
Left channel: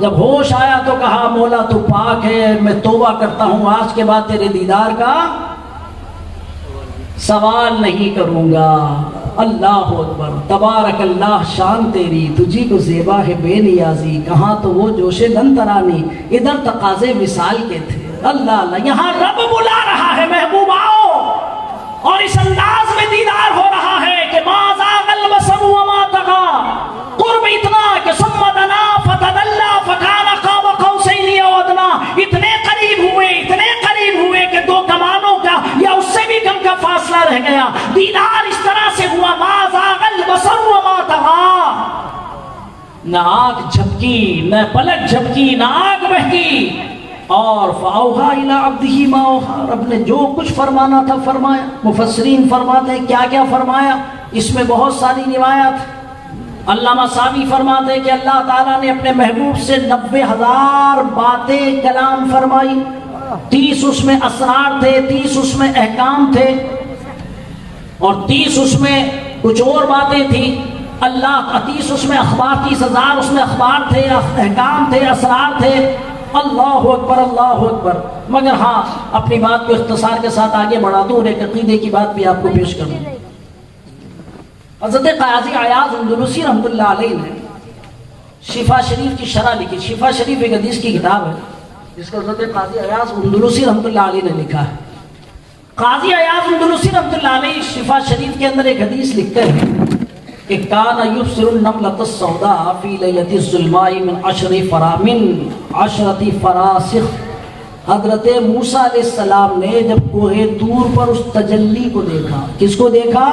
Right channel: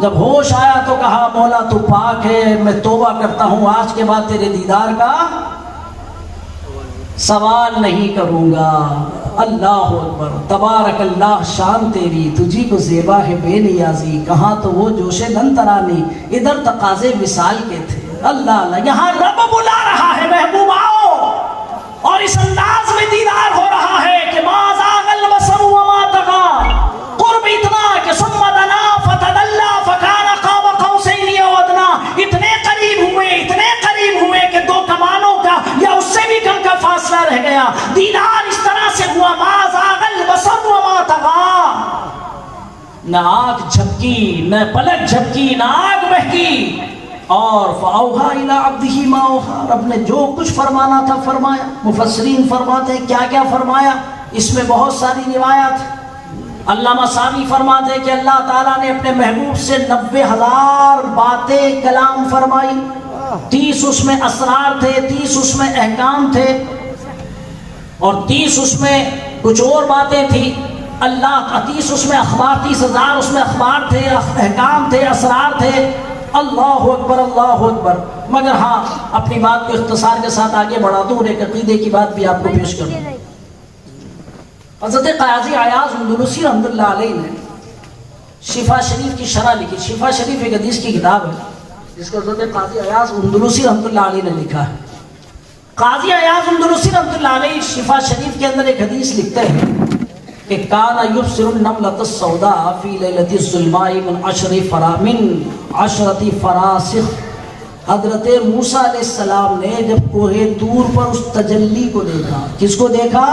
جب ہوش آیا تو کہا مولا تو پاک ہے، میں توبہ کرتا ہوں، آج کے بعد تیرے دیدار کا سوال نہیں کروں گا۔ اللہ اکبر، تبارک اللہ شان تیری، تجھی کو زیبا ہے بے نیازی۔ کہاں تو وہ جوش لن ترانی، ادھر تقاضے وصال کے تھے۔ اللہ اللہ، یہاں رب بلا رہا ہے محبوب آؤ، اور اس انداز میں دیدار ہو رہا ہے کہ ما زاغ البصر وما طغى، قرب اتنا کہ ثم دنا فتدلى فكان قاب قوسين او ادنى، اتنے قریب ہوئے کہ دو کمانوں کا یا اس سے بھی کم کا فاصلہ رہ گیا۔ دیدار اس طرح سے ہوا ما زاغ البصر وما طغى، نہ آنکھ جھپکی، نہ پلک جھپکی، نہ آنکھ بہکی، اور فَأَوْحَىٰ إِلَىٰ عَبْدِهِ مَا أَوْحَىٰ، رب نے جو کچھ فرمانا تھا فرمایا۔ مفسرین فرماتے ہیں کیا کیا فرمایا، اس میں بہت ساری روایات۔ علامہ ساوی فرماتے ہیں کہ اللہ تعالیٰ نے اپنے محبوب سے 90,000 باتیں کلام فرمائی، 30 اس میں اسرار تھے، 30 اس میں احکام تھے، اور 30 اس میں کچھ اور باتیں تھیں۔ اللہ 30 اس میں اخبار، 30,000 اس میں اخبار تھے، احکام تھے، اسرار تھے۔ اللہ اکبر اللہ اکبر۔ مگر ہاں اپنی بات کو اختصار کے ساتھ آگے بڑھا دوں اور ایک عقیدے کی بات بھی آپ کو پیش کر دوں۔ حضرت قاضی عیاض اندلسی رحمۃ اللہ علیہ نے شفا شریف کی شرح لکھی۔ شفا شریف ایک حدیث کی کتاب ہے جس کو حضرت قاضی عیاض اندلسی رحمۃ اللہ علیہ نے لکھا ہے۔ قاضی عیاض اندلسی رحمۃ اللہ علیہ شفا شریف کے اندر ایک حدیث لکھتے ہیں کہ کان یبصر النملۃ السوداء فی لیلۃ الظلماء من 10 فراسخ۔ حضرت موسیٰ علیہ السلام نے جب کوہ طور پر اس تجلی کو دیکھا، کس کو دیکھا؟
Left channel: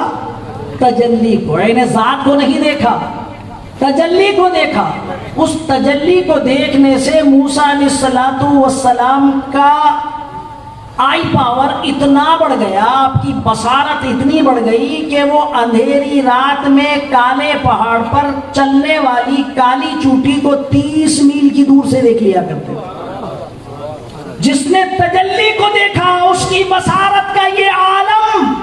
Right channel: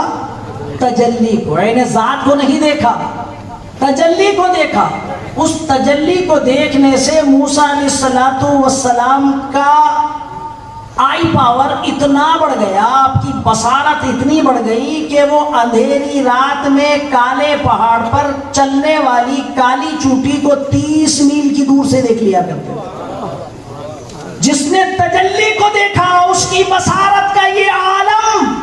تجلی کو، عین ذات کو نہیں دیکھا، تجلی کو دیکھا۔ اس تجلی کو دیکھنے سے موسیٰ علیہ السلام کا آئی پاور اتنا بڑھ گیا، آپ کی بصارت اتنی بڑھ گئی کہ وہ اندھیری رات میں کالے پہاڑ پر چلنے والی کالی چوٹی کو 30 میل کی دور سے دیکھ لیا کرتے ہیں۔ جس نے تجلی کو دیکھا اس کی بصارت کا یہ عالم،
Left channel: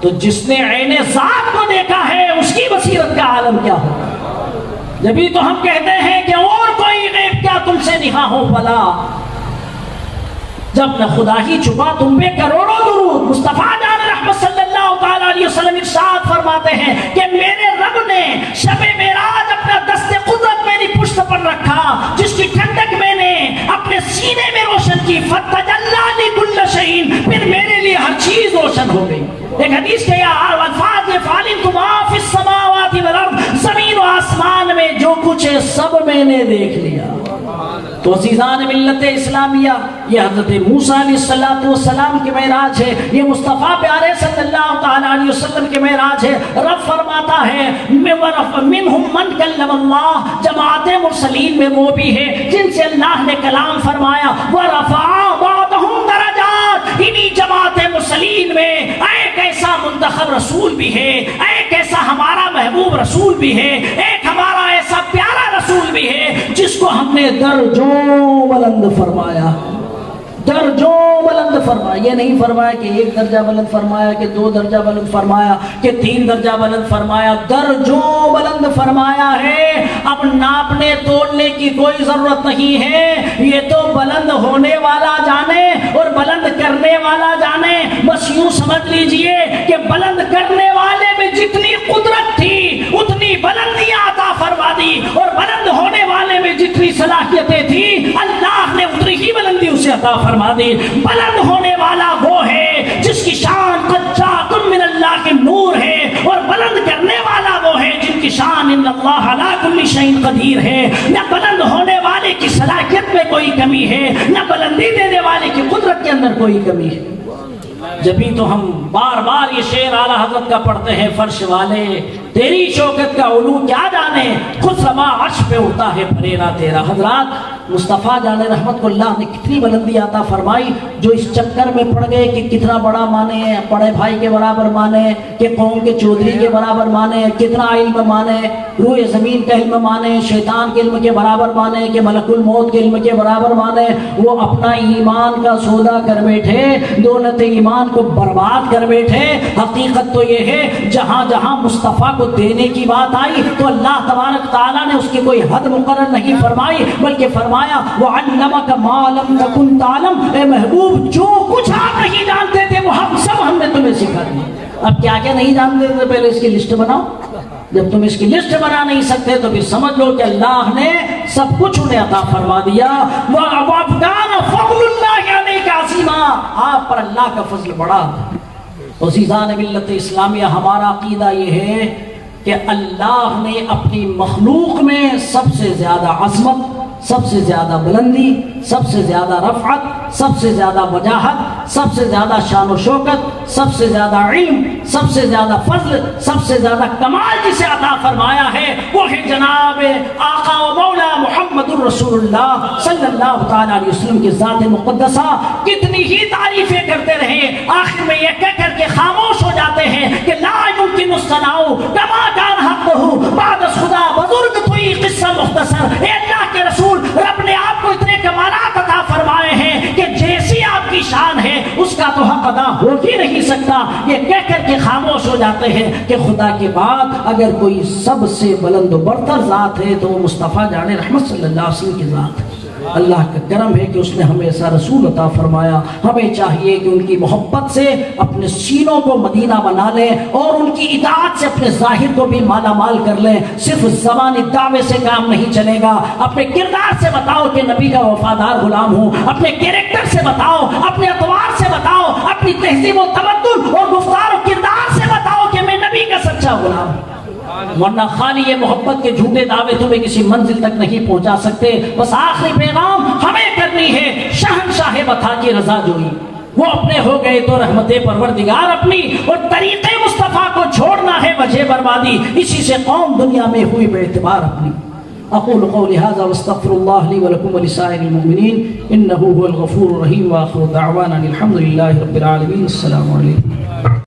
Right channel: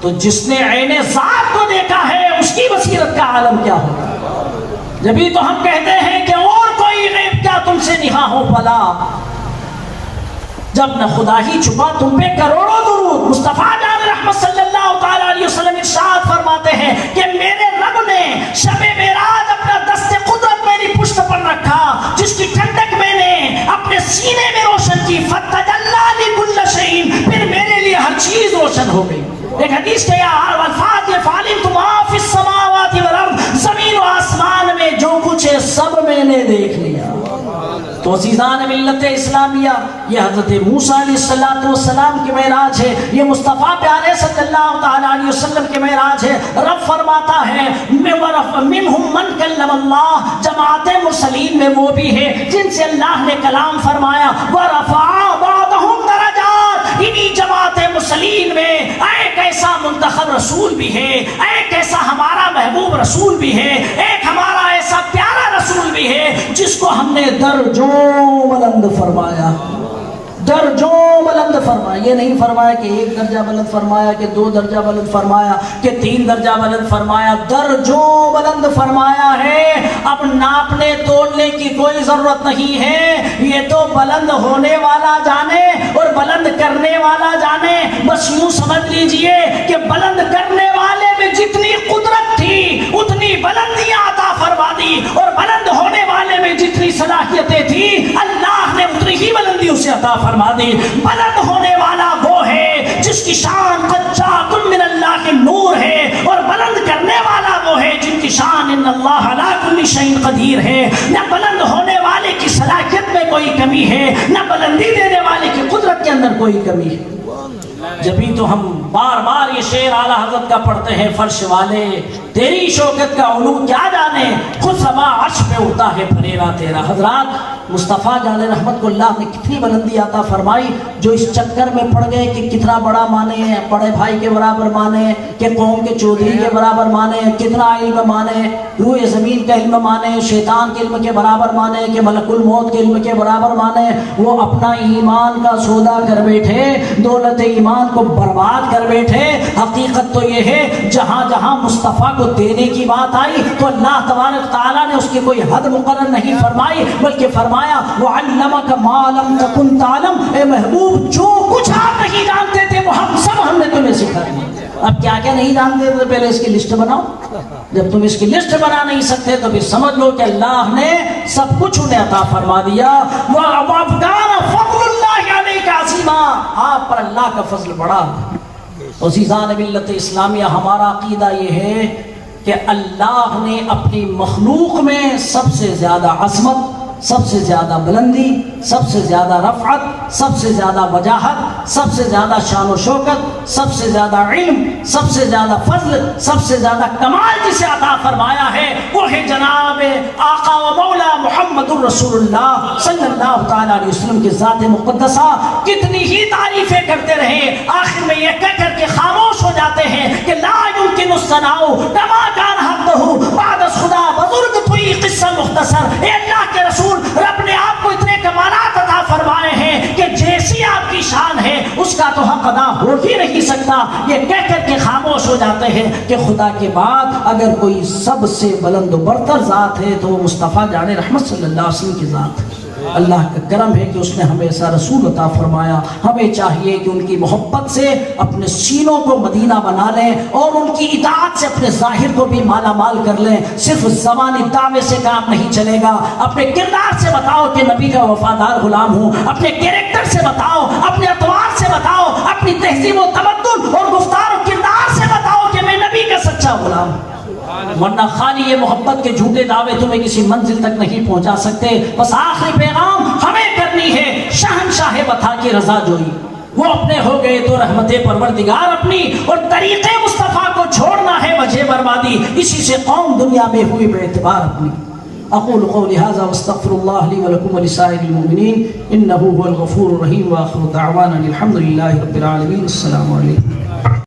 تو جس نے عین ذات کو دیکھا ہے اس کی بصیرت کا عالم کیا ہوگا؟ جبھی تو ہم کہتے ہیں کہ اور کوئی غیب کیا تم سے نہا ہو بھلا، جب نہ خدا ہی چھپا تم پہ کروڑوں درود۔ مصطفیٰ جان رحمت صلی اللہ تعالی علیہ وسلم ارشاد فرماتے ہیں کہ میرے رب نے شب معراج اپنا دست قدرت میری پشت پر رکھا، جس کی ٹھنڈک میں نے اپنے سینے میں روشن کی، فتجلی لکل شیء، پھر میرے لیے ہر چیز روشن ہو گئی۔ ایک حدیث کے الفاظ یہ فعلمت ما فی السماوات والارض، زمین و آسمان میں جو کچھ ہے سب میں نے دیکھ لیا۔ تو عزیزان ملت اسلامیہ، یہ حضرت موسیٰ علیہ السلام کے معراج ہے، یہ مصطفیٰ پیارے صلی اللہ تعالی علیہ وسلم کے معراج ہے۔ رب فرماتا ہے منہم من کلم اللہ، جماعت مرسلین میں وہ بھی ہے جن سے اللہ نے کلام فرمایا، ورفع بعضهم درجات، انہی جماعت مرسلین میں ایک ایسا منتخب رسول بھی ہے، ایک ایسا ہمارا محبوب رسول بھی ہے، ایک ہمارا ایسا پیارا رسول بھی ہے جس کو ہم نے درجوں بلند فرمایا، درجوں بلند فرمایا۔ یہ نہیں فرمایا کہ 1 درجہ بلند فرمایا، کہ 2 درجہ بلند فرمایا، کہ 3 درجہ بلند فرمایا، درجوں بلند فرمایا ہے۔ اب ناپنے تولنے کی کوئی ضرورت نہیں ہے، یہ تو بلند ہونے والا جانے اور بلند کرنے والا جانے۔ بس یوں سمجھ لیجئے کہ بلند کرنے والے میں جتنی قدرت تھی اتنی بلندیاں عطا فرما دی، اور بلند ہونے والے میں جتنی صلاحیتیں تھی اللہ نے اتنی ہی بلندی اسے عطا فرما دی۔ بلند ہونے والا وہ ہے جس کی شان قد جاءکم من اللہ کے نور ہے، اور بلند کرنے والا وہ ہے جن کی شان ان اللہ علی کل شیء قدیر ہے۔ نہ بلند ہونے والے کی صلاحیت میں کوئی کمی ہے، نہ بلندی دینے والے کی قدرت کے اندر کوئی کمی ہے۔ جبھی تو ہم بار بار یہ شعر اعلیٰ حضرت کا پڑھتے ہیں، فرش والے تیری شوکت کا علو کیا جانے، خود سما عرش پہ اڑتا ہے پھریرا تیرا۔ حضرات، مصطفیٰ جان رحمت کو اللہ نے کتنی بلندی عطا فرمائی، جو اس چکر میں پڑ گئے کہ کتنا بڑا مانے، بڑے بھائی کے برابر مانے، کہ قوم کے چودھری کے برابر مانے، کتنا علم مانے، روح زمین کا علم مانے، شیطان کے علم کے برابر مانے، کہ ملک الموت کے علم کے برابر مانے، وہ اپنا ایمان کا سودا کر بیٹھے، دولت ایمان کو برباد کر بیٹھے۔ حقیقت تو یہ ہے جہاں جہاں مصطفیٰ کو دینے کی بات آئی تو اللہ تبارک تعالیٰ نے اس کی کوئی حد مقرر نہیں فرمائی، بلکہ فرمایا وَعَلَّمَكَ مَا لَمْ تَكُنْ تَعْلَمْ، اے محبوب جو کچھ آپ نہیں جانتے تھے وہ ہم نے تمہیں سکھا دیا۔ اب کیا کیا نہیں جانتے تھے پہلے اس کی لسٹ بناؤ۔ جب تم اس کی لسٹ بنا نہیں سکتے تو پھر سمجھ لو کہ اللہ نے سب کچھ انہیں عطا فرما دیا۔ وَكَانَ فَضْلُ اللَّهِ عَلَيْكَ عَظِيمًا، آپ پر اللہ کا فضل بڑا۔ عزیزان ملت اسلامیہ، ہمارا عقیدہ یہ ہے کہ اللہ نے اپنی مخلوق میں سب سے زیادہ عظمت، سب سے زیادہ بلندی، سب سے زیادہ رفعت، سب سے زیادہ وجاہت، سب سے زیادہ شان و شوکت، سب سے زیادہ علم، سب سے زیادہ فضل، سب سے زیادہ کمال جسے عطا فرمایا ہے وہ ہے جناب آقا مولا محمد الرسول اللہ صلی اللہ تعالی علیہ وسلم کی ذات مقدسہ۔ کتنی ہی تعریفیں کرتے رہے، آخر میں یہ کہہ کر کے خاموش ہو جاتے ہیں کہ لا يمكن الثناء كما كان حقه بعد خدا بزرگ توئی قصہ مختصر۔ اے اللہ کے رسول، رب نے آپ کو اتنے کمالات عطا فرمائے ہیں کہ جیسی آپ کی شان ہے اس کا تو حق ادا ہو ہی نہیں سکتا۔ یہ کہہ کر کے خاموش ہو جاتے ہیں کہ خدا کے بعد اگر کوئی سب سے بلند و برتر ذات ہے تو وہ مصطفیٰ جان رحمت صلی اللہ علیہ وسلم کی ذات ہے۔ اللہ کا کرم ہے کہ اس نے ہمیں ایسا رسول عطا فرمایا۔ ہمیں چاہیے کہ ان کی محبت سے اپنے سینوں کو مدینہ بنا لیں اور ان کی اطاعت سے اپنے ظاہر کو بھی مالا مال کر لیں۔ صرف زبانی دعوے سے کام نہیں چلے گا، اپنے کردار سے بتاؤ کہ نبی کا وفادار غلام ہوں، اپنے کیریکٹر سے بتاؤ، اپنے اطوار سے بتاؤ، اپنی تہذیب و تمدن اور گفتار و کردار سے بتاؤ کہ میں نبی کا سچا غلام ہوں، ورنہ خالی یہ محبت کے جھوٹے دعوے تمہیں کسی منزل تک نہیں پہنچا سکتے۔ بس آخری پیغام ہمیں کرنی ہے شہنشاہ وطا کی رضا جوئی۔ وہ اپنے ہو گئے تو رحمت پروردگار اپنی، اور طریقے مصطفیٰ کو چھوڑنا ہے وجہ بربادی، اسی سے قوم دنیا میں ہوئی بے اعتبار اپنی۔ اقول قولی ھذا واستغفر اللہ لی ولکم ولسائر المؤمنین انہ هو الغفور الرحیم، واخر دعوانا الحمد للہ رب العالمین. السلام علیکم.